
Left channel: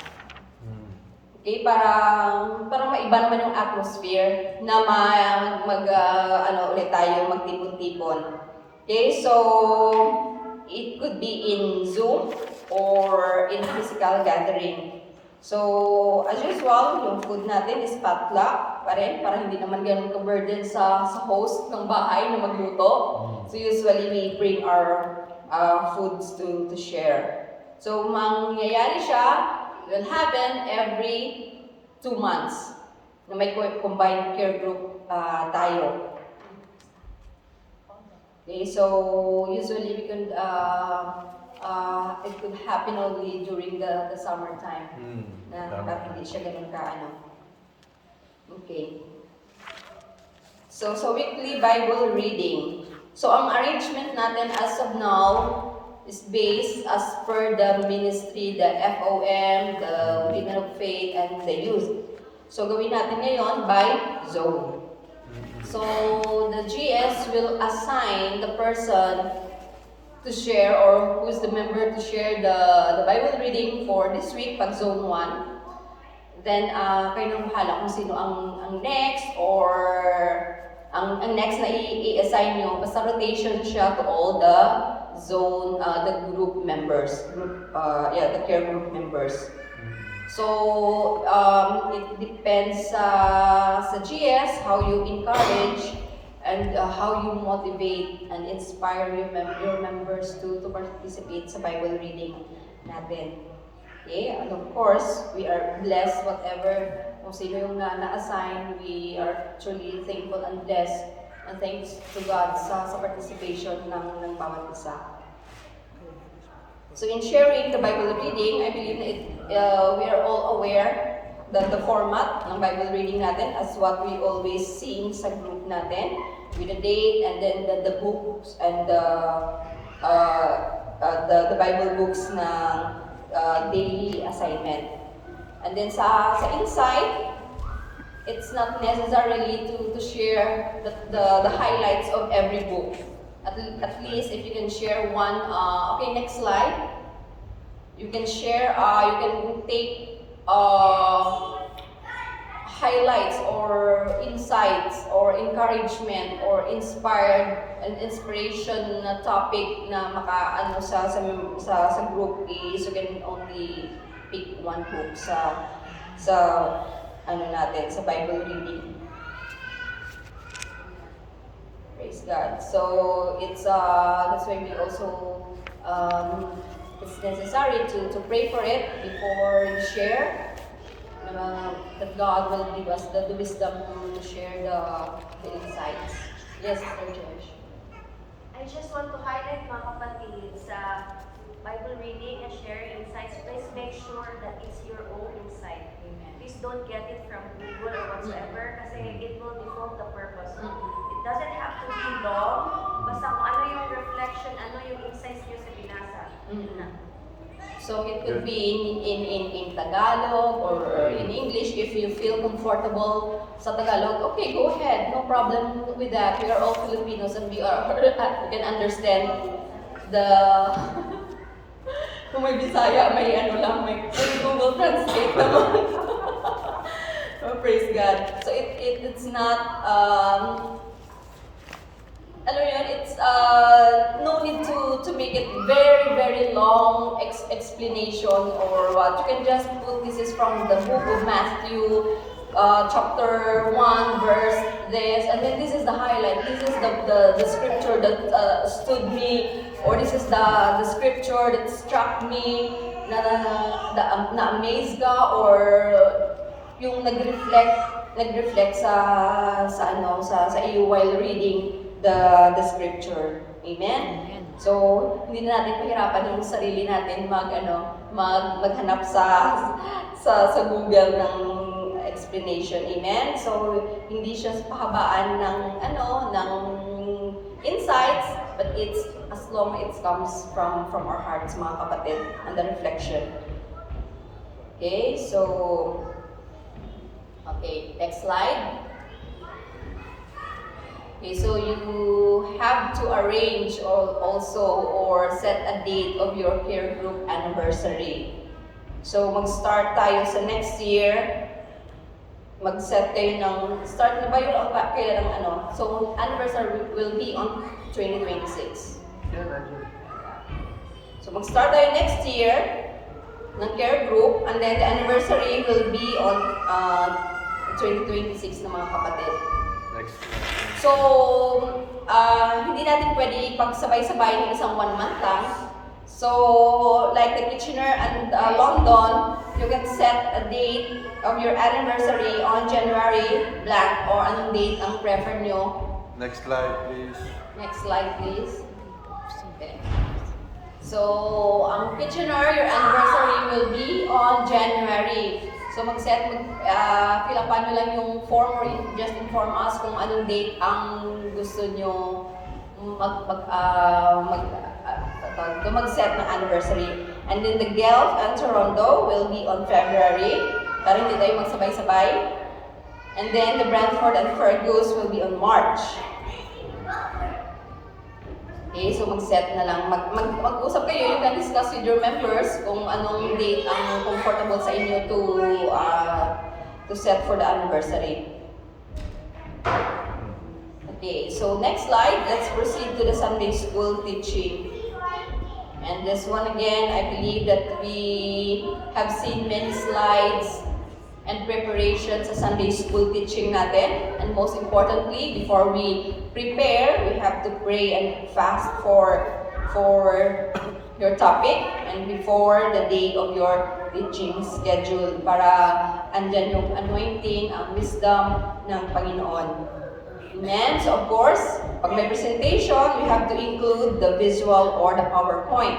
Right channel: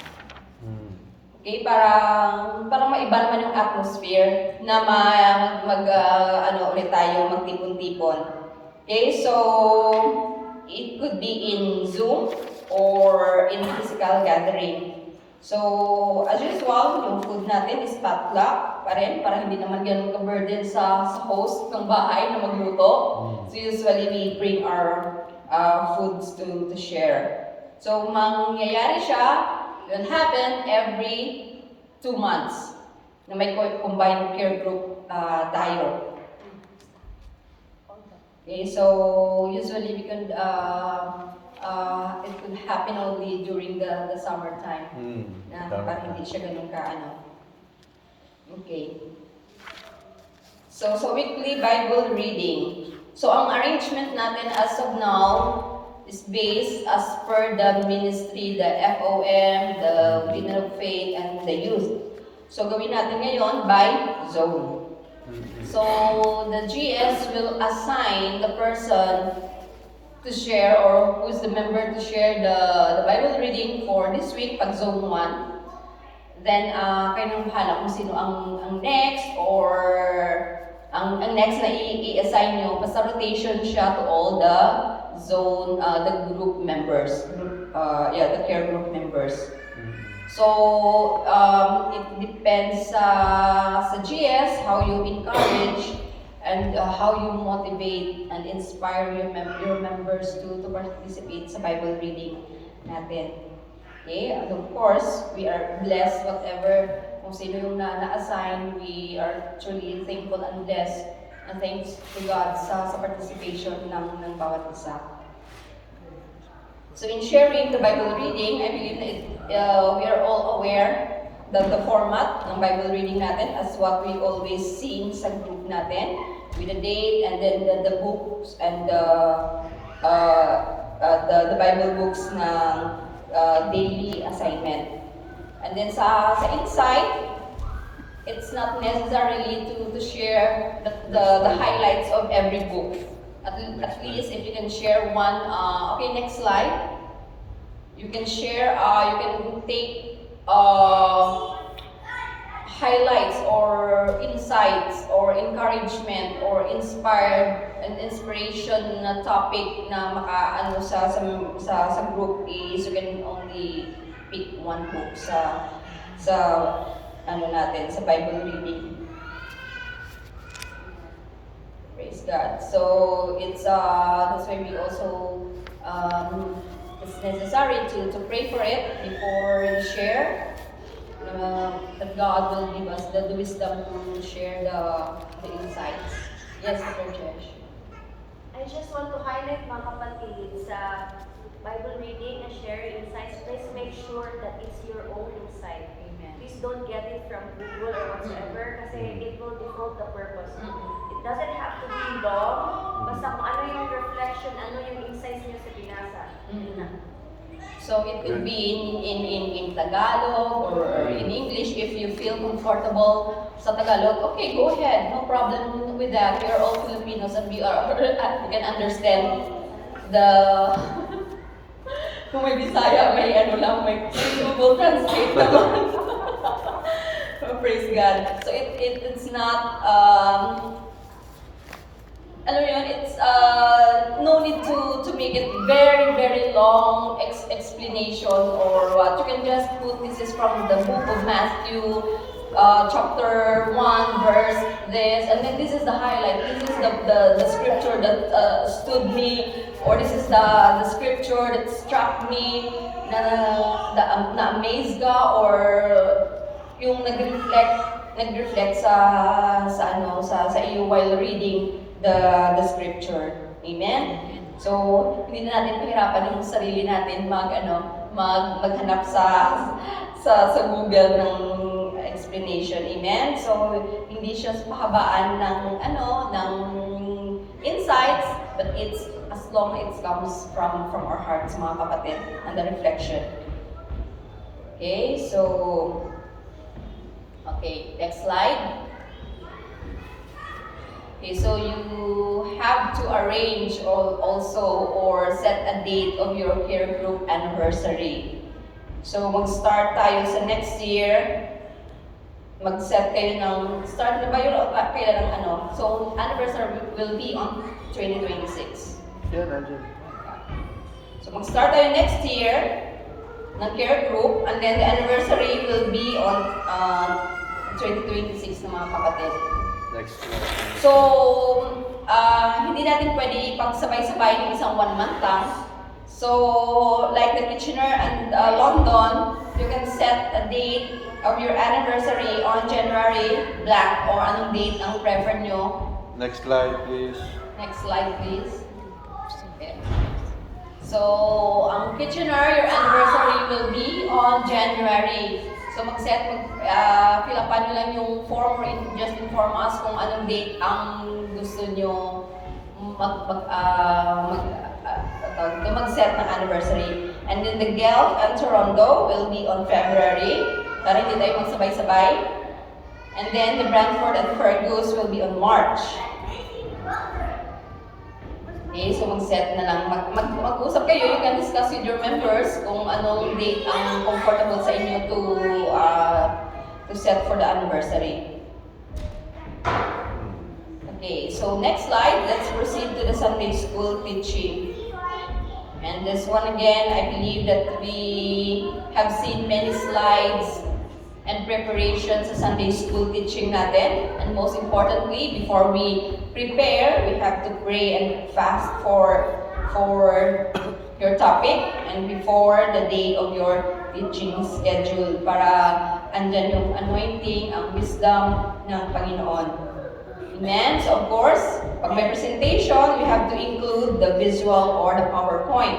Okay, parang maiba naman yung atmosphere na ulit tayo magtipon-tipon. Okay, so it could be in Zoom or in physical gathering. So as usual, yung food natin is potluck pa rin para hindi naman ganun ka-burden sa host ng bahay na magluto. So usually we bring our foods to share. So mangyayari siya, it will happen every 2 months na may combined care group tayo. Okay, so usually we can it could happen only during the summertime na parang hindi siya ganun Okay. So weekly Bible reading. So ang arrangement natin as of now is based as per the ministry, the FOM, the Women of Faith, and the youth. So gawin natin ngayon by zone. So the GS will assign the person to share, or who's the member to share the Bible reading for this week, pag zone 1. Then, kayo nang bahala kung sino ang next or ang next na i-assign nyo. Basta rotation siya to all the zone, the group members. The care group members. So, it depends sa GS, how you encourage and how you motivate and inspire your members to participate sa Bible reading natin. Okay, and of course, we are blessed whatever kung sino yung na-assign, we are truly thankful and blessed and thanks to God sa participation ng bawat isa. So in sharing the Bible reading, I believe we are all aware that the format ng Bible reading natin as what we always seen sa group natin with the date and then the books and the Bible books ng daily assignment. And then sa insight, it's not necessarily to share the highlights of every book. At least if you can share one, okay, next slide. You can share, you can take highlights or insights or encouragement or inspiration na topic na makaano sa group is you can only pick one book sa natin sa Bible reading. Praise God. So it's that's why we also it's necessary to pray for it before you share. That God will give us the wisdom to share the insights. Yes, Sir Josh. I just want to highlight mga kapatid sa Bible reading and share insights. Please make sure that it's your own insight. Amen. Please don't get it from Google or whatsoever kasi it will defeat the purpose. It doesn't have to be long. Basta kung ano yung reflection, ano yung insights niyo sa binasa. So it could be in Tagalog or in English if you feel comfortable sa Tagalog. Okay, go ahead. No problem with that. We are all Filipinos and we can understand the kung may Bisaya, may may Google Translate naman. So, praise God. So it's not it's no need to make it very, very long explanation or what. You can just put this is from the book of Matthew, chapter 1, verse this, and then this is the highlight. This is the scripture that stood me, or this is the scripture that struck me, na amaze ka, or yung nag-reflect sa iyo while reading the scripture. Amen? So, hindi na natin pahirapan yung sarili natin maghanap sa Google ng explanation. Amen? So, hindi siya pahabaan ng insights, but it's as long it comes from our hearts, mga kapatid, and the reflection. Okay, so next slide. Okay, so you have to arrange also or set a date of your care group anniversary. So mag-start tayo sa next year. Mag-set kayo ng, start na ba yun o kailan ang So anniversary will be on 2026. So mag-start tayo next year ng care group and then the anniversary will be on 2026 na mga kapatid. So, hindi natin pwede pagsabay-sabay ng isang 1 month lang. So, like the Kitchener and London, you can set a date of your anniversary on January blank or anong date ang prefer nyo. Next slide, please. Next slide, please. Okay. So, ang Kitchener, your anniversary will be on January. So fill upan nyo lang yung form or just inform us kung anong date ang gusto nyo mag-set ng anniversary. And then the Guelph and Toronto will be on February. Para hindi tayo magsabay-sabay. And then the Brantford and Fergus will be on March. Okay, so mag-set na lang. Mag-usap kayo, you can discuss with your members kung anong date ang comfortable sa inyo to to set for the anniversary. Okay, so next slide, let's proceed to the Sunday school teaching. And this one again, I believe that we have seen many slides and preparations sa Sunday school teaching natin. And most importantly, before we prepare, we have to pray and fast for your topic and before the day of your teaching schedule para andyan yung anointing, ang wisdom ng Panginoon. Amen? So of course, pag may presentation, you have to include the visual or the PowerPoint.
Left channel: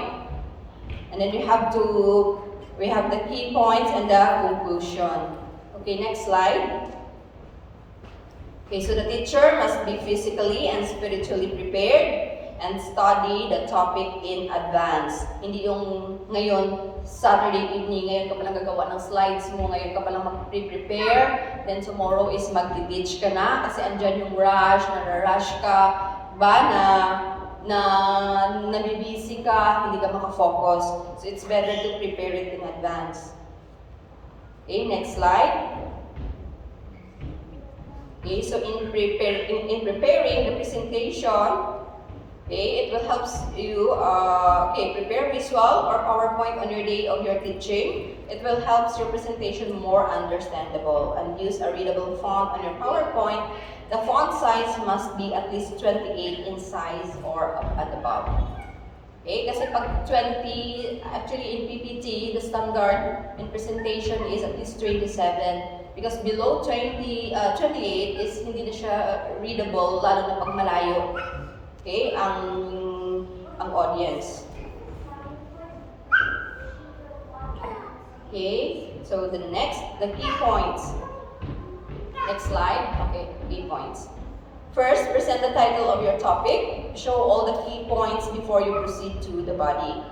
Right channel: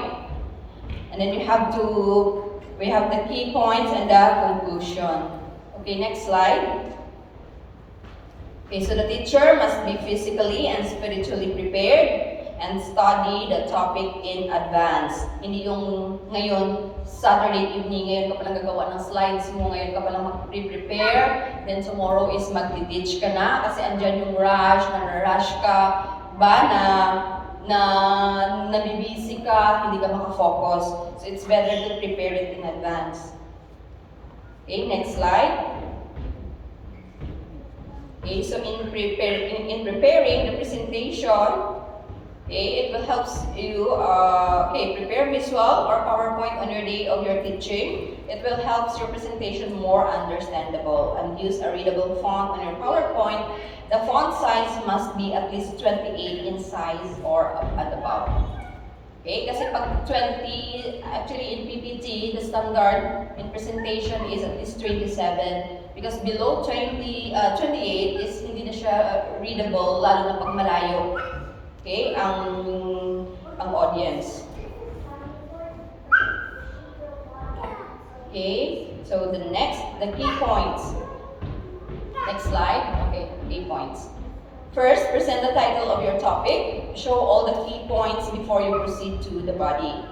And then we have the key points and the conclusion. Okay, next slide. Okay, so the teacher must be physically and spiritually prepared and study the topic in advance. Hindi yung ngayon, Saturday evening, ngayon ka palang gagawa ng slides mo, ngayon ka palang mag-prepare, then tomorrow is mag-teach ka na kasi andyan yung rush, na-rush ka ba na nabibisi ka, hindi ka makafocus. So it's better to prepare it in advance. Okay, next slide. Okay, so in preparing the presentation, okay, it will help you prepare visual or PowerPoint on your day of your teaching. It will help your presentation more understandable and use a readable font on your PowerPoint. The font size must be at least 28 in size or at above. Okay, kasi pag 20, actually in PPT, the standard in presentation is at least 27. Because below 28 is hindi na siya readable, lalo na pag malayo. Okay, ang audience. Okay, so the key points. Next slide. Okay, key points. First, present the title of your topic. Show all the key points before you proceed to the body.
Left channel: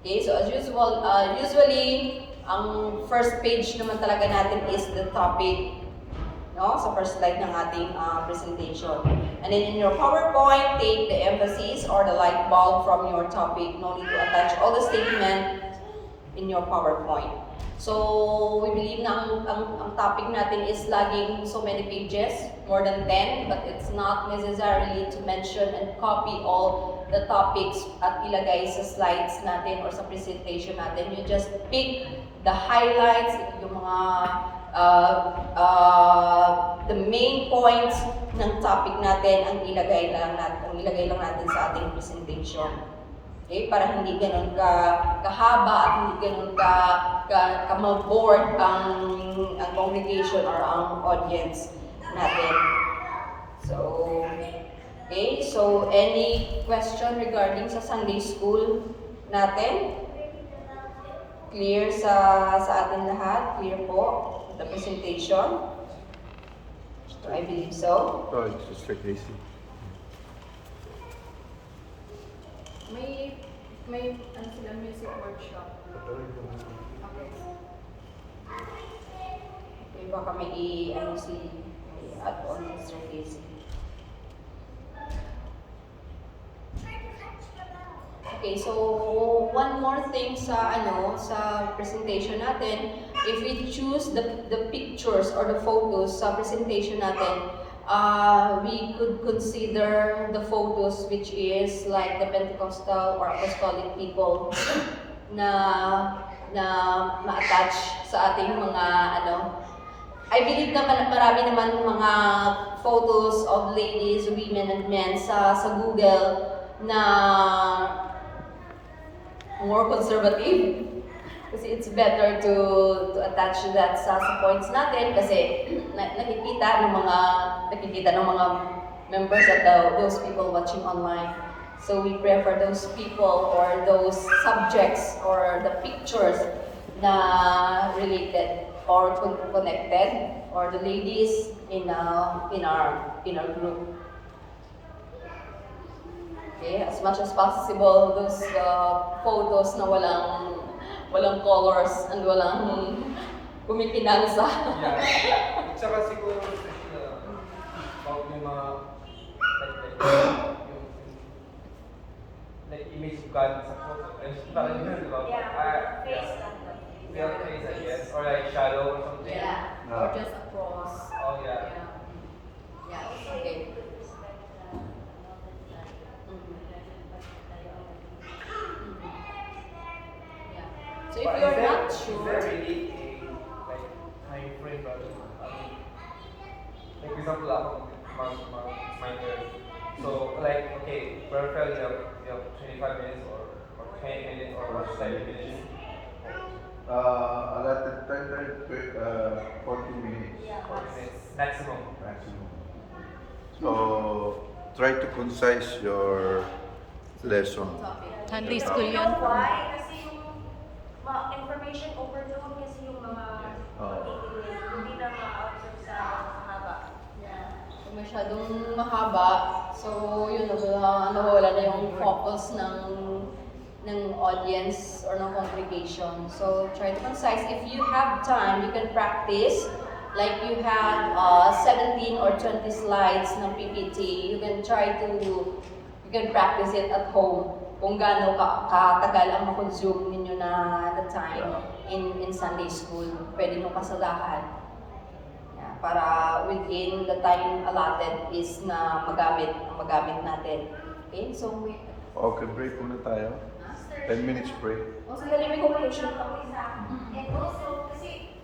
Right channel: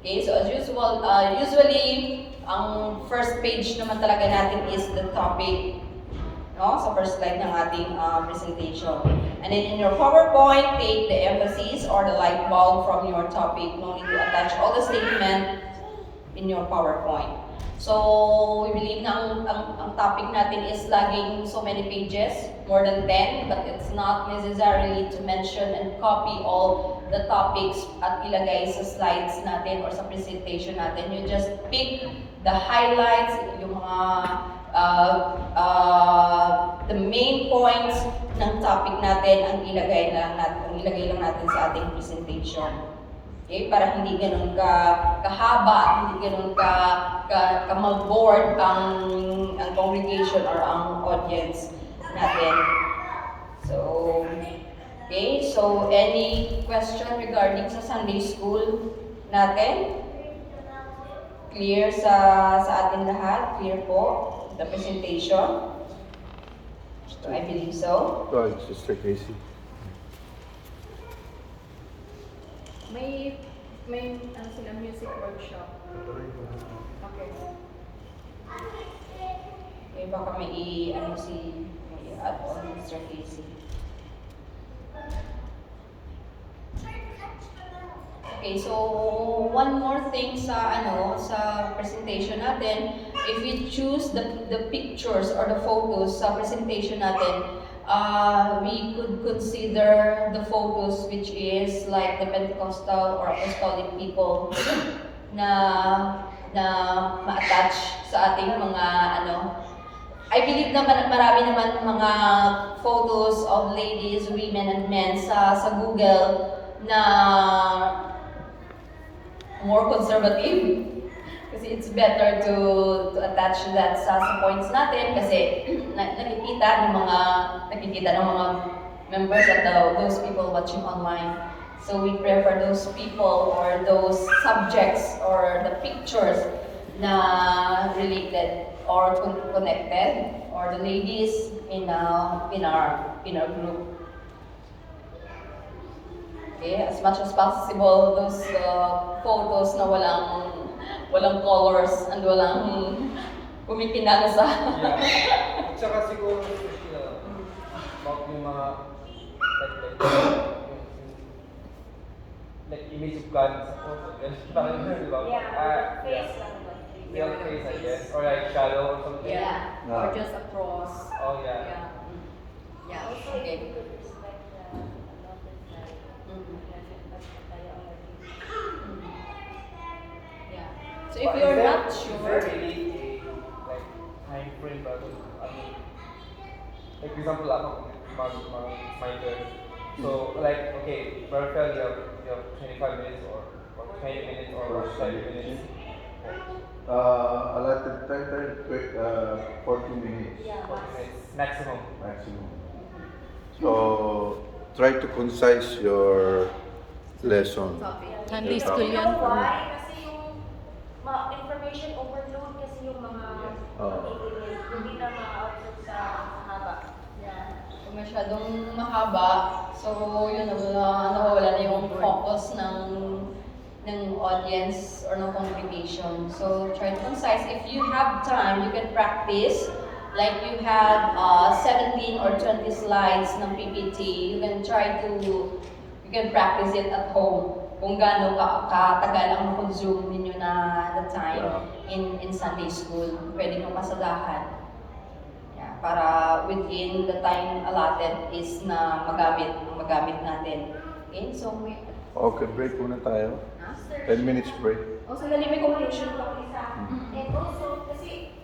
Okay, so as usual, usually, ang first page naman talaga natin is the topic. No? Sa first slide ng ating presentation. And then in your PowerPoint, take the emphasis or the light bulb from your topic. No need to attach all the statement in your PowerPoint. So, we believe na ang topic natin is laging so many pages, more than 10, but it's not necessarily to mention and copy all the topics at ilagay sa slides natin or sa presentation natin. You just pick the highlights, yung mga the main points ng topic natin ang ilagay lang natin sa ating presentation. Okay, para hindi ganun kahaba at hindi ganun ka ma-board ang congregation or ang audience natin. So, okay, so any question regarding sa Sunday school natin? Clear sa atin lahat? Clear po the presentation? So, I believe so. Oh, it's Sister Casey. May ano sila, music workshop. Okay. Okay, baka may add on Mr. Casey. Okay, so one more thing sa presentation natin, if we choose the pictures or the photos sa presentation natin, we could consider the photos which is like the Pentecostal or Apostolic people na ma-attach sa ating mga I believe naman marami naman mga photos of ladies, women, and men sa Google na more conservative. Kasi it's better to attach that sa points natin kasi nakikita ng mga members at those people watching online. So we prefer those people or those subjects or the pictures na related or connected or the ladies in our group. Okay, as much as possible those photos na walang colors and walang kumikinansa. Yeah. At saka siguro yung like image plans. Parang yun, di ba? Yeah, face. Yeah, Your without face, I face. guess. Or like shadow or something. Yeah, No. or just a cross. Oh, yeah. Yeah. Yeah, okay. Mm. Yeah. So if you're not Is sure, there really a like time frame that like for example scientist. So like okay, Raphael you have 25 minutes or 20 minutes or 7 minutes. Allotted time, 40 minutes 40 minutes maximum. maximum. So, try to concise your lesson. topic. Sunday school yun. Why? Kasi yung information overload kasi yung mga hindi na ma-absorb sa haba. Yeah. Kung masyadong mahaba, so yun, nawawala na yung focus ng audience or ng congregation. So try to concise. If you have time, you can practice. Like you have 17 or 20 slides ng PPT, you can practice it at home. Kung gaano katagal ang ma-consume ninyo na time in Sunday school, pwede nyo pasadahan. Yeah, para within the time allotted is na magamit natin. Okay, so Okay, break muna tayo. ha? 10 minutes break. Oh, sandali, may conclusion pa. And also, kasi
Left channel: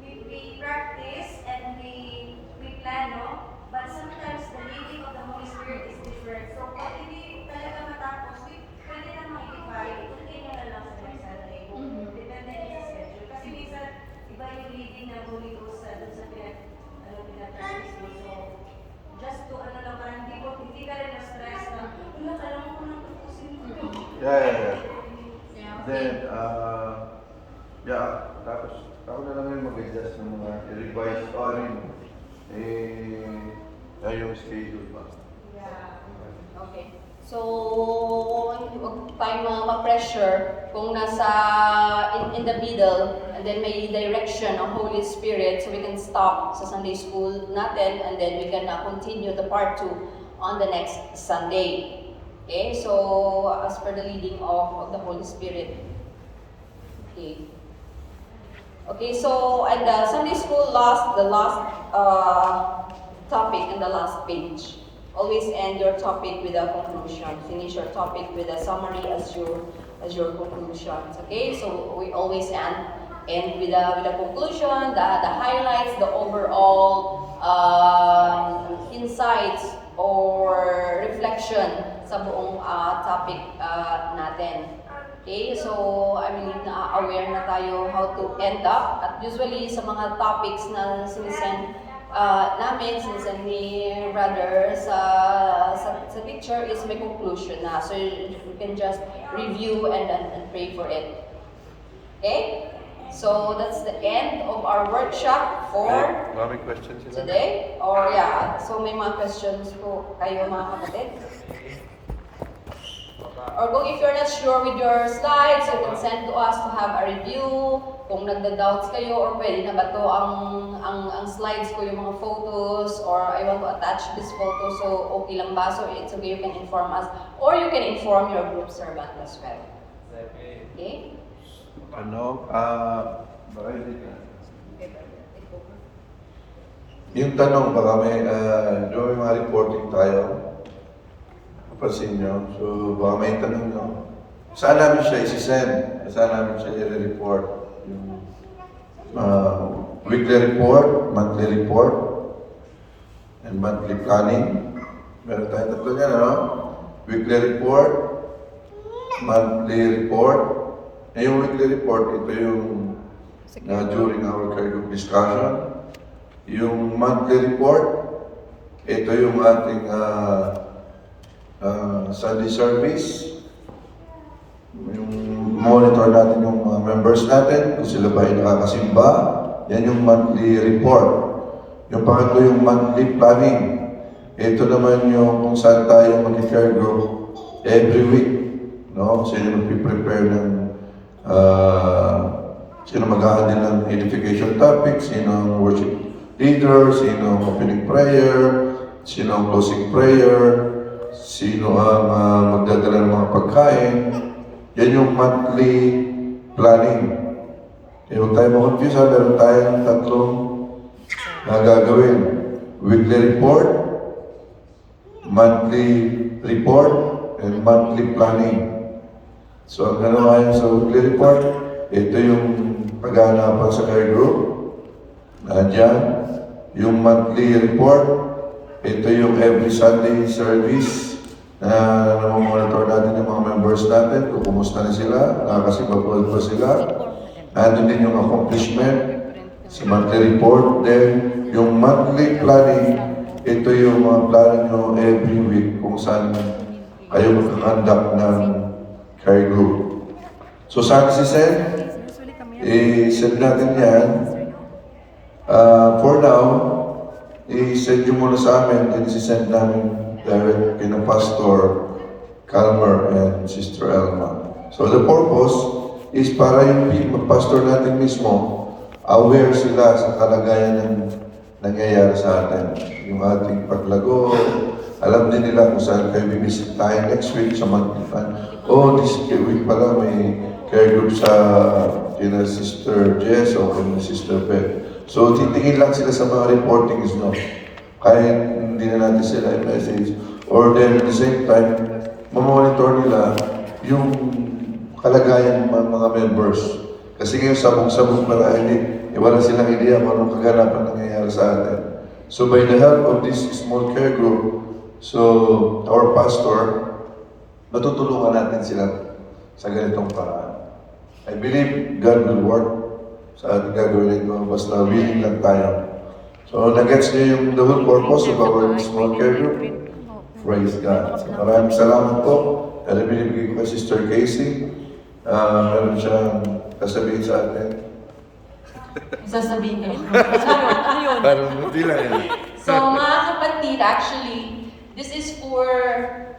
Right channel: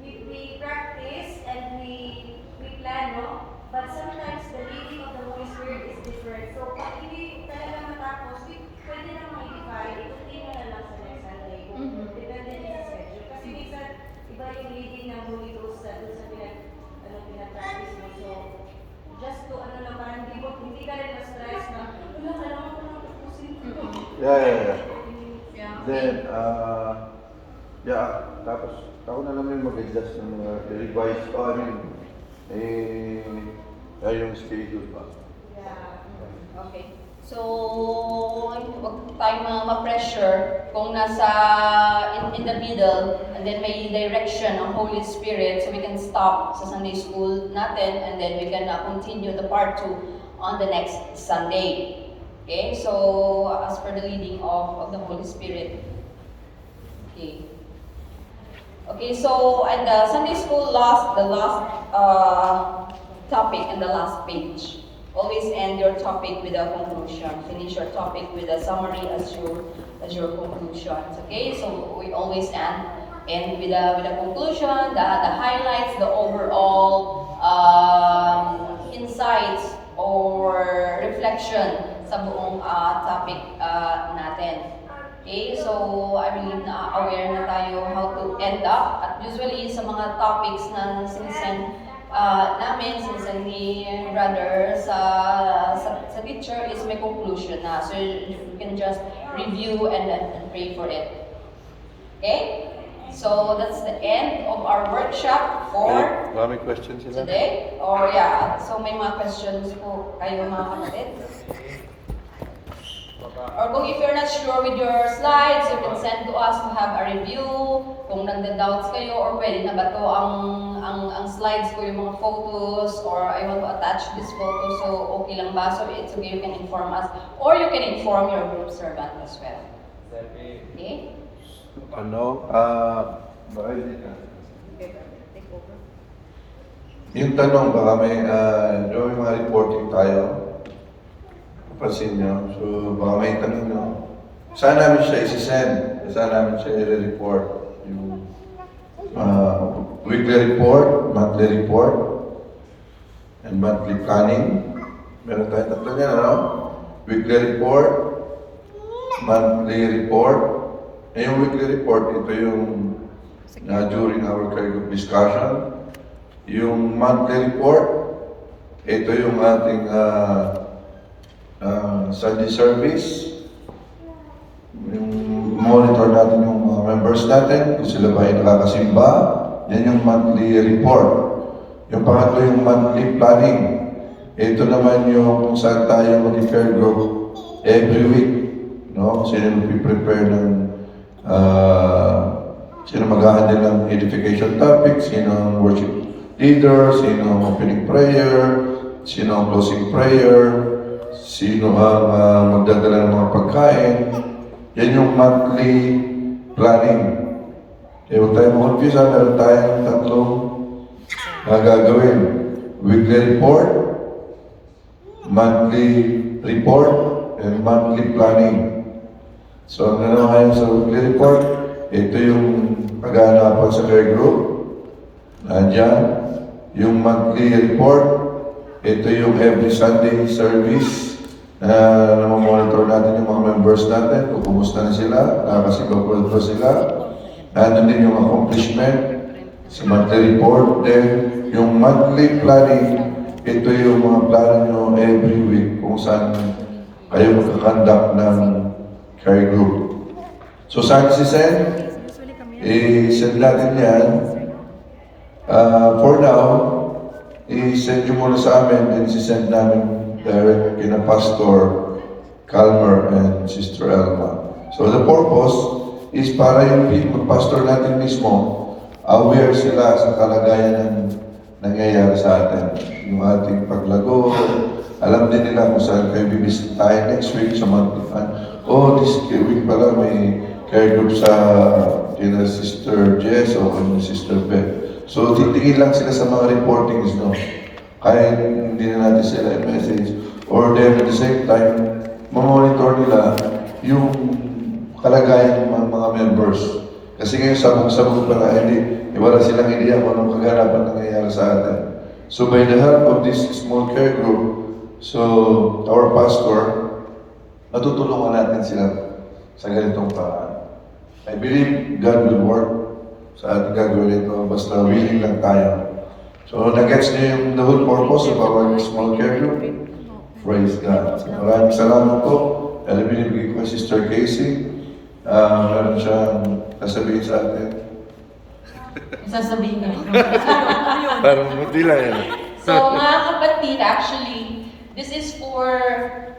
we practice and we plan, no? But sometimes the leading of the Holy Spirit is different. So, kung hindi talaga matapos, pwede naman i-divide. Hindi na lang sa next Sunday. Depende din sa schedule. Kasi minsan, iba yung leading ng Holy Ghost sa pinag-practice mo. So, just to, hindi ka rin ma-stress na, kailangan ko lang tapusin ito. Yeah. Yeah, okay. Then, tapos ako na lang yung mag-adjust ng revise yung schedule ba. Okay. So, huwag tayo ma-pressure kung nasa in the middle and then may direction ng Holy Spirit so we can stop sa Sunday school natin and then we can continue the part 2 on the next Sunday. Okay? So, as per the leading of the Holy Spirit. Okay. Okay, so, and Sunday school the last topic and the last page. Always end your topic with a conclusion. Finish your topic with a summary as your conclusions. Okay, so we always end with a conclusion, the highlights, the overall insights or reflection sa buong topic natin. Okay, so I believe na aware na tayo how to end up. At usually sa mga topics na sinisend sinisend ni brother sa teacher is may conclusion na. So you can just review and pray for it. Okay? So that's the end of our workshop for Maraming questions sila. today. Or yeah, so may mga questions po kayo mga kapatid. Or kung if you're not sure with your slides, you can send to us to have a review. Kung nagda-doubts kayo or pwede na ba to ang slides ko, yung mga photos, or I want to attach this photo, so okay lang ba? So it's okay, you can inform us. Or you can inform your group servant as well. Okay? Baka hindi na. Okay, brother, take over. Yung tanong, baka may mga reporting tayo. Papansin nyo. So, baka may tanong nyo. Saan namin siya isi-send? Saan namin siya i-report? Yung weekly report, monthly report, and monthly planning. Meron tayong tatlo niyan, ano? Weekly report, monthly report. Yung weekly report, ito yung during our care group discussion. Yung monthly report, ito yung ating Sunday service. Yung monitor natin yung mga members natin, kung sila ba ay nakakasimba. Yan yung monthly report. Yung pangatlo yung monthly planning. Ito naman yung kung saan tayo mag-care group every week. No? Sino mag-prepare ng sino mag-handle ng edification topic, sino ang worship leader, sino ang opening prayer, sino ang closing prayer, sino ang magdadala ng mga pagkain. Yan yung monthly planning. huwag tayo ma-confuse ha, meron tayong tatlong gagawin. Weekly report, monthly report, and monthly planning. So, ang gano'n ngayon sa weekly report, ito yung pag-aanapan sa care group. Nandiyan. Yung monthly report, ito yung every Sunday service na monitor natin yung mga members natin, kung kumusta na sila, nakakasigaw pa sila. Nandun din yung accomplishment sa monthly report. Then, yung monthly planning, ito yung mga plano nyo every week kung saan kayo magkakandak ng care group. So, saan si Sen? I-send natin yan. For now, i-send nyo muna sa amin and i-send namin direct kina Pastor Calmer and Sister Elma. So the purpose is para yung pastor natin mismo aware sila sa kalagayan ng nangyayari sa atin. Yung ating paglago, alam din nila kung saan kayo bibisit tayo next week sa monthly plan. Oh, this week pala may care group sa kina Sister Jess o kina Sister Beth. So titingin lang sila sa mga reportings, no? Kaya hindi na natin sila i-message. Or then at the same time, mamonitor nila yung kalagayan ng mga members. Kasi ngayon sabog-sabog pala, hindi, wala silang idea kung anong kaganapan nangyayari sa atin. So by the help of this small care group, so our pastor, matutulungan natin sila sa ganitong paraan. I believe God will work sa ating gagawin ito, basta willing lang tayo. So, nag-gets niyo yung the whole purpose of our small care group. Praise God. So, maraming salamat po. And I believe ko Sister Casey, meron siyang kasabihin sa atin. Sasabihin niyo. Parang hindi lang yan. So mga kapatid, actually, this is for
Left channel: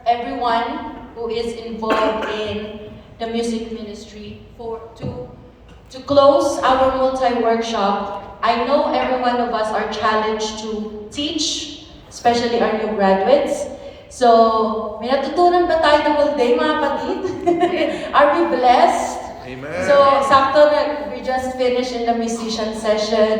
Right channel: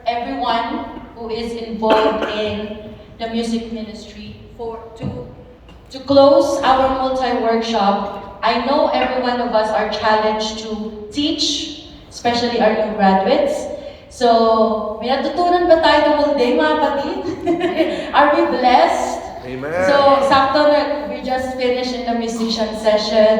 everyone who is involved in the music ministry. To close our multi-workshop, I know every one of us are challenged to teach, especially our new graduates. So, may natutunan ba tayo ng whole day, mga kapatid? Are we blessed? Amen. So, sakto na, we just finished in the musician session.